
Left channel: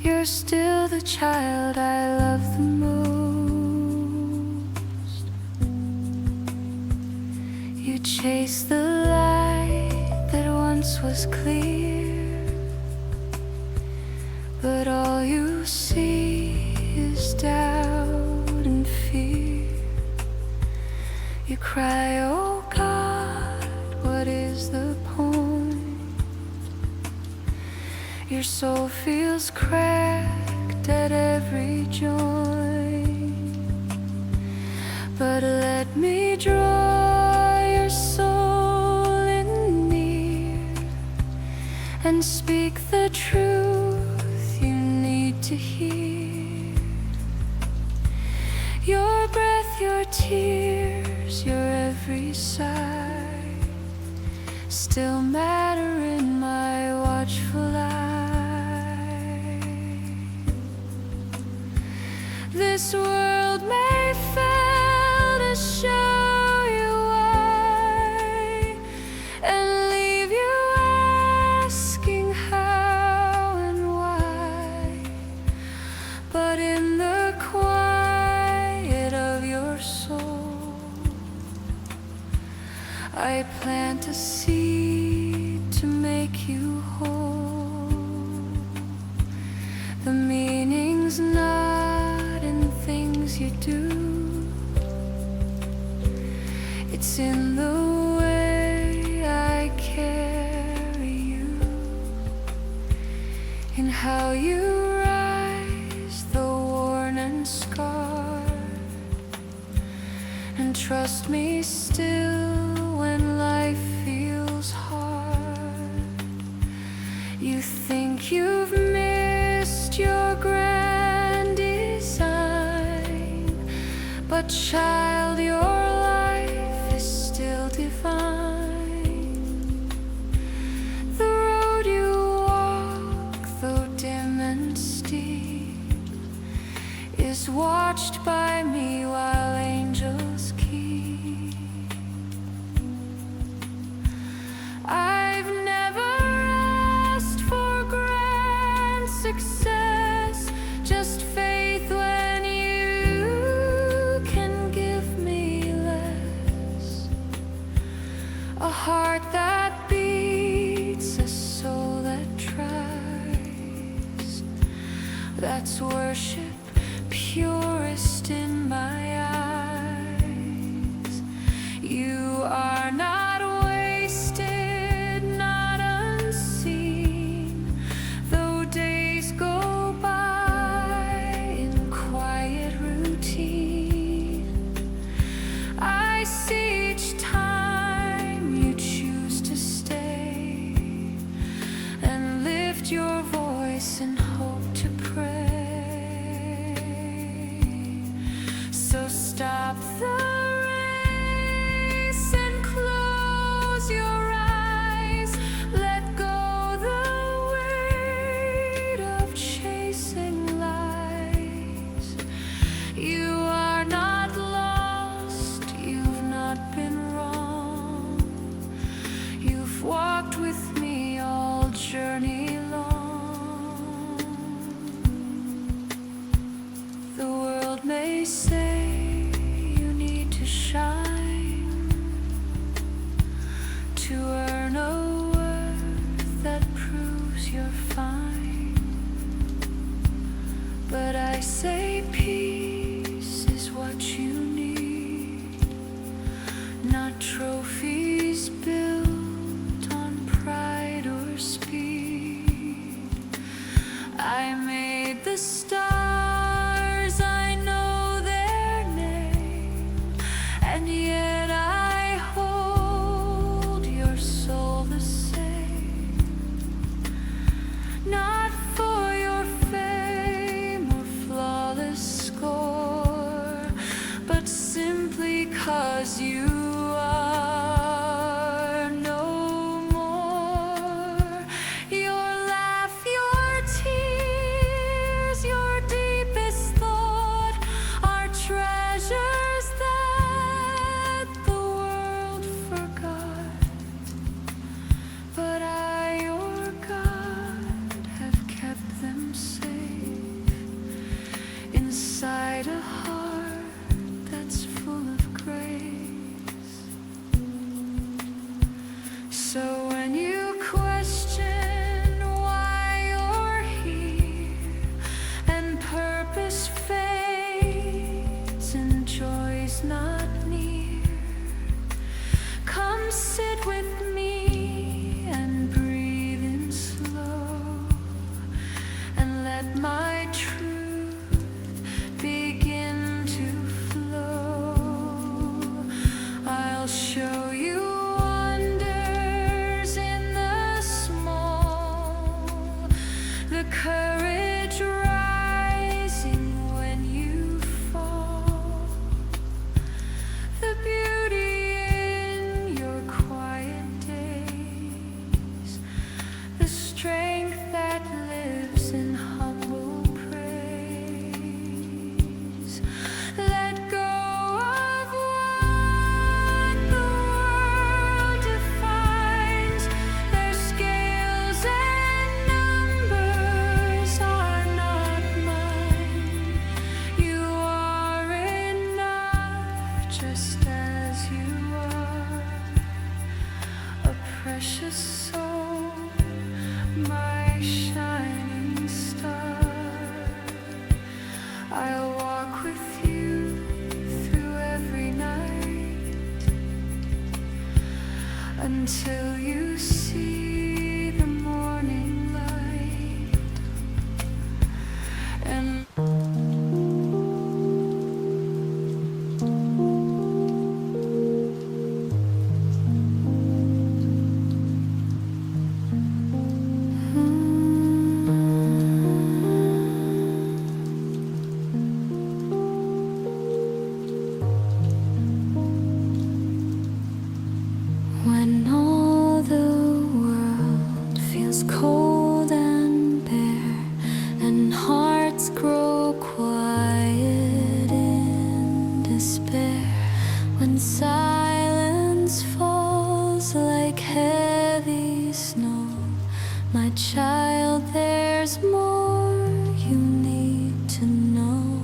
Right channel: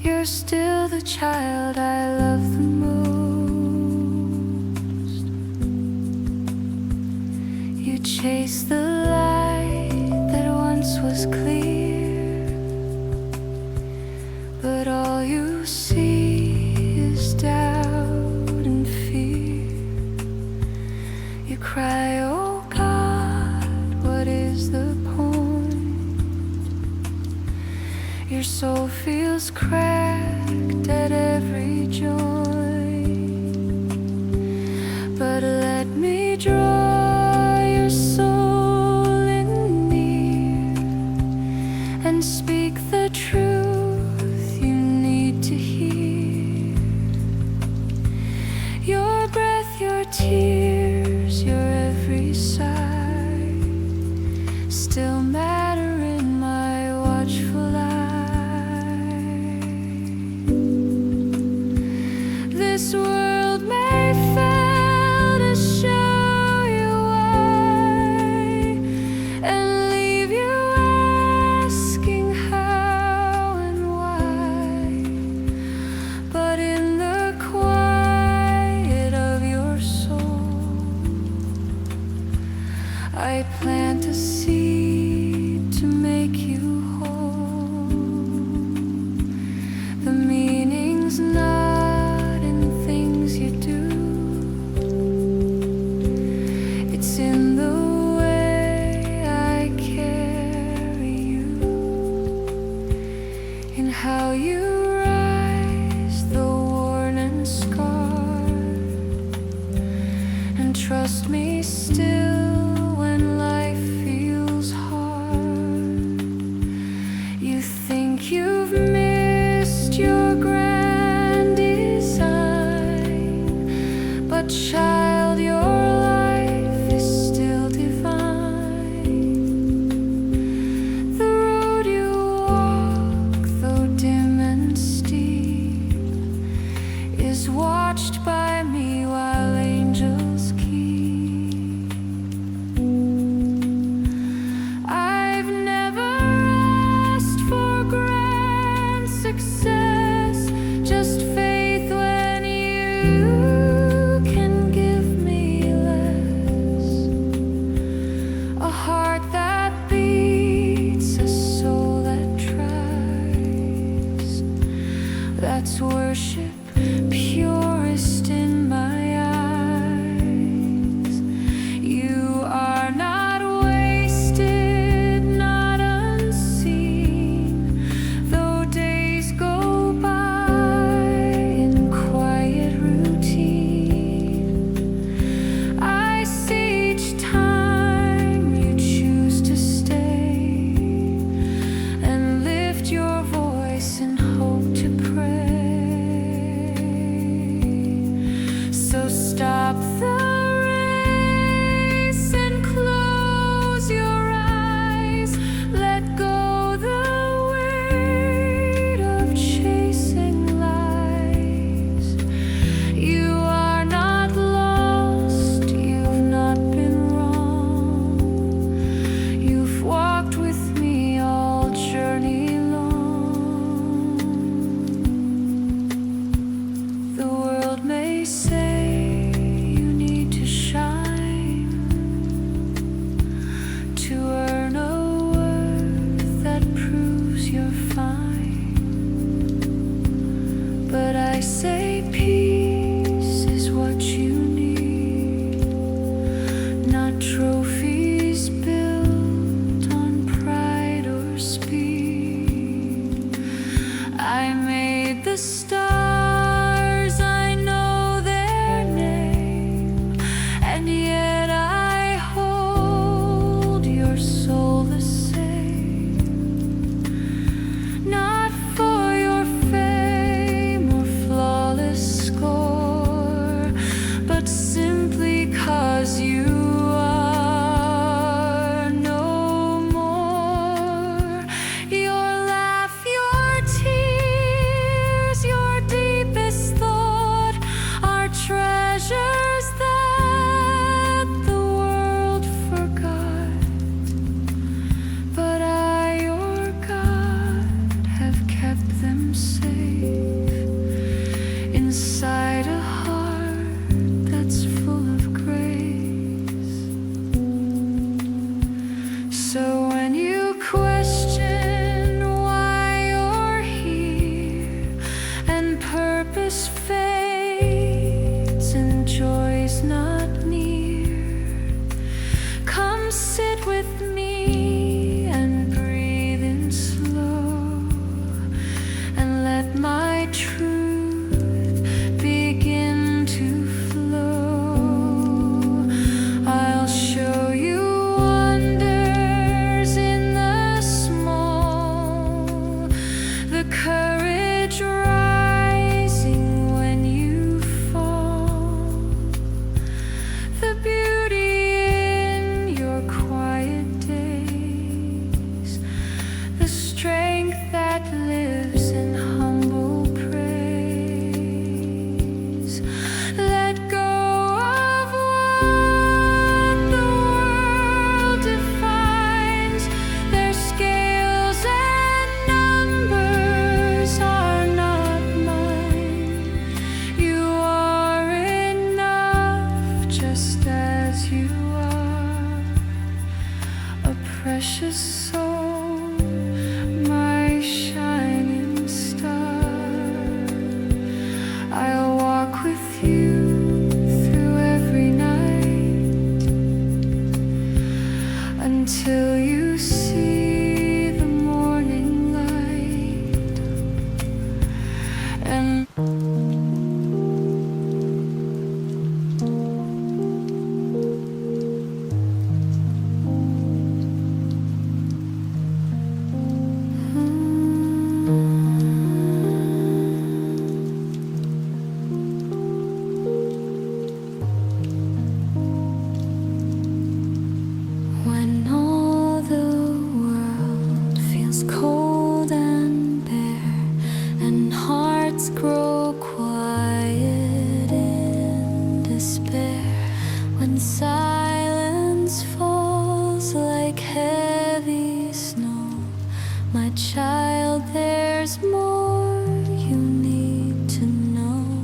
you're still the child I love the most. You chase the light that once was clear, but all you see is doubt and fear. You cry, oh God, what is the point? Your soul feels cracked at every joint. breath, your tears, your every sigh still matter in my watchful eye. This world may fail to show you why and leave you asking how and why, but in the quiet of your soul, I plant a seed to make you whole. The meaning's not in things you do, it's in the way I carry you, in how you rise, though worn and scarred, and trust me still when life feels hard. You think you've missed your grand design, but child, your life is still divine. The road you walk, though dim and steep, is watched by me while angels keep. I've never asked for grand success, just faith when you can give me less. A heart that beats, a soul that tries, that's worship purest in my eyes. You are not wasted, not unseen, though days go by in quiet routine. I see each time you choose to stay and lift your voice in hope to pray. So stop the race and close your eyes. Let go the weight of chasing lies. You are not lost, you've not been wrong. You've walked with me all journey long. The world may say you need to shine to earn a worth that proves you're fine, but I say peace is what you need, not trophies built on pride or speed. I made the stars, I know their name, and yet I hold your soul the same. Not for your fame or flawless score, but simply 'cause you are no more. Your laugh, your tears, your deepest thought are treasures that the world forgot, but I, your God, have kept them safe inside a heart that's full of grace. So when you question why you're here and purpose fades and joy's not near, come sit with me and breathe in slow, and let my truth begin to flow. I'll show you wonders in the small, the courage rising when you fall, precious soul, my shining star. I'll walk with you through every night until you see the morning light. And when all the world feels cold and bare, and hearts grow quiet in despair, when silence falls like heavy snow, my child, there's more you need to know.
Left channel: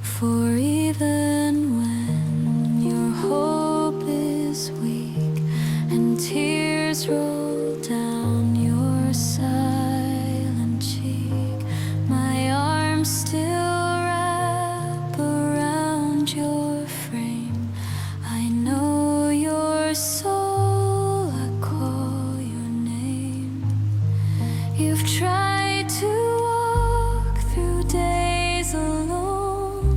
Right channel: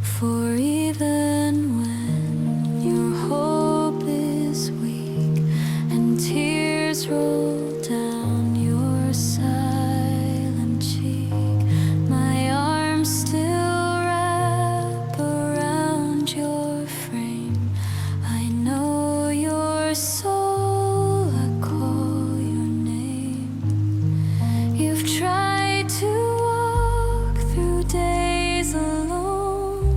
For even when your hope is weak and tears roll down your silent cheek, my arms still wrap around your frame. I know your soul, I call your name. You've tried to walk through days alone,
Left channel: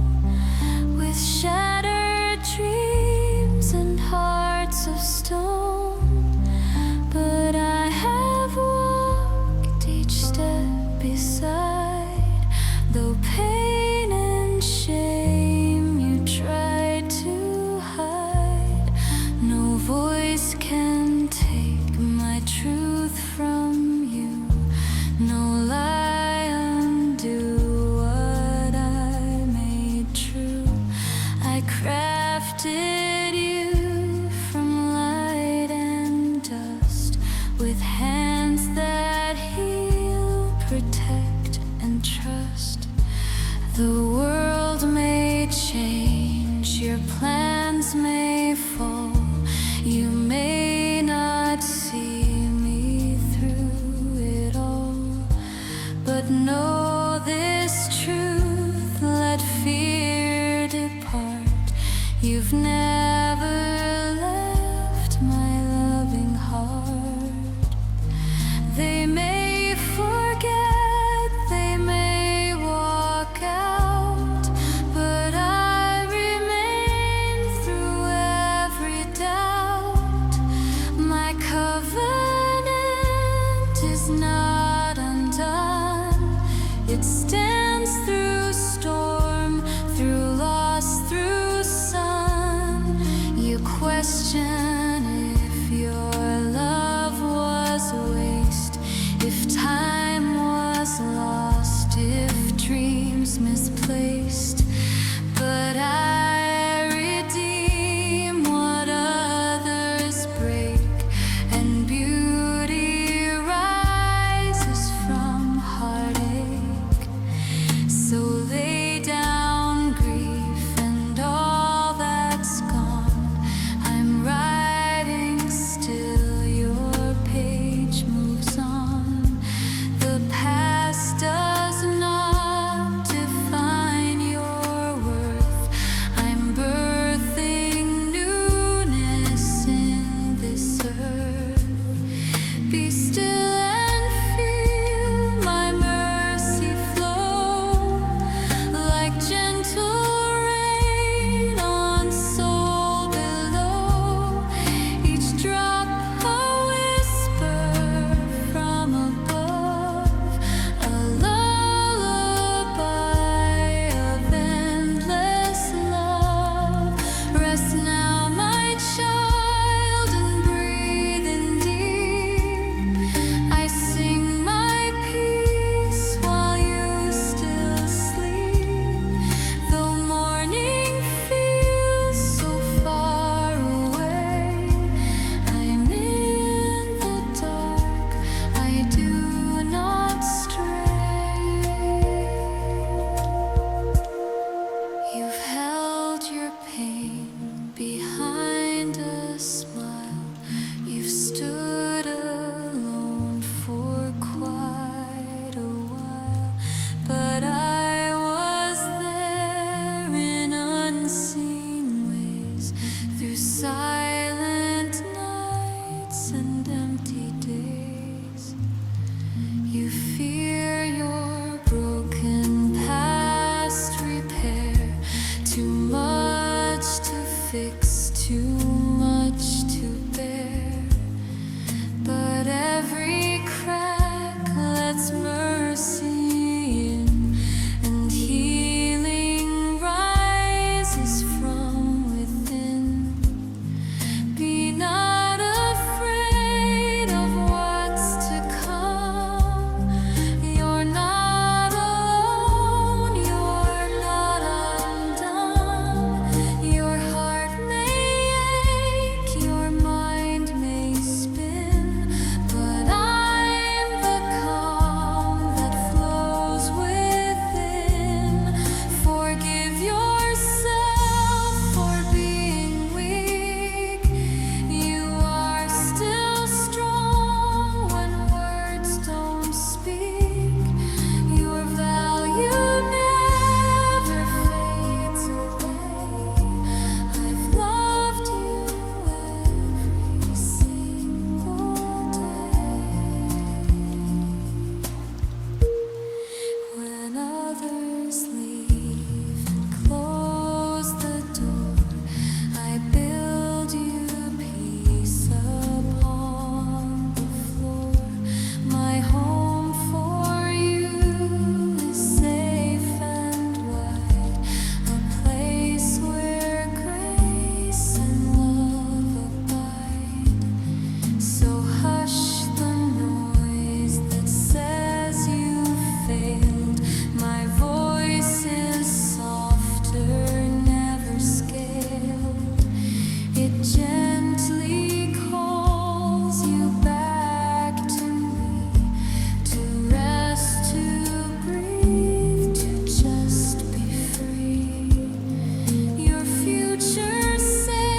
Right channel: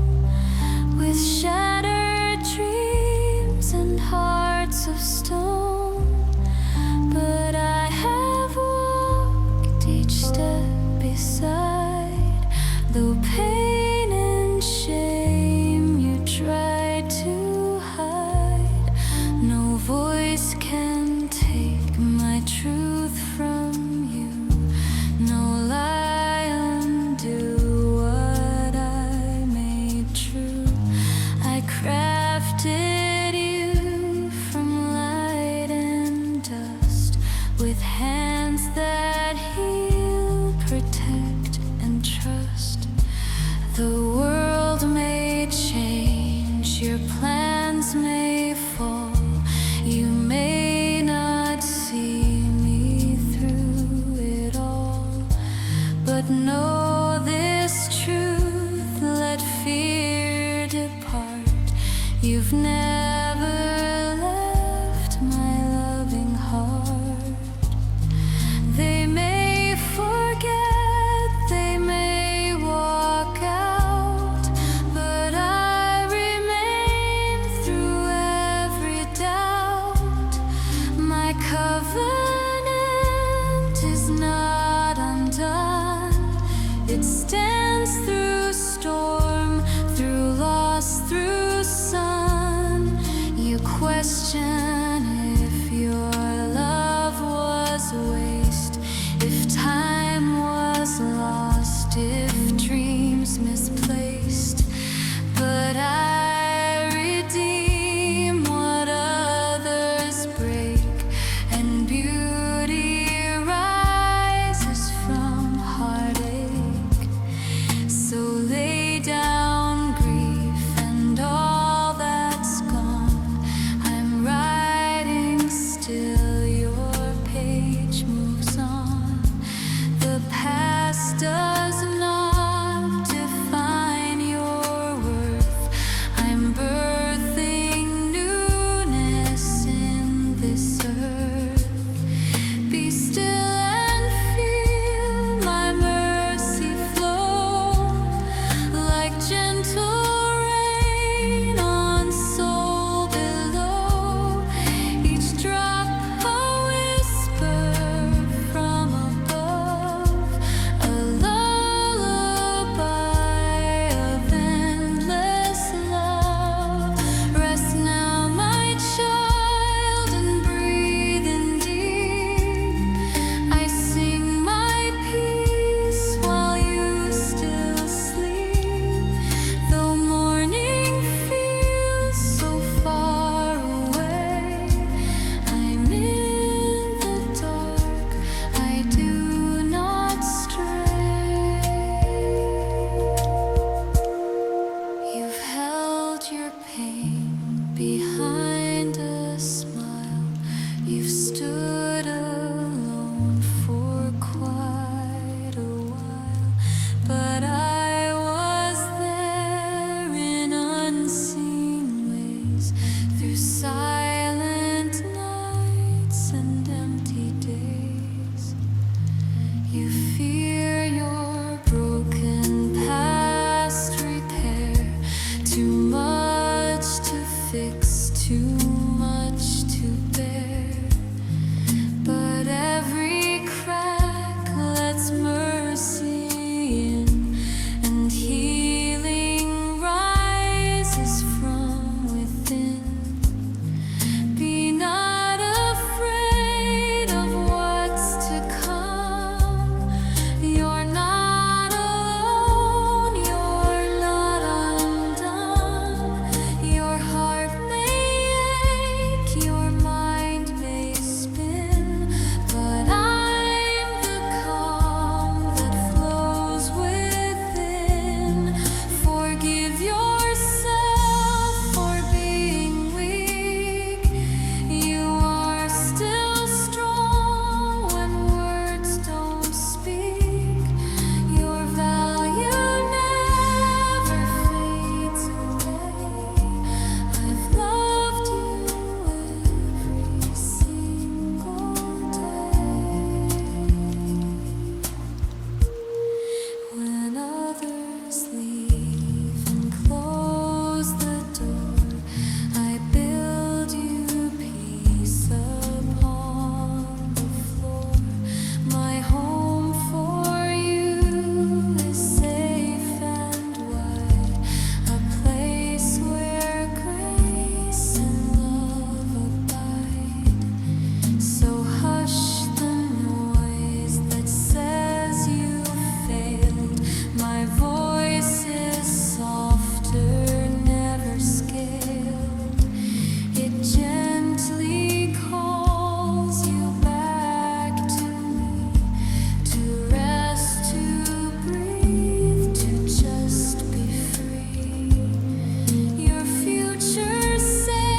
with shattered dreams and hearts of stone, but I have walked each step beside, though pain and shame you tried to hide. No voice can take my truth from you, no lie undo what I made true. I crafted you from light and dust, with hands that heal, protect, and trust. The world may change, your plans may fall, you may not see me through it all, but know this truth, let fear depart. You've never left my loving heart. They may forget, they may walk out, but I remain through every doubt. My covenant is not undone. It stands through storm, through loss, through sun. You question if your love was waste, if time was lost, if dreams misplaced. But I redeem what others break, and beauty rises from heartache. So lay down grief and all that's gone. I'm writing still, your page moves on. The past does not define your worth. I'm birthing newness in this earth. Be still and feel my mercy flow, like gentle rain on soul below. Each drop a whisper from above, a lullaby of endless love. Rest now, my child, and breathe in deep. I sing my peace while you still sleep. Though morning feels so far away, I'm in the dark, I do not stray. You've held your pain behind a smile. You You've stood alone for quite a while, but I was there in unseen ways, through silent nights and empty days. You fear your broken past repair, too much to fix, too much to bear. But every crack lets mercy in, and healing rises from within. Be not afraid of what's to come. You're not alone, you're not undone. Your heart may ache, your mind may spin, but I'm the calm that flows within. Forgive yourself for being weak. You are still strong when words don't speak. Your value never fades away. I've loved you every single day. When others leave and close the door, I build you peace upon the floor. My home for you is safe and wide, a place where grace and love abide. So hush the noise that says you failed. My voice is softer, never scaled. It gently calls you back to me, to rest, to breathe, to just be free. Your future safe.